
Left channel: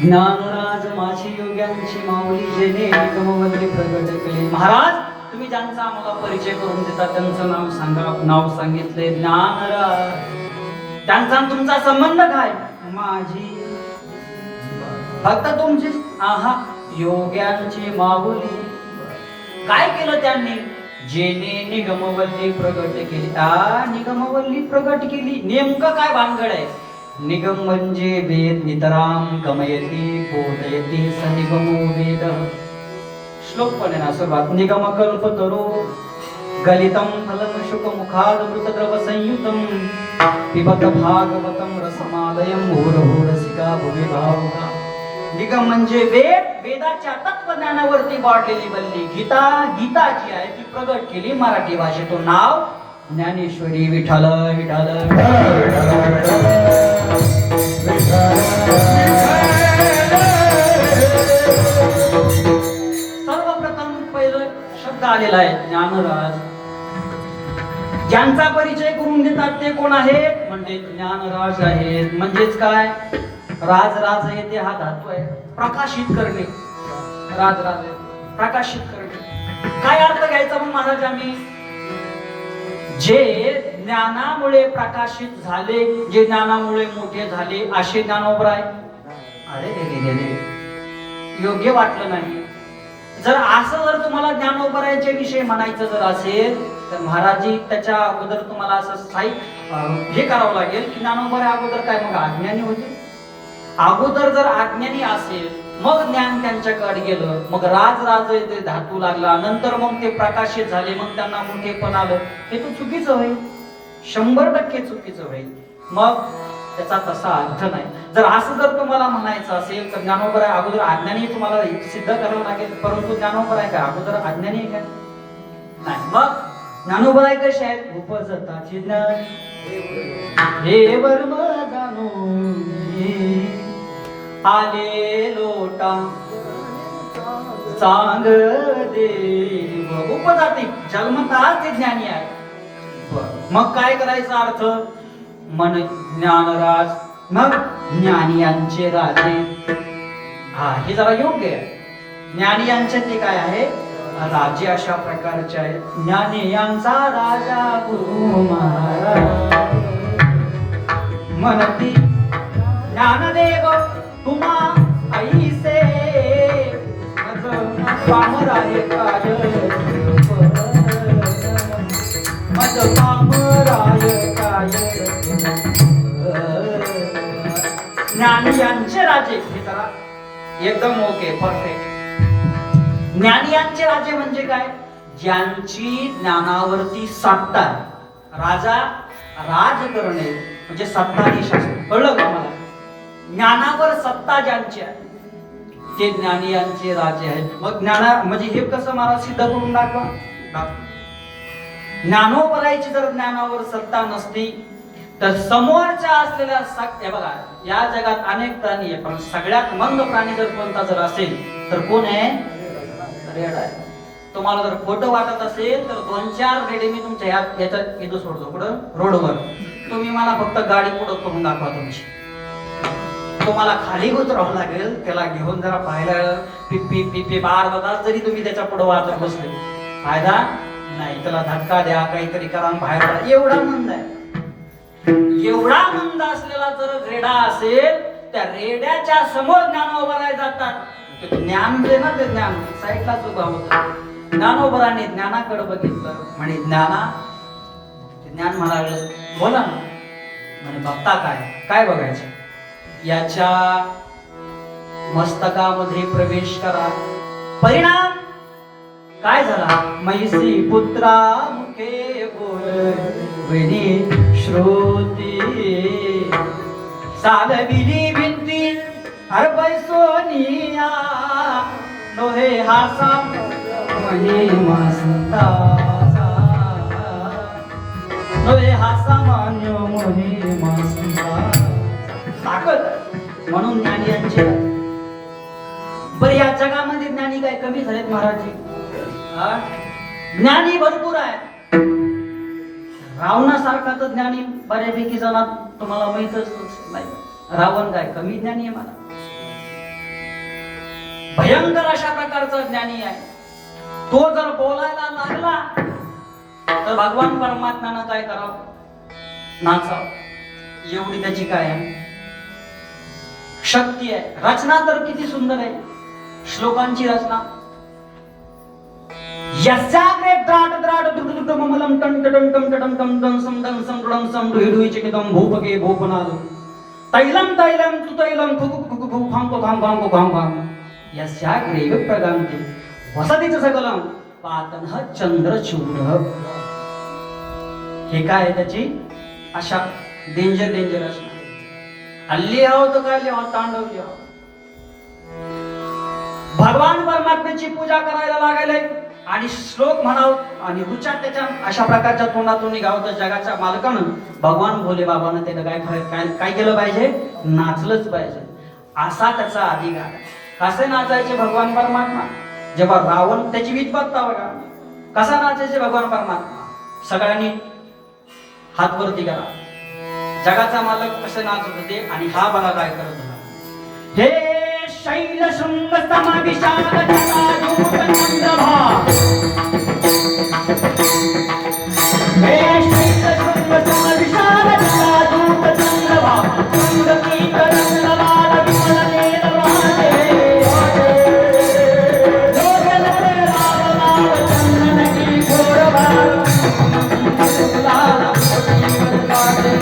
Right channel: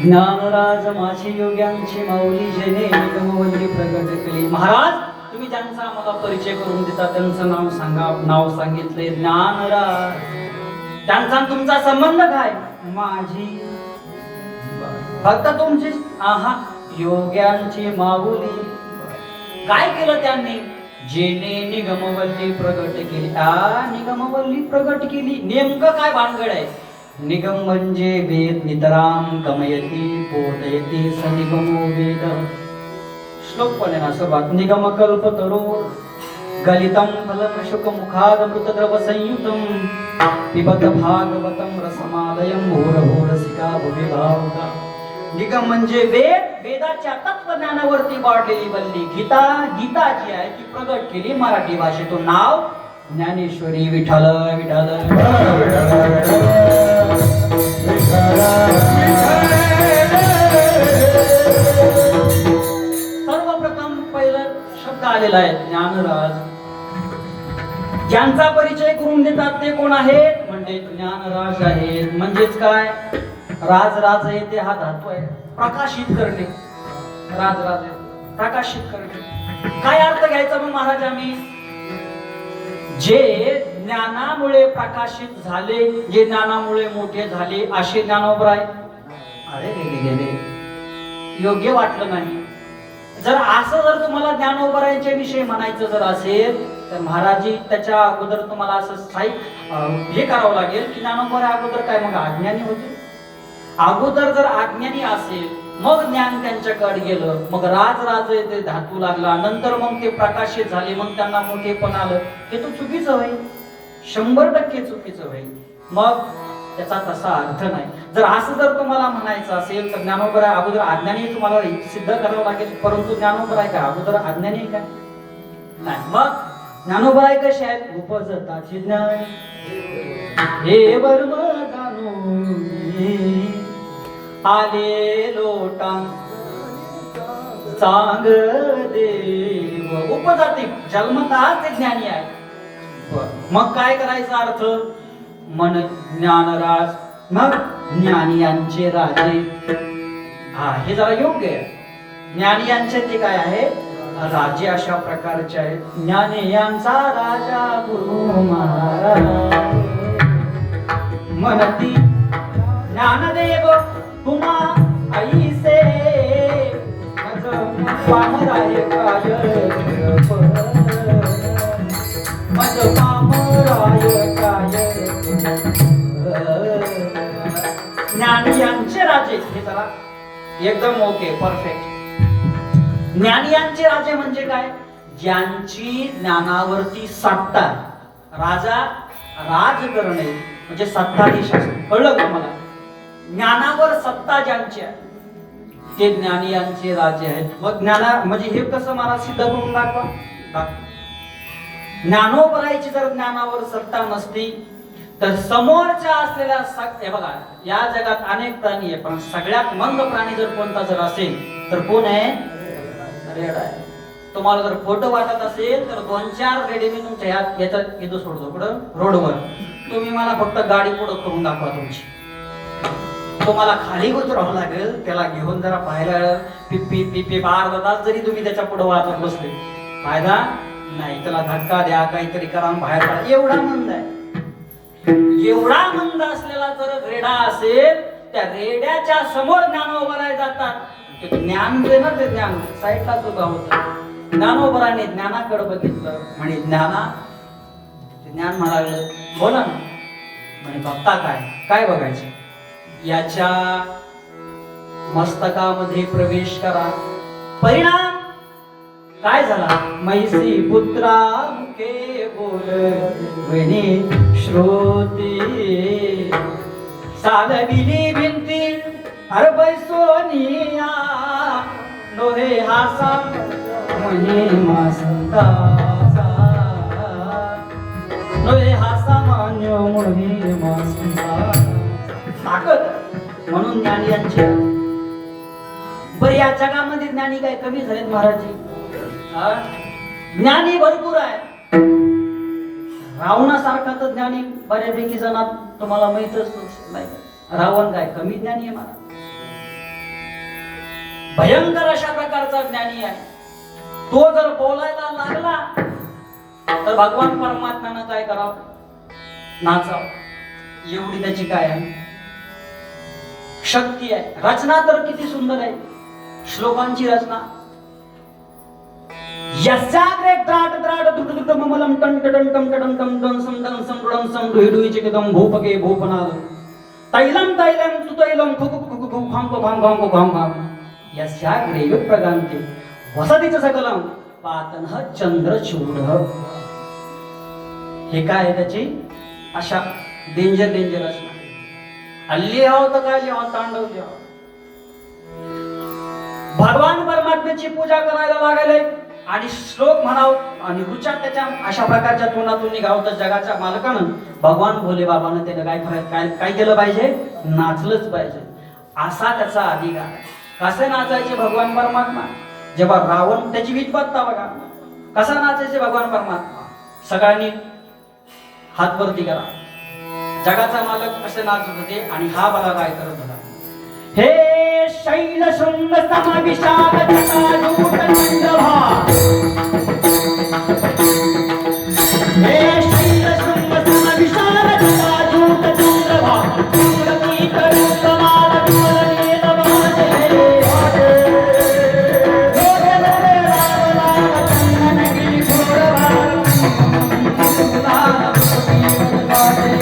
ज्ञानराज माझी योग्यांची माऊली जेणे निगमवंती प्रगट केली. महाराज तुम्ही ज्यांचा आम्हाला परिचय करून देता त्यांचं नाव सांगा. नाव सांगितले ज्ञानराज. त्यांचा तुमचा संबंध काय? माझी फक्त तुमची आहा योग्यांची माऊली. काय केलं त्यांनी? जेने निगमवल्ली प्रगट केली. निगमवल्ली प्रगट केली. नेमकं काय भानगड आहे? निगम म्हणजे वेद. नितराम गमयती बोधयती स निगमो वेद. श्लोक पण आहे ना सुरुवात. निगम कल्प तरो गलितम फलम शुक मुखाद मृत द्रव संयुतम पिबत भागवतम रसमालयम मुहुरहो रसिका भुवि भावुका. निगम म्हणजे वेद. वेदाच्या तत्वज्ञानावरती वाढलेली वल्ली गीता. गीता जी आहे ती प्रगट केली मराठी भाषेतून. नाव ज्ञानेश्वरी. विठ्ठल विठ्ठल. आलेला आहे ज्ञानराज. ज्यांचा परिचय करून देतात ते कोण आहेत म्हणजे ज्ञानराज आहेत. म्हणजेच काय, राज येते हा धातू आहे प्रकाशित करणे. राज प्रकाशित करणे. काय अर्थ घ्यायचा मग महाराज आम्ही, जे ज्ञानामुळे प्रकाशित झाले, जे ज्ञानामुळे मोठे झाले असे ज्ञानोबराय. अरे रे, योग्य वाटलं नाही. जर असं जर तुम्हाला ज्ञानोबरायांच्या विषयी म्हणायचं जर असेल तर महाराजी त्याच्या अगोदर तुम्हाला असं हे करावं लागेल की ज्ञानोबराय अगोदर काय मग अज्ञानी होते. अगोदर जर अज्ञानी असेल मग ज्ञान त्यांच्याकडे गेलं, मग राज धातू लागला, नंतर मग ते प्रकाशित झाले, मग त्यांना मोठेपण आलं. हे तर चुकीचं होईल, 100% चुकीचं होईल. मग त्याचा तसा अर्थ नाही. जर असं जर तुम्हाला म्हणायचं असेल तर ज्ञानोबराय अगोदर अज्ञानी तुम्हाला सिद्ध करावं लागेल. परंतु ज्ञानोबराय काय अगोदर अज्ञानी आहे का नाही. मग ज्ञानोबराय कसे आहेत, उपजताचे ज्ञान हे वर्म जाणून आले लोटम चांग देव. उपजाती जन्मतः ते ज्ञानी आहे. मग काय करायचा अर्थ, मन ज्ञानराज मग ज्ञानी यांचे राजे. हा हे जरा योग्य आहे. ज्ञानी यांचे ते काय आहे, राजे अशा प्रकारचे आहेत. ज्ञानी यांचा राजा गुरु महाराज म्हणती ज्ञानदेव तुम्हा ऐसे मज पामराय काय मज पामराय काय. ज्ञानी यांचे राजे हे जरा एकदम ओके परफेक्ट. ज्ञानी यांचे राजे म्हणजे काय, ज्यांची ज्ञानावरती सत्ता. राजा राज करणे म्हणजे सत्ताधीश असतो. कळलं का मला. ज्ञानावर सत्ता ज्यांची आहे ते ज्ञानी यांचे राजे आहेत. मग ज्ञाना म्हणजे हे कसं मला सिद्ध करून दाखवा. ज्ञानोबरायची जर ज्ञानावर सत्ता नसती तर समोरच्या असलेल्या हे बघा, या जगात अनेक प्राणी आहे पण सगळ्यात मंद प्राणी जर कोणता जर असेल तर कोण आहे, रेडा आहे. तुम्हाला जर खोटं वाटत असेल तर 2-4 रेडे मी तुमच्या याच्यात इथं सोडतो पुढं रोडवर. तुम्ही मला फक्त गाडी पुढं करून दाखवा तुमची. तुम्हाला खाली उतरावं लागेल, त्याला घेऊन जरा पाहायला पिप्पी पिप्पी 12 तास जरी तुम्ही त्याच्या पुढे वाचत बसले फायदा नाही. त्याला धक्का द्या, काहीतरी करा, बाहेर पडा. एवढा मंद आहे. एवढा मंद असलेला जर रेडा असेल त्या रेड्याच्या समोर ज्ञानोबराय जातात. ज्ञान जे ना ते ज्ञान साईडलाच उभा होतं. ज्ञानोबराने ज्ञानाकडे बघितलं म्हणे ज्ञान म्हणाल बोला ना म्हणे बघता काय बघायचं, याच्या मस्तकामध्ये प्रवेश करा. परिणाम काय झाला, मैसी पुत्रा मुखे बोलविणी श्रोती सालविली भिंती हरबय सोनिया नोहे हासा म्हणे मासता नोहे हासा मान्यो मोहे मासता. ताकद म्हणून ज्ञानी यांचे. बरं या जगामध्ये ज्ञानी काय कमी झालेत महाराजी? ज्ञानी भरपूर आहे. रावणासारखा तर ज्ञानी बऱ्यापैकी जणात तुम्हाला माहितच नाही. रावण काय कमी ज्ञानी आहे मला? भयंकर अशा प्रकारचा ज्ञानी आहे. तो जर बोलायला लागला तर भगवान परमात्म्यानं काय करावं, नाचावं. एवढी त्याची काय आहे शक्ती आहे. रचना तर किती सुंदर आहे, श्लोकांची रचना. यस्याग्रे द्राट द्राट दुदुदुद ममलम टन टन टम टम टम टम सम टम सम टम सम डुहिडुहि चिकितम भूपके भूपनाद तैलम तैलम तुतैलम खुकु खुकु खु खाम को खाम खाम को खाम खाम. यस्याग्रे विप्रगान्ते वसतीच सकलम पातनः चंद्रचूड. हे काय आहे त्याची अशा डेंजर रचना. हल्ली आहो तर काय लिहावं, तांडव लिहावं. भगवान परमात्म्याची पूजा करायला लागायला आणि श्लोक म्हणाव आणि रुचा त्याच्या अशा प्रकारच्या तोंडातून निघावं तर जगाच्या मालकानं भगवान भोले बाबानं त्यानं काय केलं पाहिजे, नाचलंच पाहिजे. असा त्याचा अधिकार आहे. कसे नाचायचे भगवान परमात्मा? जेव्हा रावण त्याची विद्वत्ता बघा, कसा नाचायचे भगवान परमात्मा? सगळ्यांनी हात वरती करा. जगाचा मालक कसे नाचत होते आणि हा बघा काय करत होता. हे शैल शृंग सम विशाल जटाजूट चंद्रभा, हे शैल शृंग सम विशाल जटाजूट चंद्रभा, इंद्रकी तरंगमाल विसरलेल वाजे, लोचनोरे रावलाल चंदनकी घोडवाल, लाल मोती गाजे.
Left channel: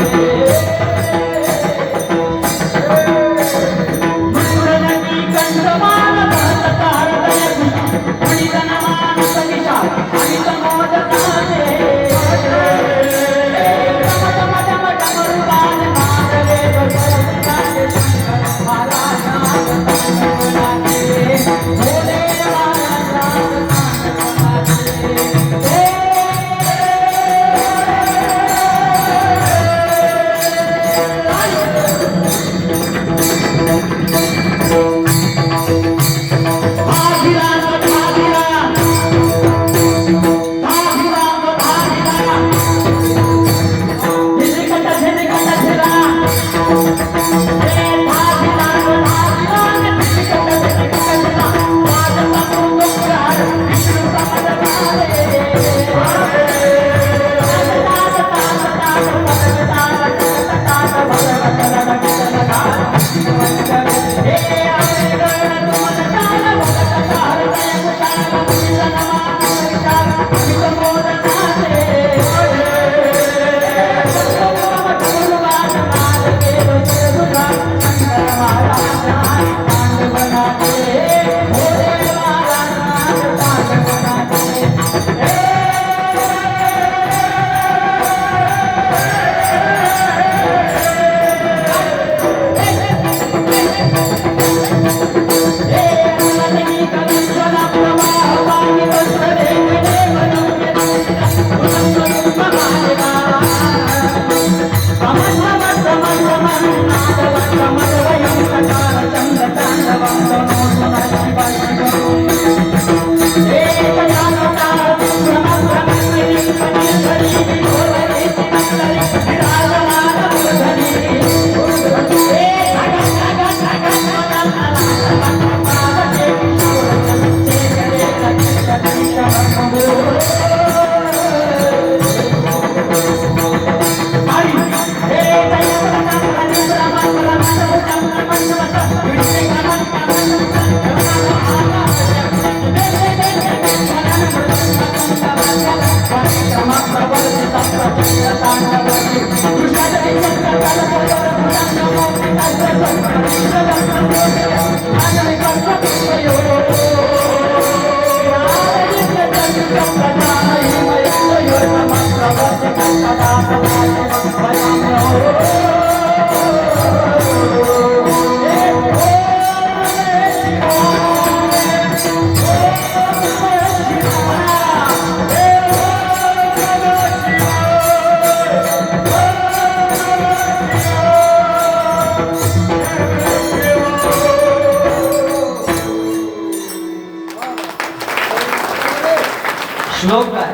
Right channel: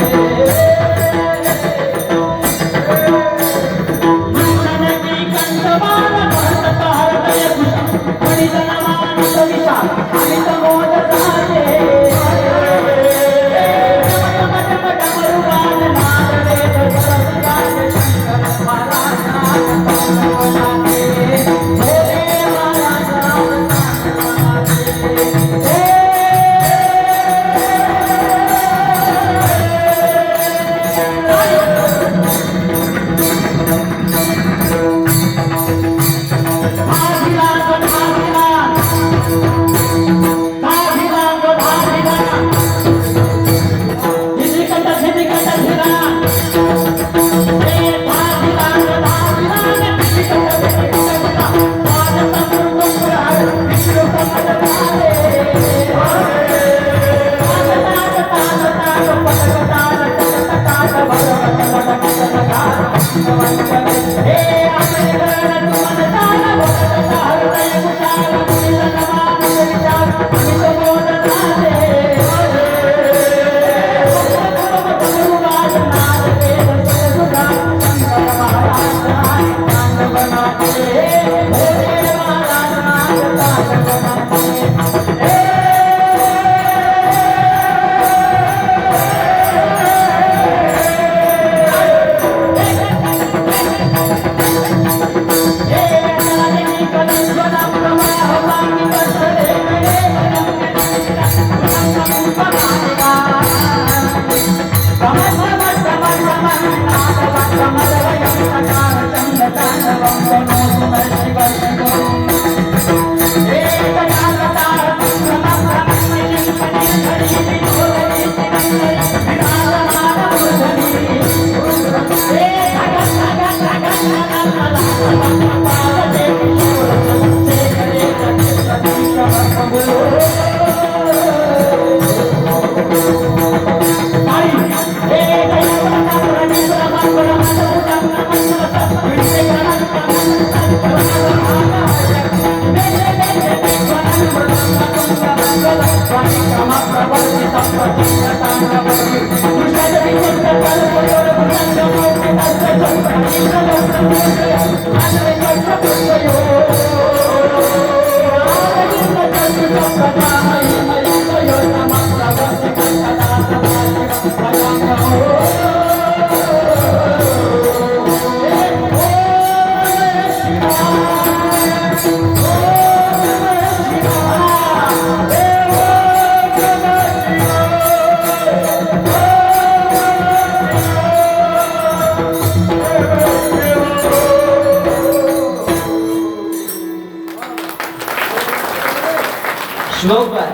श्लोक काय?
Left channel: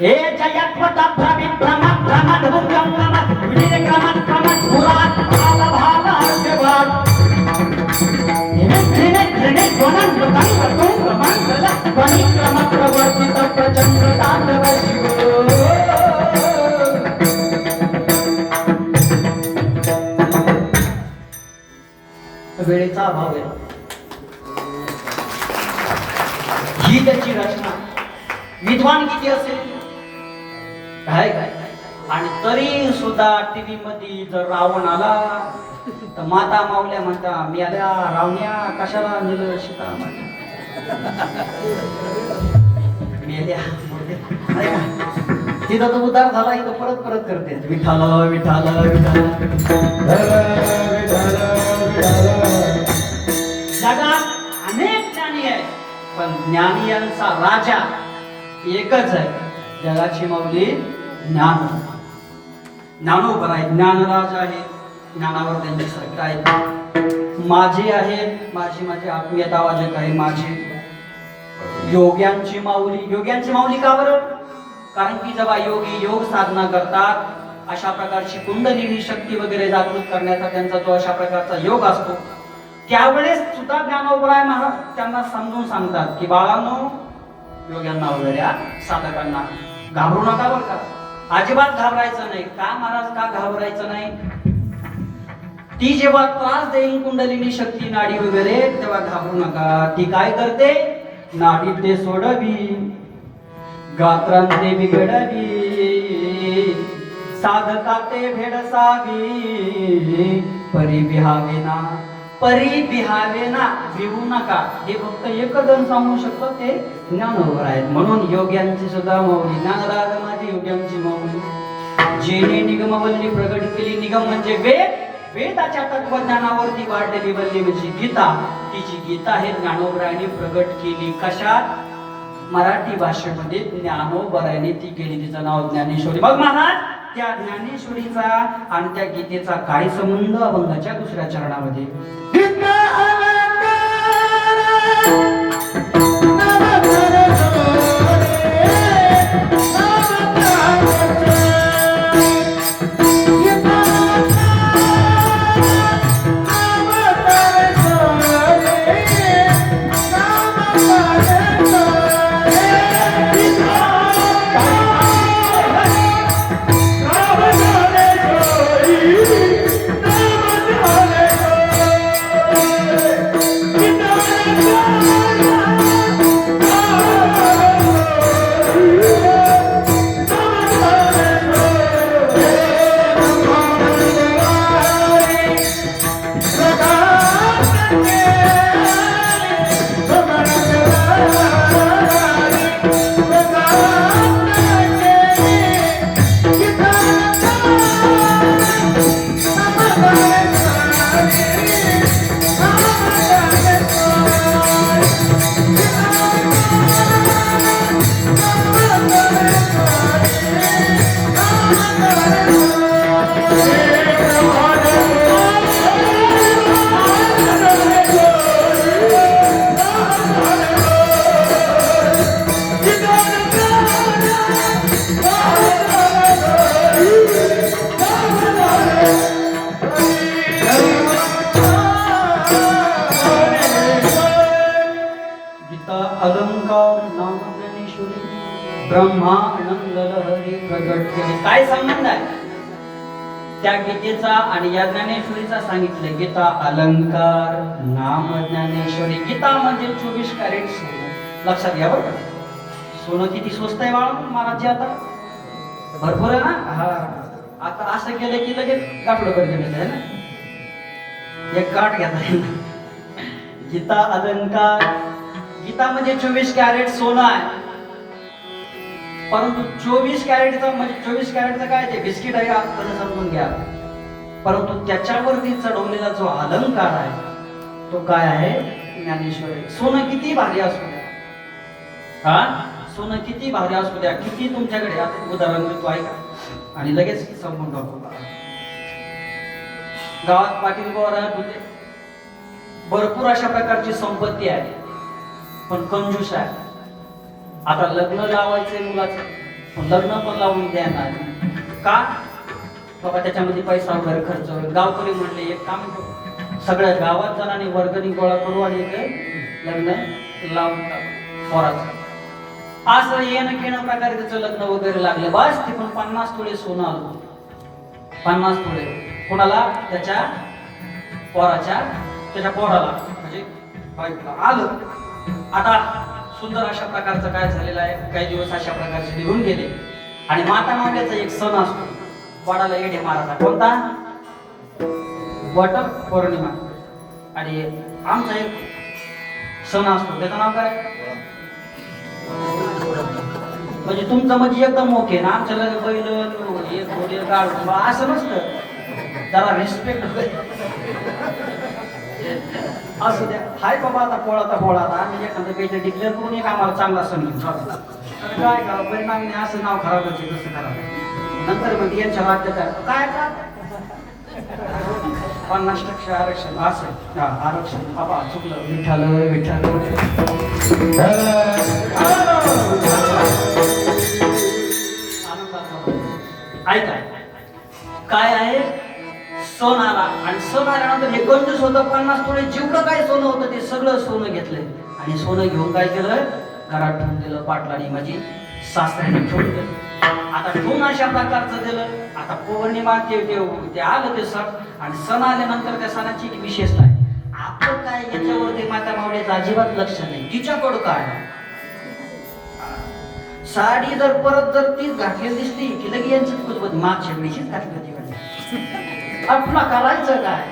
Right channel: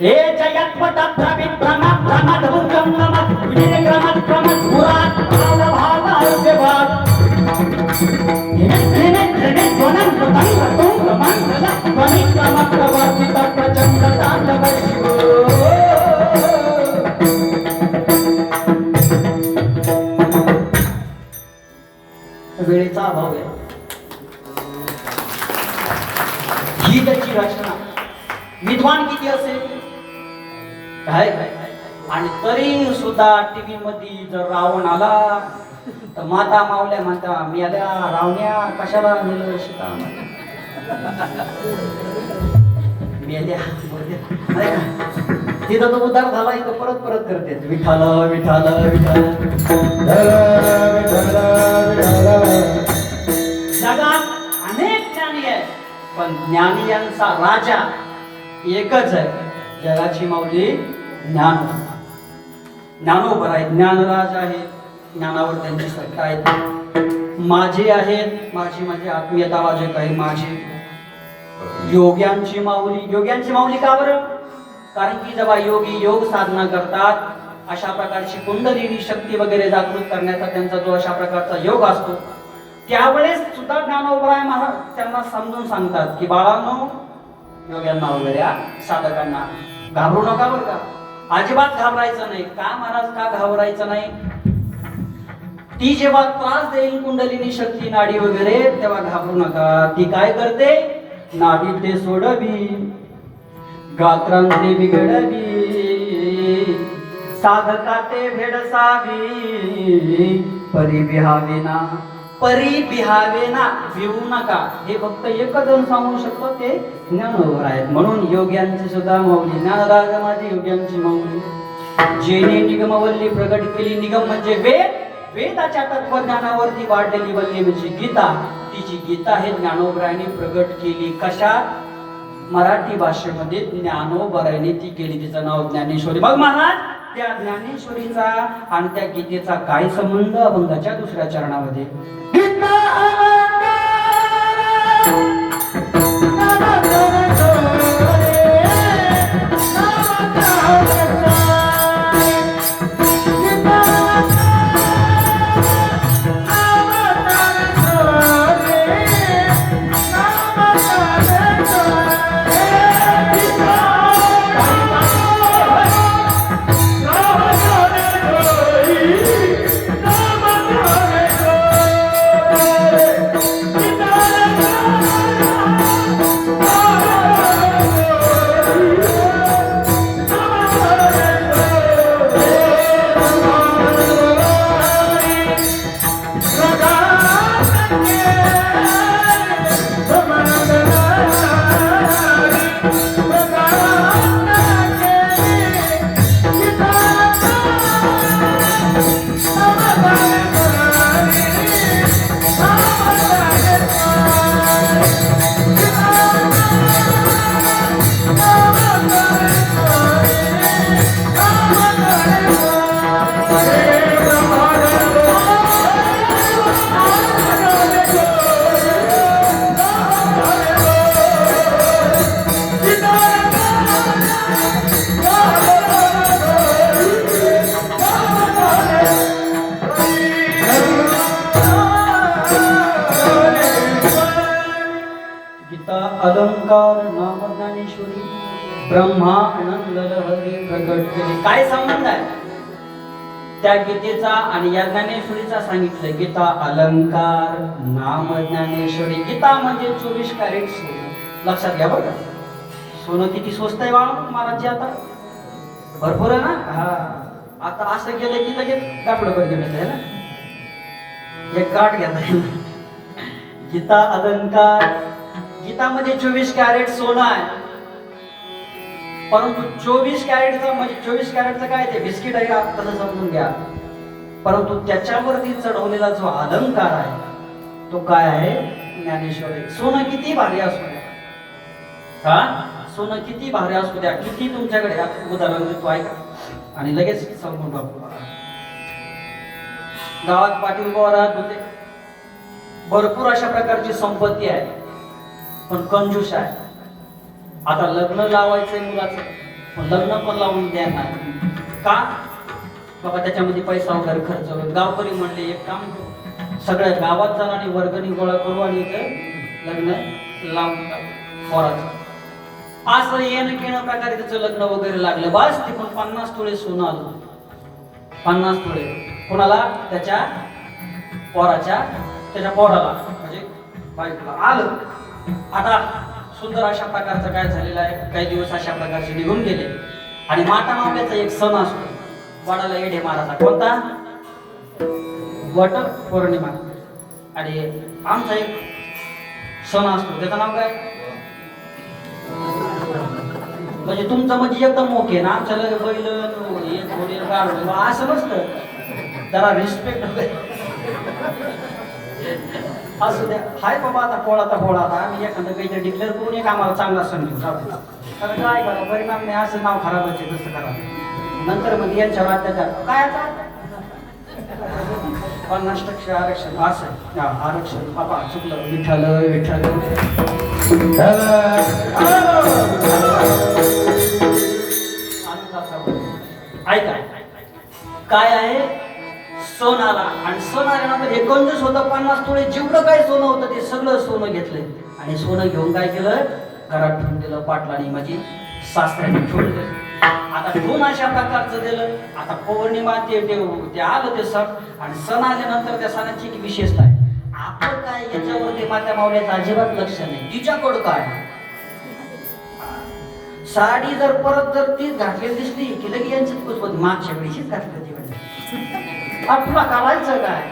हे जयात पटात भ्रमित भ्रमात भ्रमात भुंगम नमत विधिने क्रमात क्रमात पुरात भाव भाव अर्धभाग हिने हिने ध्वनं मृदंग तुंग मंगल ध्वनि क्रमात प्रवर्तित प्रचंड तांडव शिव. वेळेचा अभाव आहे. ही त्याची रचना विद्वान किती असेल काय काय आणि तरी सुद्धा टीव्ही मध्ये जर रावण आला तर माता मावल्या म्हणता मेल्या रावण्या कशाला नेलं शिका मेल्या तिथं तो उद्धार झाला इथं परत परत करते विठाल विठाल विठाल. जगात अनेक ज्ञानी आहेत पण ज्ञानियांचा राजा एकच आहे. जगाची माऊली ज्ञान ज्ञानोबर आहे. ज्ञानराज आहे. ज्ञानावर त्यांची सत्ता आहे. माझे आहेत माझी माझी आत्मीयता वाजे काही माझे योग्यांची माऊली का बरं? कारण की जेव्हा योगी योग साधना करतात, अशा प्रकारची कुंडलिनी शक्ती वगैरे जागृत करण्याचा त्यांचा जो अशा प्रकारचा योग असतो, त्यावेळेस सुद्धा ज्ञानोबराय महाराज त्यांना समजून सांगतात की बाळांनो, योग्यांना वगैरे साधकांना घाबरू नका बरं का, अजिबात घाबरायचं नाही. का महाराज, का घाबरायचं नाही? ती जेव्हा त्रास देईल कुंडलिनी शक्ती नाडी वगैरे, तेव्हा घाबरू नका. ती काय करते? नाडी ते सोडवी, गात्रांते बिघडवी, साधकाते भेडसावी, परी बिहावेना भिवू नका. हे फक्त एकच जण सांगू शकतो, ते ज्ञानोबर आहेत. म्हणून योग्यांची सुद्धा माऊली, ज्ञानराज माझी योग्यांची माऊली, जेने निगमवल्ली प्रगट केली. निगम म्हणजे वेदाच्या तत्वज्ञानावरती वाढलेली वल्ली म्हणजे गीता. तिची गीता हे ज्ञानोबरायांनी प्रगट केली. कशात? मराठी भाषेमध्ये ज्ञानोबरायांनी ती केली. तिचं नाव ज्ञानेश्वरी. मग महाराज, त्या ज्ञानेश्वरीचा आणि त्या गीतेचा काय संबंध? अभंगाच्या दुसऱ्या चरणामध्ये अलंकार नाम ज्ञानेश्वरी ब्रह्मानंद लहरी प्रगट केली. काय संबंध आहे त्या गीतेचा आणि या ज्ञानेश्वरीचा? सांगितलं गीता अलंकार नाम ज्ञानेश्वरी. गीता म्हणजे 24 कॅरेट सोनं. लक्षात घ्या बरं का, सोनं किती स्वस्त आहे बाळा महाराज, आता भरपूर आहे ना. हा, आता असं केलं की लगेच कापड पण घेऊन आहे ना, एक काठ घेता. गीता अलंकार, गीता म्हणजे 24 कॅरेट सोनं आहे. परंतु 24 कॅरेटचा म्हणजे 24 कॅरेटचं काय ते बिस्किट आहे तसं समजून घ्या. परंतु त्याच्यावरती चढवलेला जो अलंकार आहे तो काय आहे? ज्ञानेश्वरी. सोनं किती भारी असू द्या, हा, सोनं किती भारी असू द्या, किती तुमच्याकडे उदाहरण देतो ऐका आणि लगेच समजून टाकू. गावात पाटील गोवारात होते, भरपूर अशा प्रकारची संपत्ती आहे, पण कंजूस आहे. आता लग्न लावायचंय मुलाचं, पण लग्न पण लावून द्या नाही. का? बाबा त्याच्यामध्ये पैसा वगैरे खर्च होईल. गावकरी म्हणले एक काम करू, सगळ्या गावात जणांनी वर्गणी गोळा करू आणि इथे लग्न लावून टाकू पोराचं. असं येणं केणं प्रकारे त्याचं लग्न वगैरे लागलं. बस ते पण 50 तोळे सोनं आलं. 50 तोळे कोणाला? त्याच्या पोराच्या, त्याच्या पोराला म्हणजे बायकोला आलं. आता सुंदर अशा प्रकारचं काय झालेलं आहे, काही दिवस अशा प्रकारचे निघून गेले आणि माता मावल्याचा एक सण असतो, वडाला येढे मारायचा. कोणता? वट पौर्णिमा. आणि आमचा एक सण असतो, त्याचं नाव काय? म्हणजे तुमचं म्हणजे एकदम मोके ना, आमच्या बैल एक घोडी गाड असं नसतं. जरा रिस्पेक्ट असू द्या. हाय बाबा, आता पोळा आता आम्ही एखादं काहीतरी डिक्लेअर करून एक आम्हाला चांगला सण घेऊन चालतो. काय करा परिणाम नाही, असं नाव खराब व्हायचं कसं करा. नंतर म्हणजे यांच्या अत्याचार काय 50% आरक्षण असं आरक्षण बाबा चुकलं विठ्ठल विठ्ठल ऐका काय आहे सण आला आणि सण आल्यानंतर 29 होतं 50 तोळे जेवढं काय सोनं होतं ते सगळं सोनं घेतलंय आणि सोनं घेऊन काय केलं घरात ठेवून दिलं पाटलाने म्हणजे सासऱ्याने ठेवून दिलं आता ठेवून अशा प्रकारचं दिलं आता पौर्णिमा ते आलं ते सण आणि सण आल्यानंतर त्या सणाची एक विशेषता आहे आपण काय याच्यावरती माता मावल्याचं अजिबात लक्ष नाही तिच्याकडं काय साडी जर परत जर तीच घातलेली दिसली की लगे यांचं कुठं मागच्या वेळीशीच घातली ती म्हणजे आपला करायचं काय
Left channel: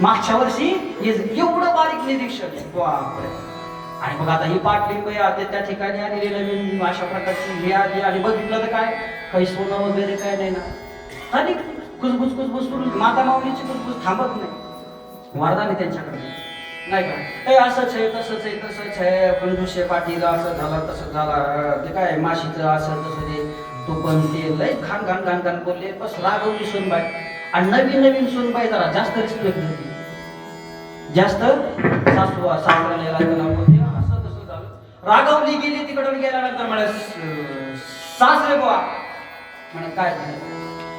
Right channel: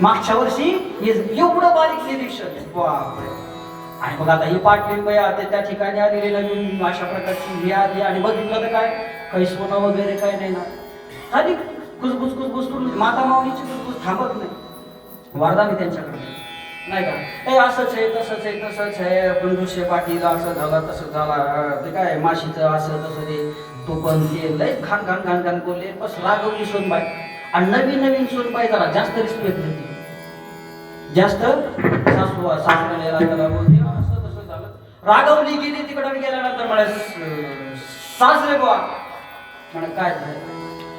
मागच्या वर्षी एवढं बारीक निरीक्षण बापरे आणि मग आता ही पाटलिंबाई आता त्या ठिकाणी आलेली नवीन अशा प्रकारची ही आली आणि बघितलं तर काय काही सोनं वगैरे काय नाही ना आणि कुसबुस कुसबुसून माता माऊलीची कुसबुस थांबत नाही वरदान आहे त्यांच्याकडे नाही का हे असंच आहे तसंच आहे तसंच आहे पंधुशे पाटील असं झालं तसं झालं ते काय माशीचं असं तसं ते तो पण ते लय खान खान खान खान बोलले बस रागवली सोनबाई आणि नवीन नवीन सोनबाई जरा जास्त रिस्पेक्ट होती जास्त सासू सासऱ्याला बोलते असं तसं झालं रागवली गेली तिकडे गेल्यानंतर मला सासरे बुवा म्हणे काय झालं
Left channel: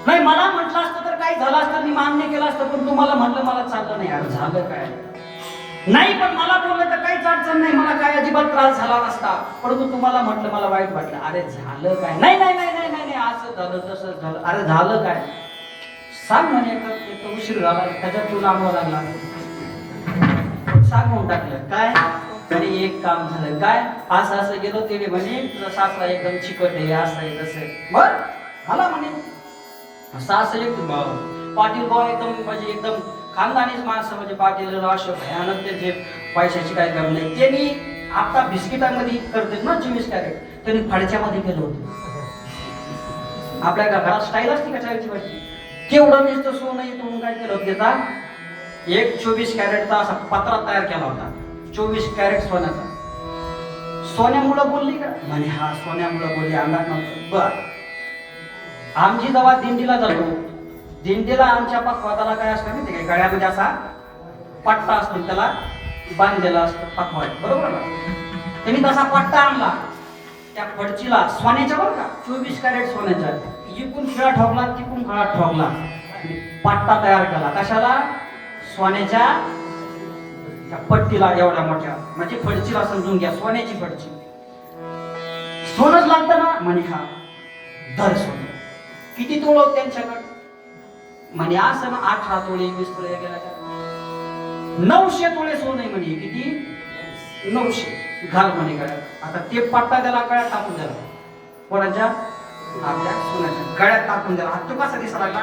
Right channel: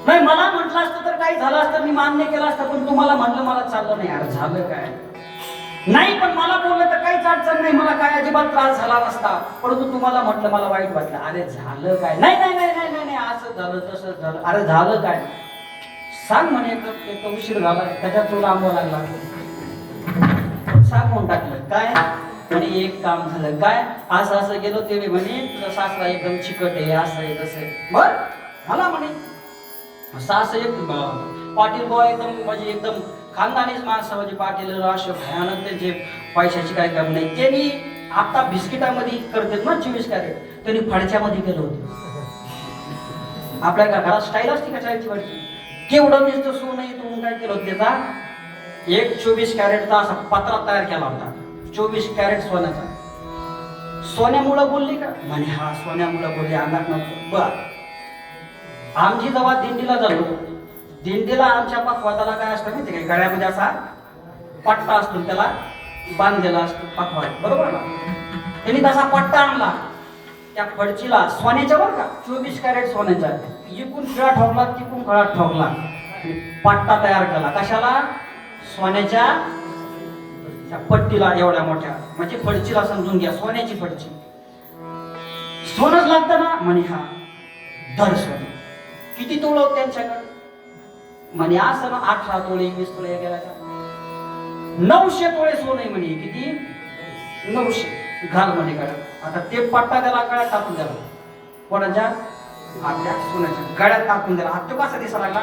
नाही मला म्हटलं असतं तर काही झालं असतं मी मान्य केलं असतं पण तुम्हाला म्हणलं मला चाललं नाही अरे झालं काय नाही पण मला बोललं तर काहीच अडचण नाही मला काय अजिबात त्रास झाला नसता परंतु तुम्हाला म्हटलं मला वाईट वाटलं अरे झालं काय नाही नाही नाही नाही नाही नाही असं झालं तसं झालं अरे झालं काय सांग म्हणे एक उशीर झाला त्याच्यात तुला आंबवा लागला सांग म्हणून टाकलं काय म्हणे एक काम झालं काय असं असं गेलो ते म्हणे तुझा सासरा एकदम चिकट आहे असं आहे तसं आहे बर झाला म्हणे सास एक पाटील बुवा एकदम म्हणजे एकदम खानदानीच माणसं म्हणजे पाटील असे भयानक त्यांचे पैशाची काय काम नाही त्यांनी आता बिस्किटामध्ये करतात ना 24 कॅरेट त्यांनी फडच्यामध्ये केलं होतं आपल्या घरात स्टाईल असते का चायची वाटची केवढं नुसतं सोनं येतो म्हणून काय केलं होतं त्याचा एक 24 कॅरेटचा असा पत्रा तयार केला होता 24 कॅरेट सोन्याचा सोन्यामुळं बोलली का म्हणे हा सोन्यामुळं बोलली अंगात नव्हतं बर आमची जेव्हा दिंडीला जातो दिंडीला आमच्या पखवादाला काय असतं माहिती काय गळ्यामध्ये असा पट्टा असतो त्याला बांधलेला असतो पखवाद बरोबर ना त्यांनी तसा पट्टा आणला त्या फडचीला सोन्याच्या बरं का 24 कॅरेट सोन्याच्या इकून खिळा ठोकला तिकून खिळा ठोकला पट्टा तयार केला कशाला सोन्याच्या त्या पट्टीला एवढ्या मोठ्या म्हणजे फडचीला समजून घ्या सोन्याची फडची सोनच लागतं ना म्हणे हा धर सोनं किती तोळ त्यांच्याकडे म्हणे असं ना 18 तोळे 20 तोळे गेला 900 तोळे सोने म्हणे किती 900 घाल म्हणे गळ्यात आता ते पट्टा त्याला गळ्यात टाकून द्याला कोणाच्या आपल्या सोन्याच्या गळ्यात टाकून द्याला हात तो कसा दिसा लागला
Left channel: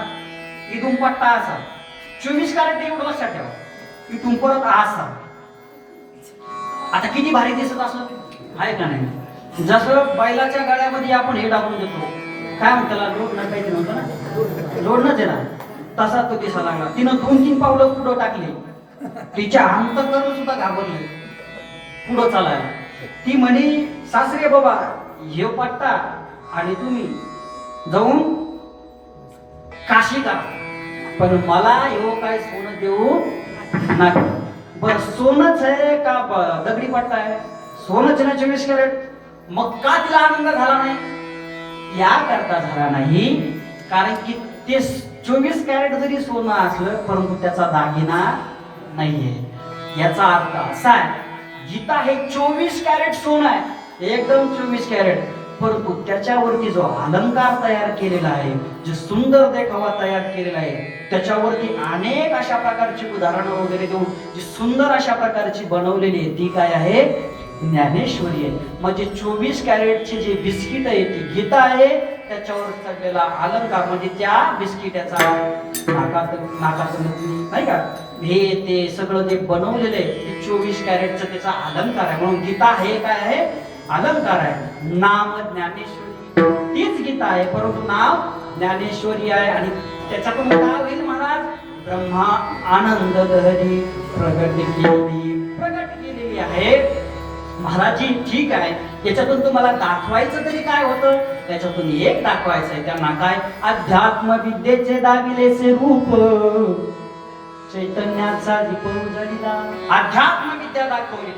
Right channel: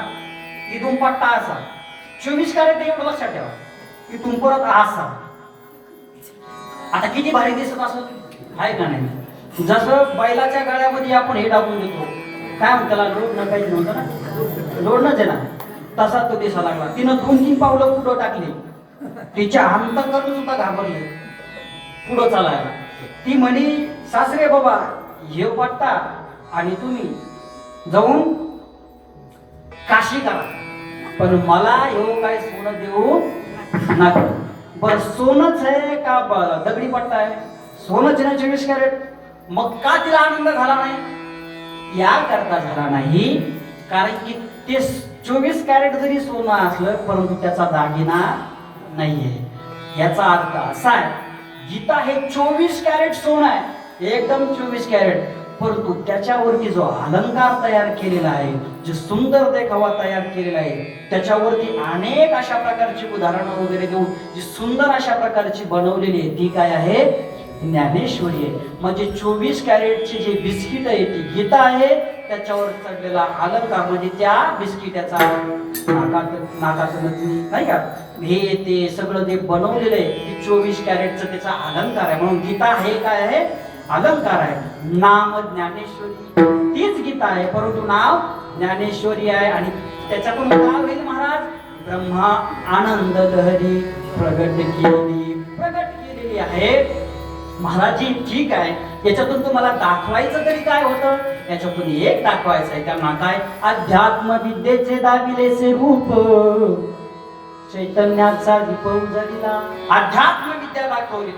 इथून पट्टा असा 24 कॅरेट एवढं लक्षात ठेवा इथून परत असा आता किती भारी दिसत असं आहे का नाही जसं बैलाच्या गळ्यामध्ये आपण हे टाकून देतो काय म्हणतो त्याला लोड नकायचं नव्हतं ना लोड नच आहे ना तसा तो दिसा लागला तिनं 2-3 पावलं पुढं टाकली तिच्या अंतकरण सुद्धा घाबरले पुढं चालायला ती म्हणे सासरे बाबा हे पट्टा आणि तुम्ही जाऊन काशी करा पण मला एवढं काय सोनं देऊ नका बर सोनच आहे का दगडी पट्टा आहे सोनच ना 24 कॅरेट मग का तिला आनंद झाला नाही या करता झाला नाही कारण की ते 24 कॅरेट जरी सोनं असलं परंतु त्याचा दागिना नाहीये याचा अर्थ असा आहे गीता हे 24 कॅरेट सोनं आहे एकदम 24 कॅरेट परंतु त्याच्यावरती जो अलंकार तयार केलेला आहे जे सुंदर देखावा तयार केलेला आहे त्याच्यावरती अनेक अशा प्रकारची उदाहरणं वगैरे देऊन जी सुंदर अशा प्रकारची बनवलेली आहे ती काय आहे ज्ञानेश्वरी आहे म्हणजे 24 कॅरेटची जे बिस्किट आहे ती गीता आहे त्याच्यावर चढलेला अलंकार म्हणजे त्या बिस्किटाचा नाकात नाही का हे ते सगळं जे बनवलेलं आहे ते 24 कॅरेटचं त्याचा अलंकार आहे म्हणून गीता हे काय आहे अलंकार आहे नाम ज्ञानेश्वरी तीच गीता आहे परंतु नाव ज्ञानेश्वरी आहे आणि त्याच्यातून काय होईल महाराज ब्रह्मा आनंद लहरी प्रगट केलेली आहे महाराजी ठीक आहे याच्यातून तुम्हाला दाखवायचं तरी काय होतं याच्यातून एक दाखवायचं आहे त्यांना काय अध्यात्म विद्येचे दाविलेचे रूप चैतन्याचा दीप उजळला, अध्यात्म विद्या दाखवली,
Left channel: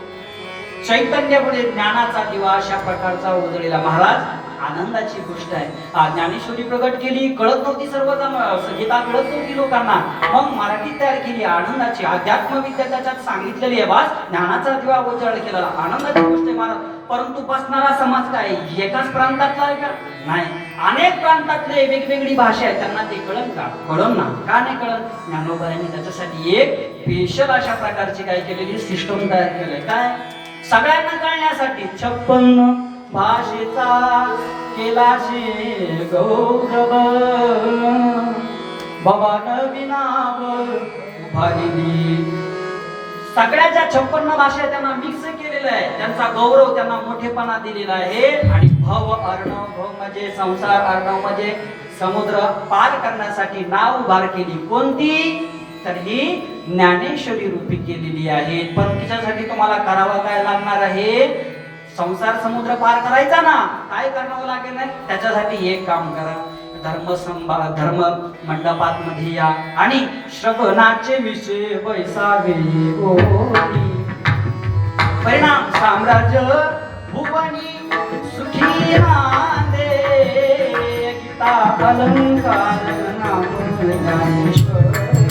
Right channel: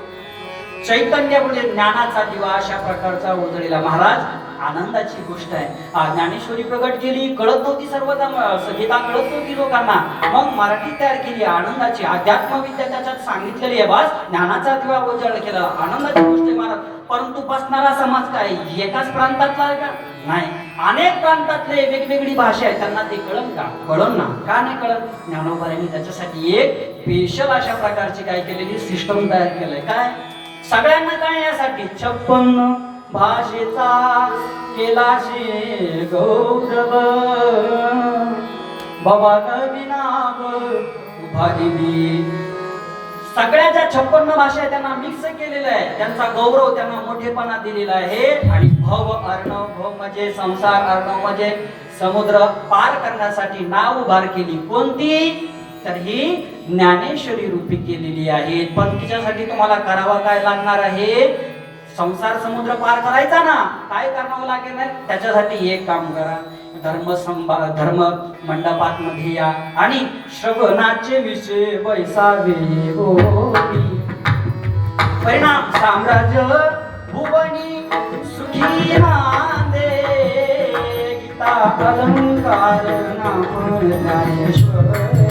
चैतन्यामुळे ज्ञानाचा दिवा अशा प्रकारचा उजळलेला. महाराज आनंदाची गोष्ट आहे. ज्ञानेश्वरी प्रगट केली, कळत नव्हती सर्वजण, गीता कळत नव्हती लोकांना, मग मराठी तयार केली आनंदाची. अध्यात्म विद्या त्याच्यात सांगितलेली आहे. बस ज्ञानाचा दिवा उजळ केला, आनंदाची गोष्ट आहे महाराज. परंतु बसणारा समाज काय एकाच प्रांतातला आहे का? नाही, अनेक प्रांतातले वेगवेगळी भाषा आहे, त्यांना ते कळत का? कळण ना, का नाही कळत? ज्ञानोबांनी त्याच्यासाठी एक स्पेशल अशा प्रकारची काय केलेली सिस्टम तयार केलंय. काय? सगळ्यांना कळण्यासाठी 56 भाषेचा केला शे गौरव, बाबा नवीनाव उभा दिली. सगळ्या ज्या 56 भाषा आहेत त्यांना मिक्स केलेलं आहे, त्यांचा गौरव, त्यांना मोठेपणा दिलेला आहे. आणि भव अर्णव, भव म्हणजे संसार, अर्णव म्हणजे समुद्र पार करण्यासाठी नाव उभार केली. कोणती? तर ही ज्ञानेश्वरी रूपी केलेली आहे. पण तिच्यासाठी तुम्हाला करावं काय लागणार आहे? संसार समुद्र पार करायचा ना, काय करावं लागेल? त्याच्यासाठी एक काम करा, धर्म मंडपात मध्ये या आणि श्रवणाचे विषय बैसावे बोली. परिणाम साम्राज्य भुवनी सुखी नांदे, गीता अलंकार नाम ज्ञानेश्वरी,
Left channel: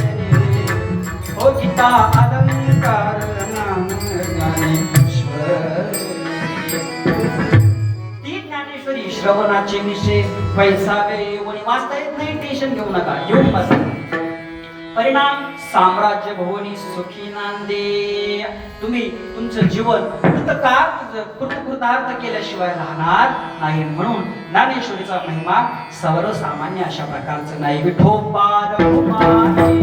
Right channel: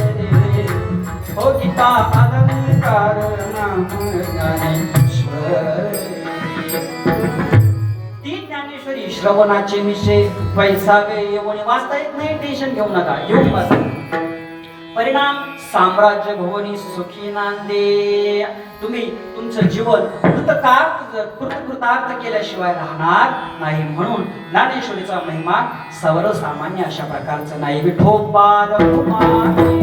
हो गीता अलंकार नाम ज्ञानेश्वरी. ती ज्ञानेश्वरी श्रवणाचे विषय पैसावे येऊन वाचता येत नाही, टेन्शन घेऊ नका, येऊन बसा. परिणाम साम्राज्य भुवनी सुखी नांदे. तुम्ही तुमचं जीवन कृतार्थ केल्याशिवाय राहणार नाही. म्हणून ज्ञानेश्वरीचा महिमा सर्वसामान्य अशा प्रकारचं नाही. विठोबा रघुमाई,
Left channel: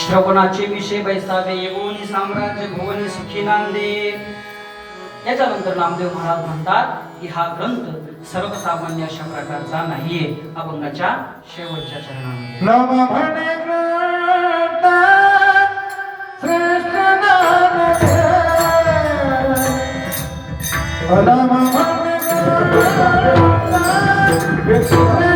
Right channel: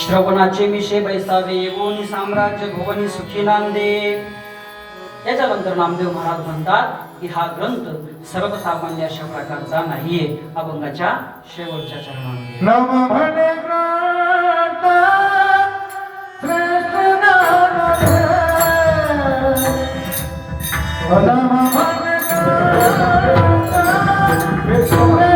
श्रवणाचे विषय बैसावे येऊन साम्राज्य भुवनी सुखी नांदे. याच्यानंतर नामदेव महाराज म्हणतात की हा ग्रंथ सर्वसामान्य अशा प्रकारचा नाहीये. अभंगाच्या शेवटच्या चरणामध्ये नम म्हणे ग्रंथ श्रेष्ठ नाम नम म्हणे ग्रंथ श्रेष्ठ नाम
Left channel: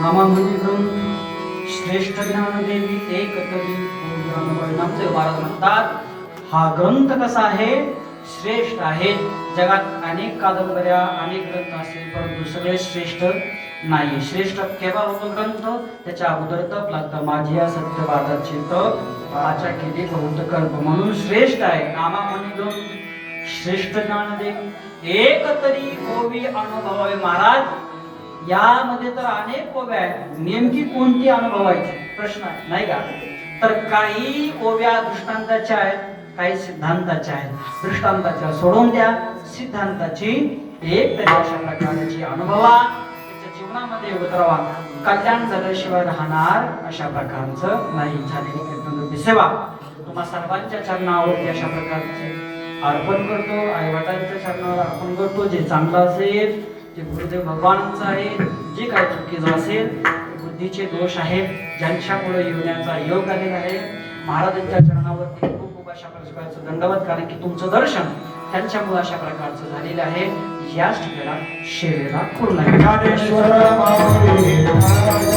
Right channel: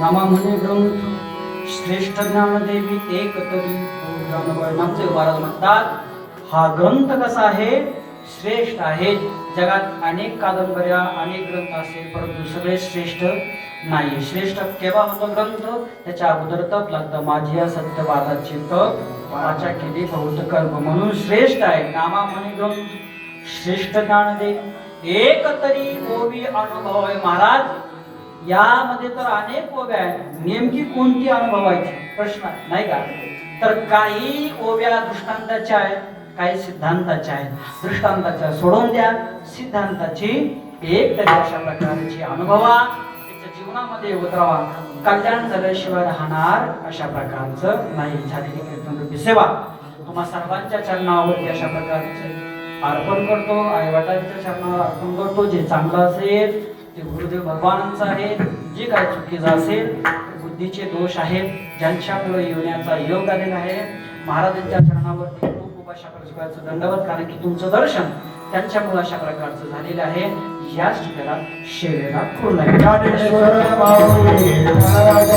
नामा म्हणे ग्रंथ श्रेष्ठ ज्ञानदेवी एक तरी नामचे महाराज म्हणतात हा ग्रंथ कसा आहे श्रेष्ठ आहे. जगात अनेक कादंबऱ्या अनेक ग्रंथ असतील परंतु सगळे श्रेष्ठ नाही. श्रेष्ठ केव्हा होतो ग्रंथ त्याच्या अगोदर तप लागतं. माझी या सत्यवादाची तप वाचा केली बहुत कर्म म्हणून श्रेष्ठ आहे. नामा म्हणे ग्रंथ श्रेष्ठ ज्ञानदेवी एक तरी ओवी अनुभव आहे. महाराज यामध्ये तर अनेक ओव्या आहेत. नेमकी कोणती अनुभवायची प्रश्न नाही का. तर काही ओव्या दृष्टांताच्या आहेत काही सिद्धांताच्या आहेत. दृष्टांताच्या सोडून द्या सिद्धांताची एक तरी अशा प्रकारची अनुभवा त्याच्या जीवनामध्ये उतरवा. कल्याण झाल्याशिवाय राहणार अशा प्रकारचं नाही. झालेली कीर्तन रूपी सेवा तुम्हा सर्वांच्या चरणावरती अशा प्रकारचे अर्पण करतो. आई वडिलांच्या चरणावर अर्पण करतो. जे चांगलं असेल जे गुरुदेव भगवानांचं आहे जे काय चुकीचं असेल बुद्धीचे दोष आहेत ज्यांच्यामुळे येण्याचा योग आलेला आहे महाराजांच्या चरणावरती खूप अशा प्रकारचं दंडवत कारण की तुमचं दर्शन त्यांच्यामुळे अशा प्रकारचं झालेलं आहे. याच ठिकाणा सेवेला पूर्ण ज्ञानेश्वर माऊली महाराज